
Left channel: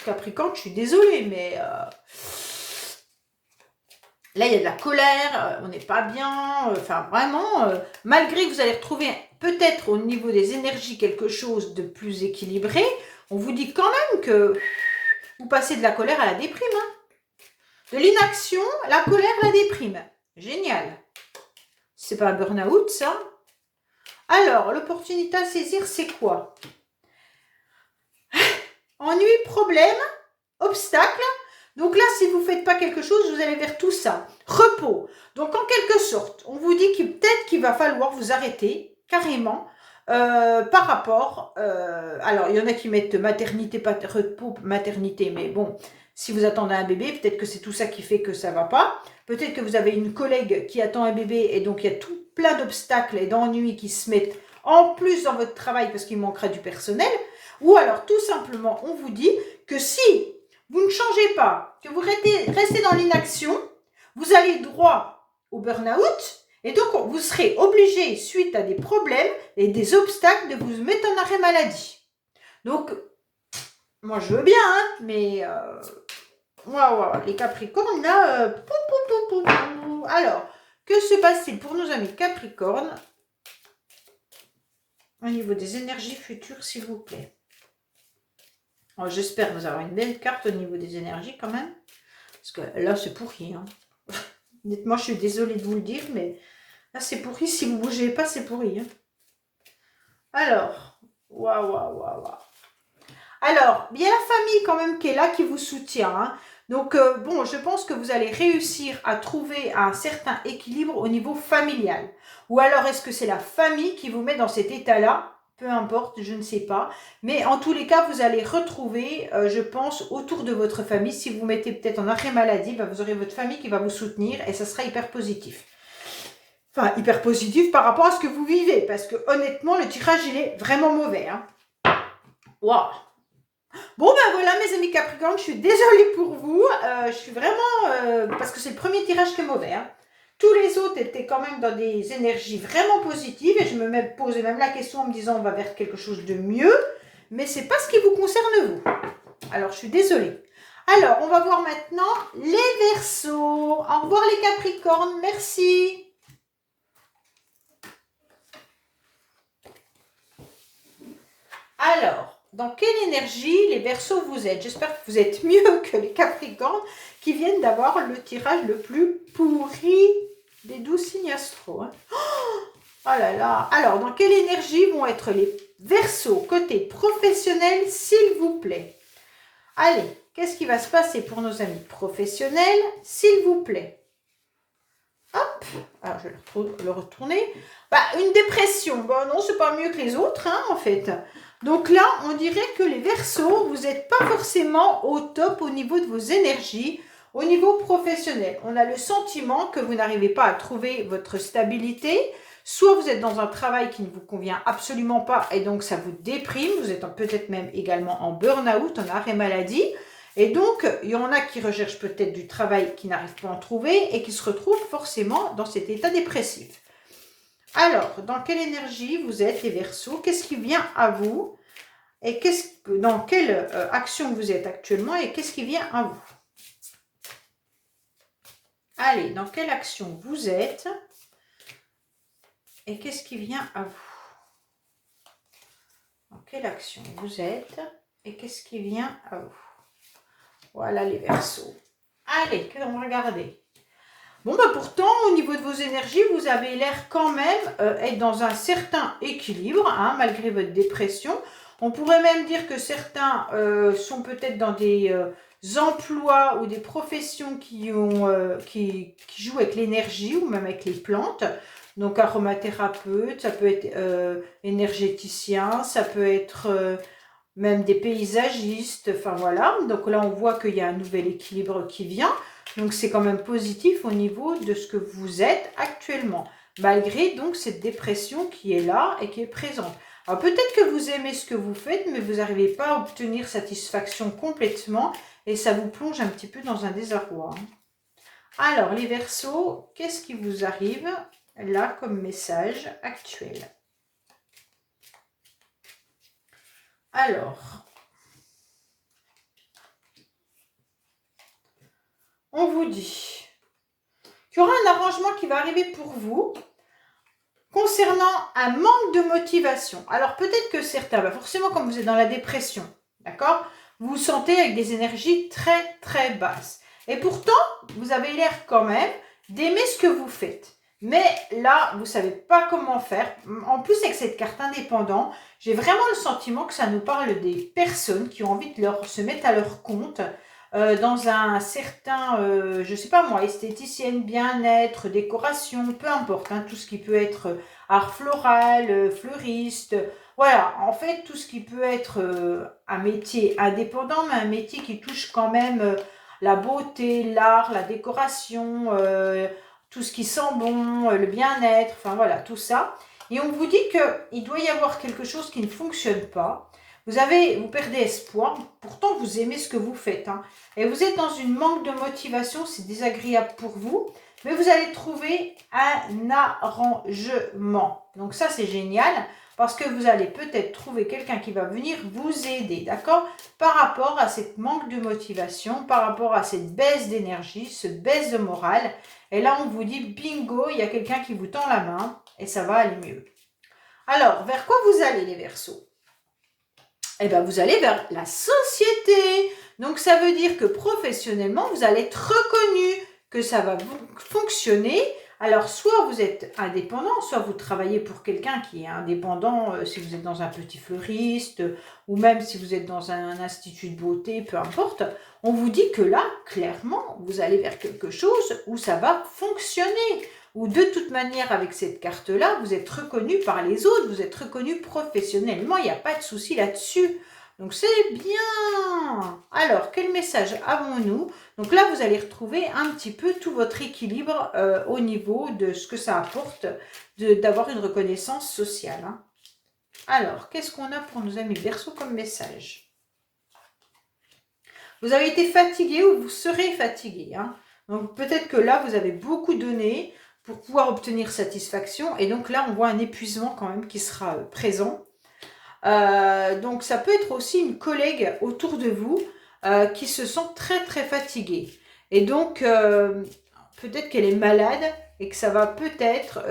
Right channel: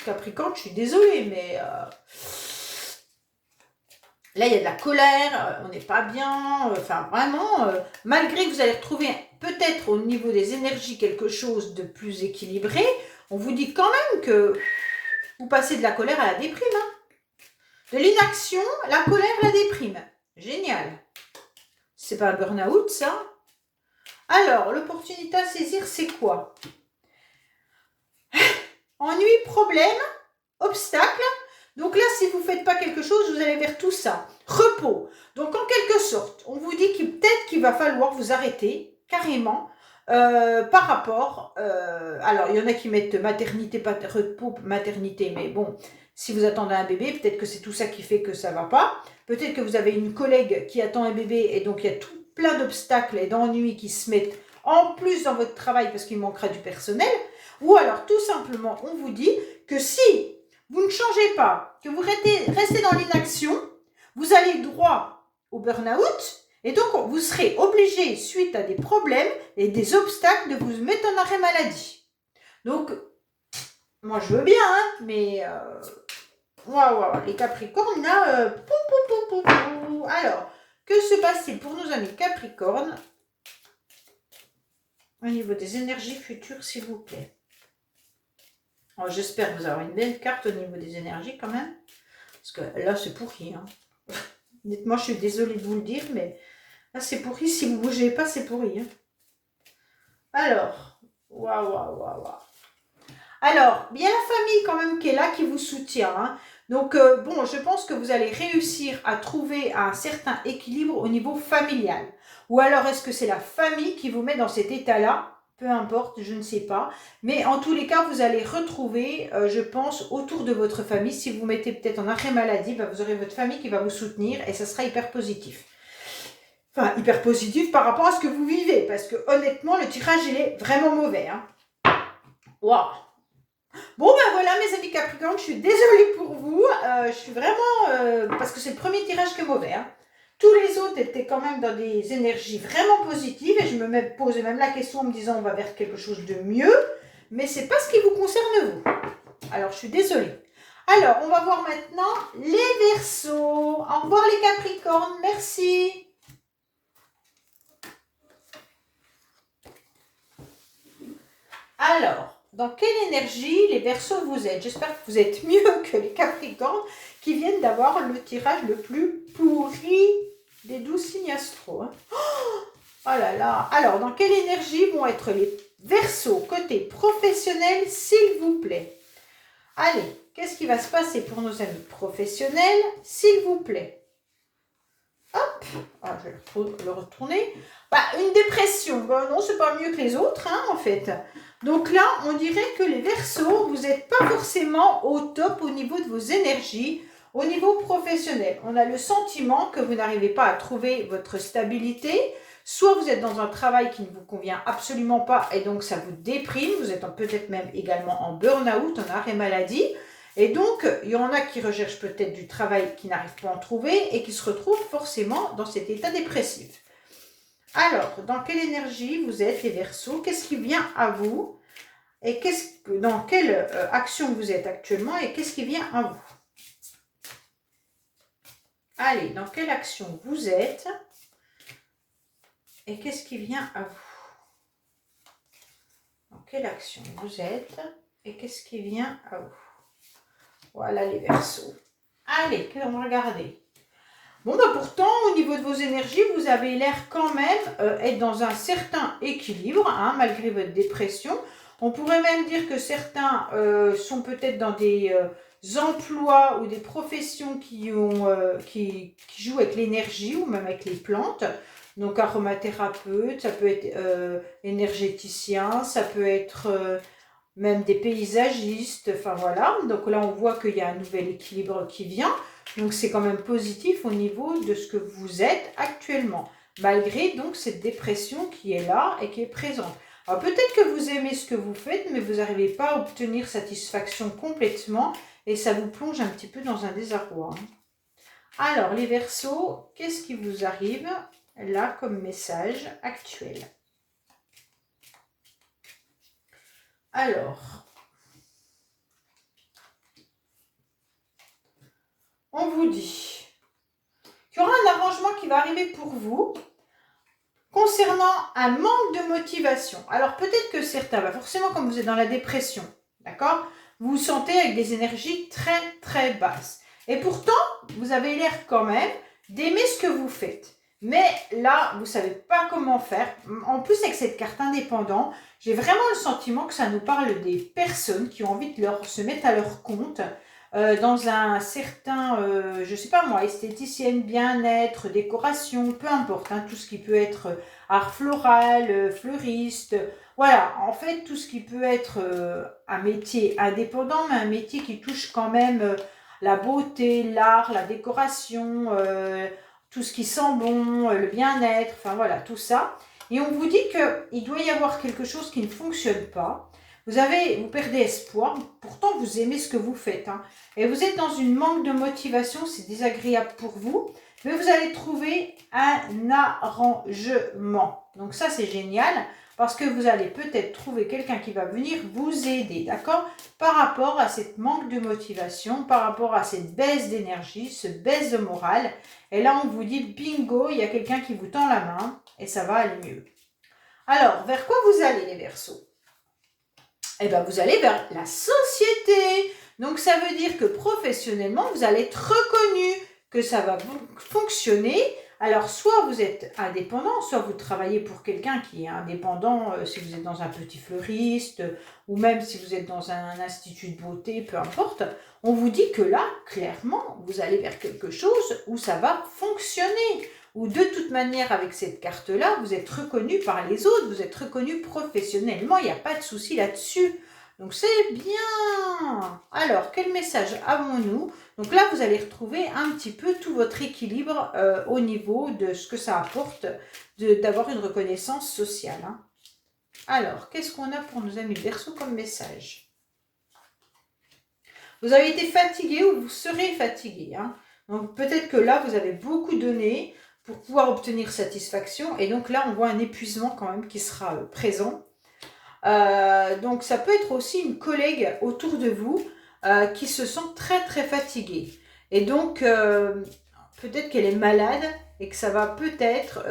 Capricorne, je suis désolée, mais là, il y a de la colère, on n'est pas bien, enfin vraiment, malgré que vous allez retrouver peut-être au niveau des énergies quelque chose de plus équilibré, on vous dit quand même que vous passez de la colère à la déprime. Hein. De l'inaction, la colère, la déprime. Génial. C'est pas un burn-out, ça. Alors, l'opportunité à saisir, c'est quoi? Ennui, problème, obstacle. Donc là, si vous ne faites pas quelque chose, vous allez vers tout ça. Repos. Donc en quelque sorte, on vous dit peut-être qu'il va falloir vous arrêter carrément par rapport... alors, il y en a qui mettent maternité, repos, maternité, mais bon, si vous attendez un bébé, peut-être que c'est tout ça qui fait que ça ne va pas. Peut-être que vous avez une collègue qui attend un bébé et donc il y a tout plein d'obstacles et d'ennuis qui se mettent en plus dans votre travail parce qu'il manquera du personnel. Ou alors, tout simplement, on vous dit que si vous ne changez pas, que vous restez dans l'inaction, vous allez droit au burn-out et donc vous serez obligé, suite à des problèmes et des obstacles, de vous mettre en arrêt maladie. Donc, moi je veux bien, hein, mais waouh, les Capricornes, là, alors, que se passe-t-il pour nos amis Capricornes au niveau des énergies futures, s'il vous plaît. J'espère que vous avez une belle carte au niveau des énergies quand même. Parce que là, c'est pourri. Hein. Honnêtement, je suis désolée de vous le dire, mais là, c'est pourri. Si vous ne bougez pas, c'est pourri. Hein. Alors, waouh, waouh, waouh, waouh. Alors, bien la famille quand même qui est là, qui vous soutient. Hein. Donc, bon, je pense que vous allez réussir à trouver un certain équilibre au niveau familial. Ou alors, est-ce que c'est la famille qui vous met dans cet état-là? Peu importe, je ne sais pas. Mais en tous les cas, vous allez retrouver, je pense, autour de votre famille. Si vous mettez peut-être en arrêt maladie, bah, vous aurez votre famille qui va vous soutenir et ça sera hyper positif. Enfin, hyper positif par rapport à ce que vous vivez. Parce que honnêtement, le tirage, il est vraiment mauvais. Hein. Waouh! Bon, ben voilà, mes amis Capricorne, je suis désolée pour vous. Je suis vraiment... parce que c'est le premier tirage qui est mauvais. Hein. Tous les autres étaient quand même dans des énergies vraiment positives. Et je me posais même la question en me disant, on va vers quelque chose de mieux. Mais c'est pas ce qui vous concerne, vous. Alors, je suis désolée. Alors, on va voir maintenant les Verseaux. Au revoir les Capricornes, merci. Alors... Dans quelle énergie les Verseaux vous êtes? J'espère que vous êtes mieux que les Capricornes qui viennent d'avoir le tirage le plus pourri des 12 signes astro. Hein. Oh là là. Alors, dans quelle énergie vont être les Verseaux côté professionnel, s'il vous plaît? Allez, qu'est-ce qui va se passer pour nos amis professionnels, s'il vous plaît? Hop, alors je vais le retourner. Bah, une dépression, bah non, c'est pas mieux que les autres, hein, en fait. Donc là, on dirait que les Verseaux, vous n'êtes pas forcément au top au niveau de vos énergies, au niveau professionnel. On a le sentiment que vous n'arrivez pas à trouver votre stabilité. Soit vous êtes dans un travail qui ne vous convient absolument pas et donc ça vous déprime. Vous êtes peut-être même également en burn-out, en arrêt maladie. Et donc, il y en a qui recherchent peut-être du travail qui n'arrivent pas à en trouver et qui se retrouvent forcément dans cet état dépressif. Alors, dans quelle énergie vous êtes les Verseaux? Qu'est-ce qui vient à vous? Et dans quelle action vous êtes actuellement? Et qu'est-ce qui vient à vous? Allez, dans quelle action vous êtes? Et qu'est-ce qui vient à vous? Dans quelle action vous êtes? Et qu'est-ce qui vient à vous? Voilà les Verseaux. Allez, on va regarder. Bon, bah pourtant, au niveau de vos énergies, vous avez l'air quand même être dans un certain équilibre, hein, malgré votre dépression. On pourrait même dire que certains sont peut-être dans des emplois ou des professions qui jouent avec l'énergie ou même avec les plantes. Donc, aromathérapeute, ça peut être énergéticien, ça peut être même des paysagistes. Enfin, voilà. Donc là, on voit qu'il y a un nouvel équilibre qui vient. Donc, c'est quand même positif au niveau de ce que vous êtes actuellement, malgré donc cette dépression qui est là et qui est présente. Alors, peut-être que vous aimez ce que vous faites, mais vous n'arrivez pas à obtenir satisfaction complètement et ça vous plonge un petit peu dans un désarroi. Alors, les Verseaux, qu'est-ce qui vous arrive là comme message actuel? Alors... on vous dit qu'il y aura un arrangement qui va arriver pour vous concernant un manque de motivation. Alors peut-être que certains, forcément comme vous êtes dans la dépression, d'accord, vous vous sentez avec des énergies très très basses. Et pourtant, vous avez l'air quand même d'aimer ce que vous faites. Mais là, vous ne savez pas comment faire. En plus, avec cette carte indépendant, j'ai vraiment le sentiment que ça nous parle des personnes qui ont envie de se mettre à leur compte, dans un certain, je ne sais pas moi, esthéticienne, bien-être, décoration, peu importe, hein, tout ce qui peut être art floral, fleuriste, voilà, en fait, tout ce qui peut être un métier indépendant, mais un métier qui touche quand même la beauté, l'art, la décoration, tout ce qui sent bon, le bien-être, enfin voilà, tout ça. Et on vous dit qu'il doit y avoir quelque chose qui ne fonctionne pas. Vous perdez espoir, pourtant vous aimez ce que vous faites. Hein, et vous êtes dans une manque de motivation, c'est désagréable pour vous. Mais vous allez trouver un arrangement. Donc ça, c'est génial parce que vous allez peut-être trouver quelqu'un qui va venir vous aider, d'accord? Par rapport à cette manque de motivation, par rapport à cette baisse d'énergie, cette baisse de morale. Et là, on vous dit, bingo, il y a quelqu'un qui vous tend la main et ça va aller mieux. Alors, vers quoi vous allez les Verseaux? Eh bien, vous allez vers la société. Donc, ça veut dire que professionnellement, vous allez être reconnu, que ça va fonctionner. Alors, soit vous êtes indépendant, soit vous travaillez pour quelqu'un qui est indépendant, si vous êtes dans un petit fleuriste, ou même si vous êtes dans un institut de beauté, peu importe. On vous dit que là, clairement, vous allez vers quelque chose où ça va fonctionner. Ou de toute manière, avec cette carte-là, vous êtes reconnu par les autres, vous êtes reconnu professionnellement, il n'y a pas de souci là-dessus. Donc c'est bien. Alors, quel message avons-nous? Donc là, vous allez retrouver un petit peu tout votre équilibre au niveau de ce que ça apporte d'avoir une reconnaissance sociale. Hein. Alors, qu'est-ce qu'on a pour nos amis Verseau comme message? Vous avez été fatigué ou vous serez fatigué. Hein. Donc peut-être que là, vous avez beaucoup donné pour pouvoir obtenir satisfaction. Et donc là, on voit un épuisement quand même qui sera présent. Donc ça peut être aussi une collègue autour de vous qui se sent très très fatiguée. Et donc peut-être qu'elle est malade et que ça va peut-être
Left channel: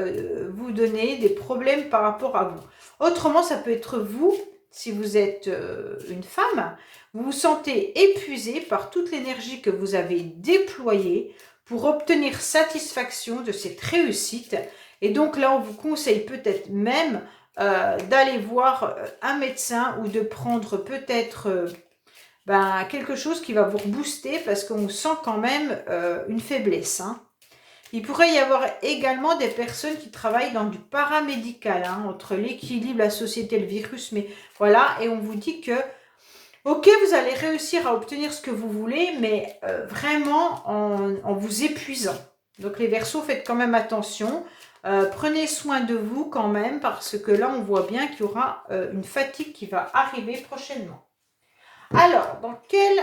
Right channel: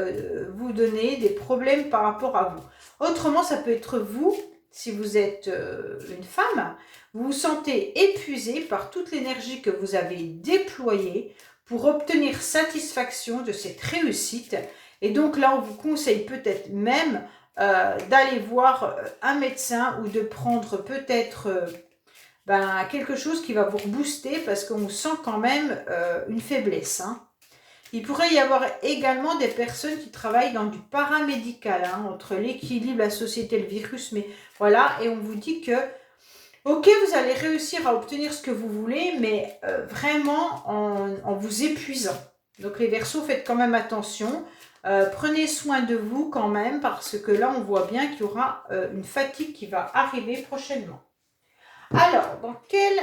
vous donner des problèmes par rapport à vous. Autrement, ça peut être vous, si vous êtes une femme, vous vous sentez épuisé par toute l'énergie que vous avez déployée pour obtenir satisfaction de cette réussite. Et donc là, on vous conseille peut-être même d'aller voir un médecin ou de prendre peut-être quelque chose qui va vous rebooster parce qu'on sent quand même une faiblesse. Hein. Il pourrait y avoir également des personnes qui travaillent dans du paramédical, hein, entre l'équilibre, la société et le virus. Mais voilà, et on vous dit que ok, vous allez réussir à obtenir ce que vous voulez, mais vraiment en vous épuisant. Donc les Verseaux, faites quand même attention. Prenez soin de vous quand même, parce que là, on voit bien qu'il y aura une fatigue qui va arriver prochainement. Alors, dans quelle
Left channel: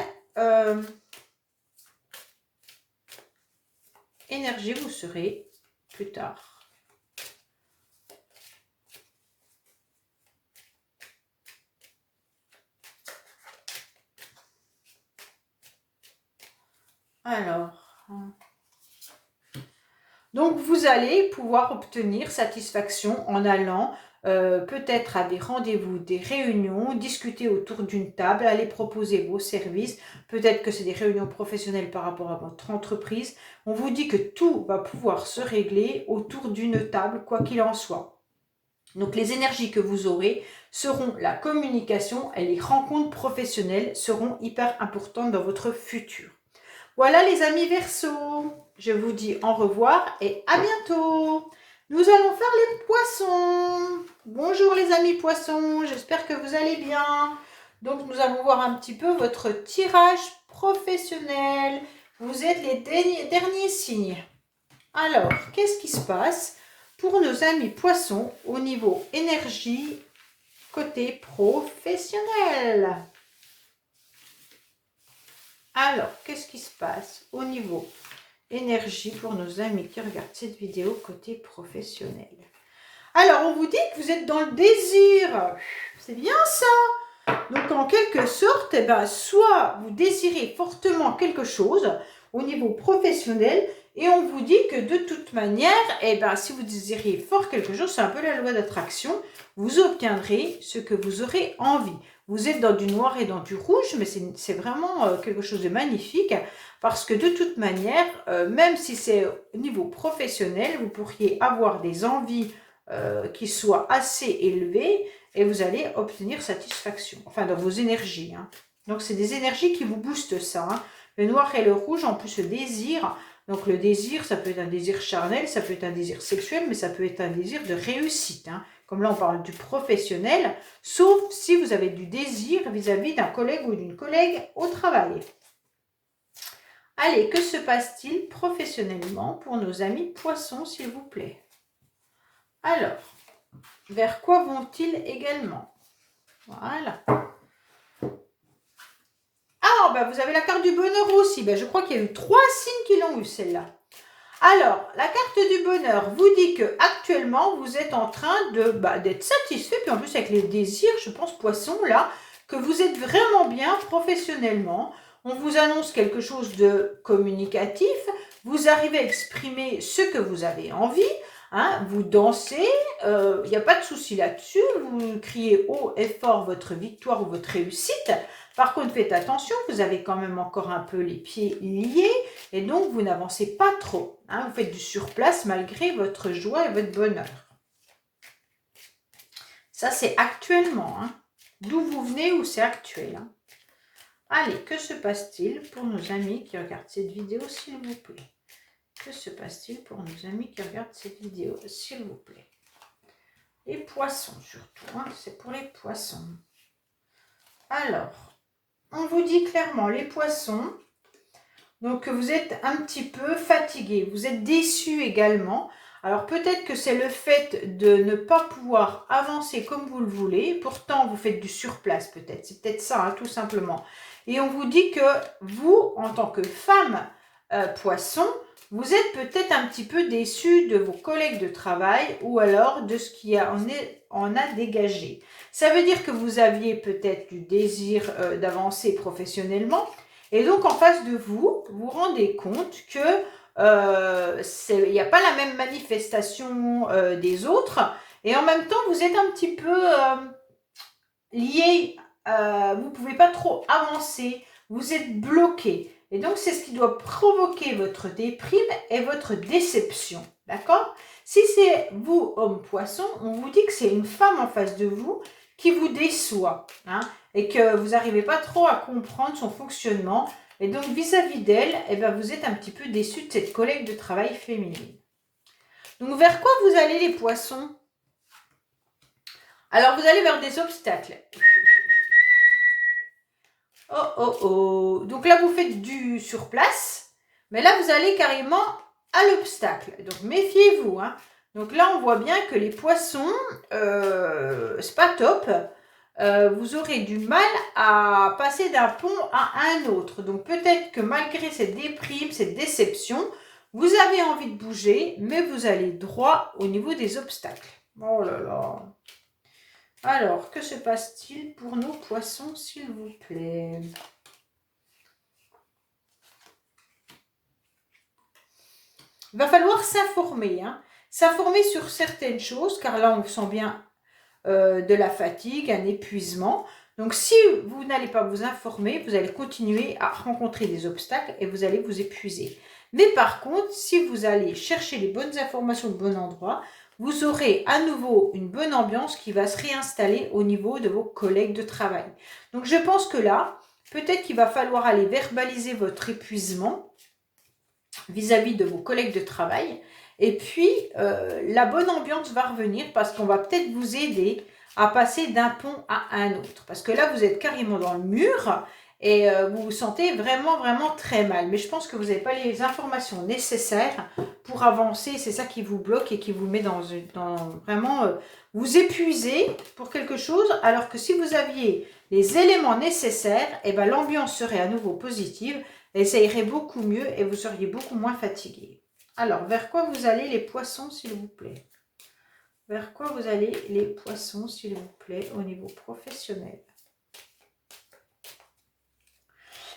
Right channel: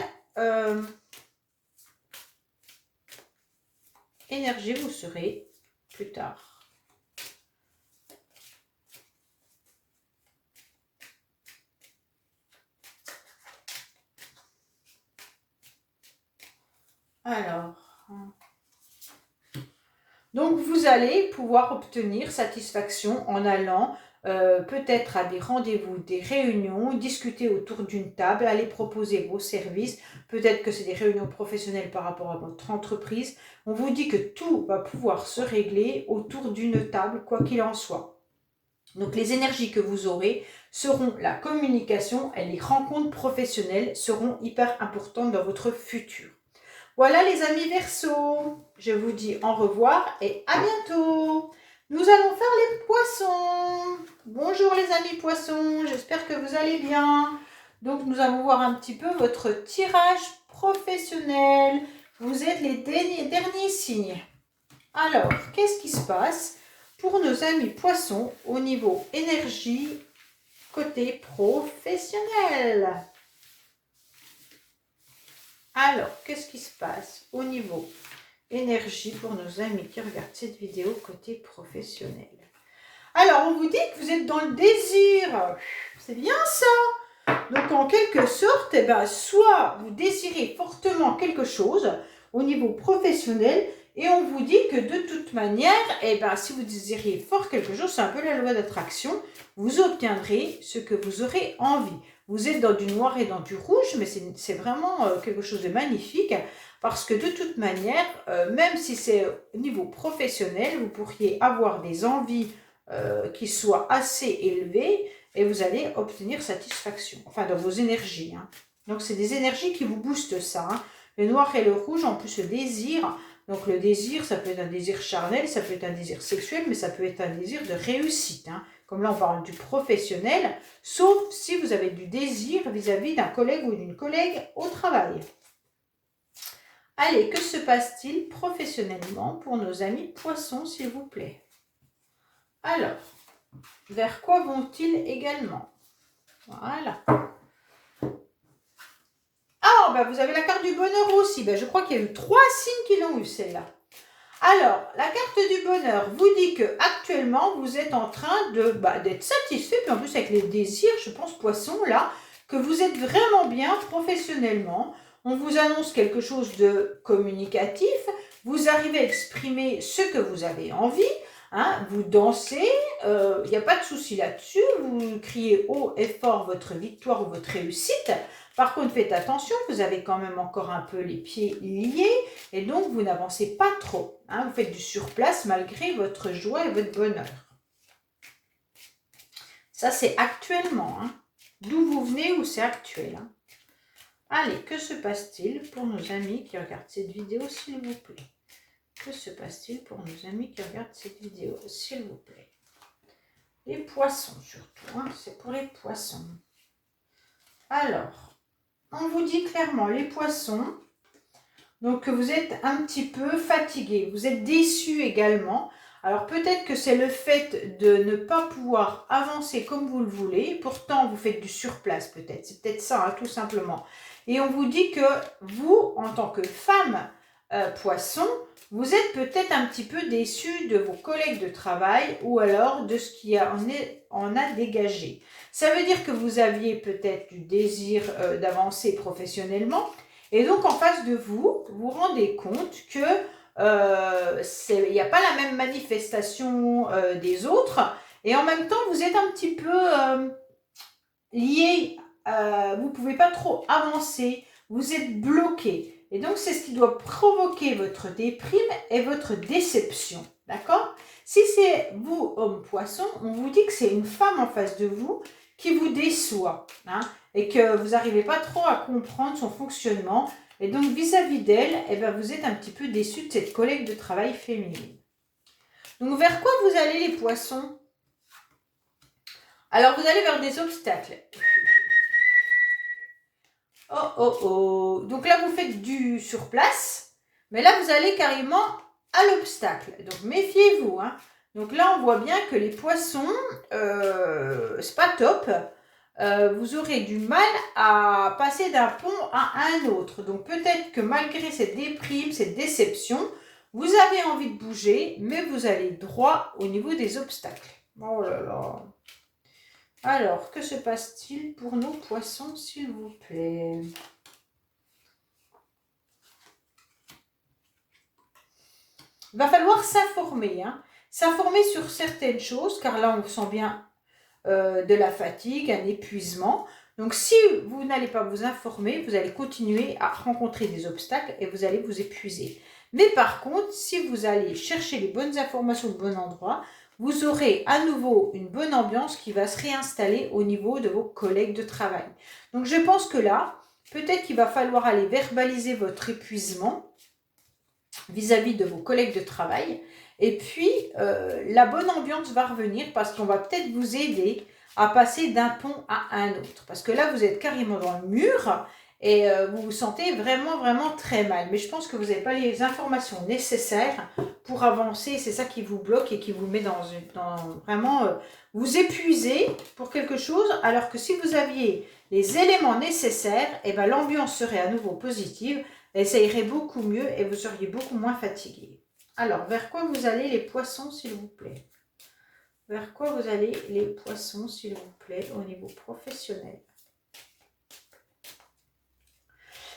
énergie vous serez plus tard? Alors, donc vous allez pouvoir obtenir satisfaction en allant peut-être à des rendez-vous, des réunions, discuter autour d'une table, aller proposer vos services. Peut-être que c'est des réunions professionnelles par rapport à votre entreprise. On vous dit que tout va pouvoir se régler autour d'une table, quoi qu'il en soit. Donc les énergies que vous aurez seront la communication et les rencontres professionnelles seront hyper importantes dans votre futur. Voilà les amis Verseaux, je vous dis au revoir et à bientôt. Nous allons faire les poissons. Bonjour les amis poissons, j'espère que vous allez bien. Donc nous allons voir un petit peu votre tirage professionnel. Vous êtes les derniers signes. Alors, qu'est-ce qui se passe pour nos amis poissons au niveau énergie côté professionnel? Alors, qu'est-ce qui se passe au niveau énergie pour nos amis qui regardent cette vidéo côté professionnel? Alors, on vous dit que vous êtes dans le désir. C'est bien ça. Donc, en quelque sorte, soit vous désirez fortement quelque chose au niveau professionnel et on vous dit que de toute manière, si vous désirez fort quelque chose, c'est un peu la loi d'attraction, vous obtiendrez ce que vous aurez envie. Vous êtes dans du noir et dans du rouge, mais c'est vraiment quelque chose de magnifique parce que de toute manière, même si c'est au niveau professionnel, vous pourriez avoir des envies qui soient assez élevées et vous allez obtenir satisfaction, enfin dans vos énergies. Hein. Donc c'est des énergies qui vous boostent ça. Hein. Le noir et le rouge, en plus le désir. Donc le désir, ça peut être un désir charnel, ça peut être un désir sexuel, mais ça peut être un désir de réussite. Hein. Comme là, on parle du professionnel, sauf si vous avez du désir vis-à-vis d'un collègue ou d'une collègue au travail. Allez, que se passe-t-il professionnellement pour nos amis poissons, s'il vous plaît? Alors, vers quoi vont-ils également? Voilà. Ah, vous avez la carte du bonheur aussi. Je crois qu'il y a eu 3 signes qui l'ont eu, celle-là. Alors, la carte du bonheur vous dit que actuellement vous êtes en train d'être satisfait, puis en plus avec les désirs, je pense, poisson, là, que vous êtes vraiment bien professionnellement. On vous annonce quelque chose de communicatif, vous arrivez à exprimer ce que vous avez envie. hein, vous dansez, il n'y a pas de souci là-dessus, vous criez haut et fort votre victoire ou votre réussite. Par contre, faites attention, vous avez quand même encore un peu les pieds liés et donc vous n'avancez pas trop. Hein, vous faites du surplace malgré votre joie et votre bonheur. Ça, c'est actuellement. Hein. D'où vous venez ou c'est actuel. Hein. Allez, que se passe-t-il pour nos amis qui regardent cette vidéo, s'il vous plaît? Que se passe-t-il pour nos amis qui regardent cette vidéo, s'il vous plaît? Les poissons surtout, hein, c'est pour les poissons. Alors, on vous dit clairement, les poissons, donc vous êtes un petit peu fatigués, vous êtes déçus également. Alors peut-être que c'est le fait de ne pas pouvoir avancer comme vous le voulez, pourtant vous faites du surplace peut-être, c'est peut-être ça, hein, tout simplement. Et on vous dit que vous, en tant que femme poisson, vous êtes peut-être un petit peu déçu de vos collègues de travail ou alors de ce qui en a dégagé. Ça veut dire que vous aviez peut-être du désir d'avancer professionnellement et donc en face de vous, vous rendez compte que il n'y a pas la même manifestation des autres et en même temps vous êtes un petit peu lié, vous ne pouvez pas trop avancer, vous êtes bloqué. Et donc, c'est ce qui doit provoquer votre déprime et votre déception. D'accord? Si c'est vous, homme poisson, on vous dit que c'est une femme en face de vous qui vous déçoit. Hein, et que vous n'arrivez pas trop à comprendre son fonctionnement. Et donc, vis-à-vis d'elle, eh ben, vous êtes un petit peu déçu de cette collègue de travail féminine. Donc, vers quoi vous allez les poissons? Alors, vous allez vers des obstacles. Oh, oh, oh. Donc là, vous faites du surplace. Mais là, vous allez carrément à l'obstacle. Donc, méfiez-vous. Hein. Donc là, on voit bien que les poissons, c'est pas top. Vous aurez du mal à passer d'un pont à un autre. Donc, peut-être que malgré cette déprime, cette déception, vous avez envie de bouger, mais vous allez droit au niveau des obstacles. Oh là là. Alors, que se passe-t-il pour nos poissons, s'il vous plaît? Il va falloir s'informer. Hein. S'informer sur certaines choses, car là, on sent bien de la fatigue, un épuisement. Donc, si vous n'allez pas vous informer, vous allez continuer à rencontrer des obstacles et vous allez vous épuiser. Mais par contre, si vous allez chercher les bonnes informations au bon endroit, vous aurez à nouveau une bonne ambiance qui va se réinstaller au niveau de vos collègues de travail. Donc, je pense que là, peut-être qu'il va falloir aller verbaliser votre épuisement vis-à-vis de vos collègues de travail. Et puis, la bonne ambiance va revenir parce qu'on va peut-être vous aider à passer d'un pont à un autre. Parce que là, vous êtes carrément dans le mur et vous vous sentez vraiment, vraiment très mal. Mais je pense que vous n'avez pas les informations nécessaires pour avancer. C'est ça qui vous bloque et qui vous met dans vraiment... vous épuisez pour quelque chose, alors que si vous aviez les éléments nécessaires, eh ben, l'ambiance serait à nouveau positive et ça irait beaucoup mieux et vous seriez beaucoup moins fatigué. Alors, vers quoi vous allez les poissons, s'il vous plaît? Vers quoi vous allez les poissons, s'il vous plaît, au niveau professionnel?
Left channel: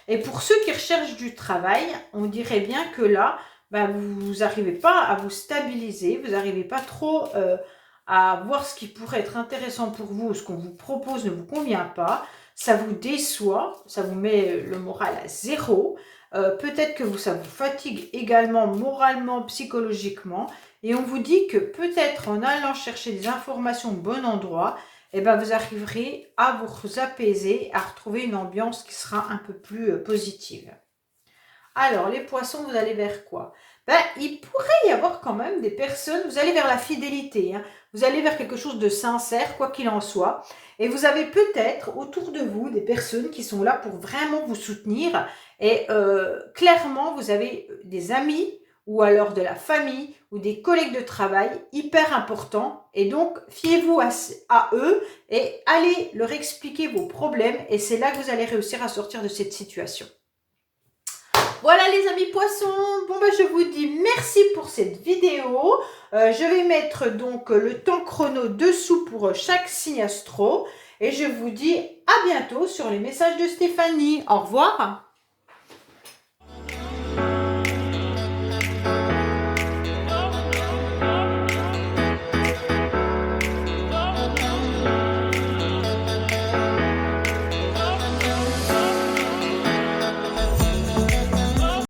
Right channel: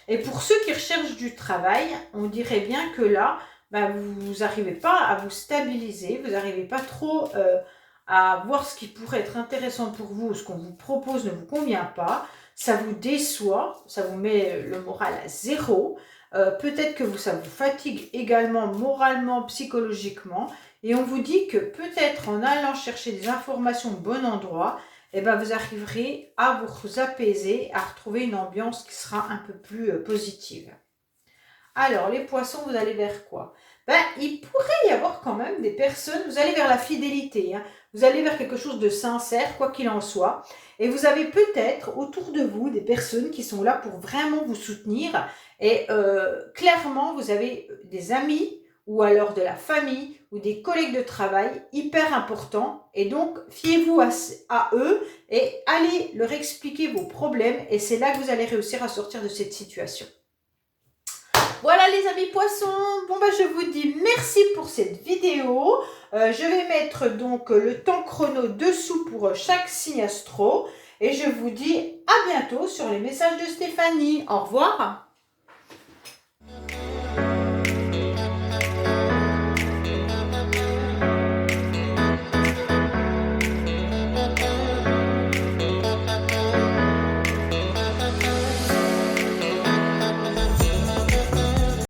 Et pour ceux qui recherchent du travail, on dirait bien que là, ben, vous n'arrivez pas à vous stabiliser, vous n'arrivez pas trop à voir ce qui pourrait être intéressant pour vous, ce qu'on vous propose ne vous convient pas, ça vous déçoit, ça vous met le moral à zéro, peut-être que ça vous fatigue également moralement, psychologiquement, et on vous dit que peut-être en allant chercher des informations au bon endroit, eh ben vous arriverez à vous apaiser, à retrouver une ambiance qui sera un peu plus positive. Alors, les poissons, vous allez vers quoi? Ben, il pourrait y avoir quand même des personnes, vous allez vers la fidélité, hein. Vous allez vers quelque chose de sincère, quoi qu'il en soit. Et vous avez peut-être autour de vous des personnes qui sont là pour vraiment vous soutenir. Et clairement, vous avez des amis ou alors de la famille ou des collègues de travail hyper importants. Et donc, fiez-vous à eux et allez leur expliquer vos problèmes. Et c'est là que vous allez réussir à sortir de cette situation. Voilà les amis poissons, bon ben je vous dis merci pour cette vidéo. Je vais mettre donc le temps chrono dessous pour chaque signe astro. Et je vous dis à bientôt sur les messages de Stéphanie. Au revoir.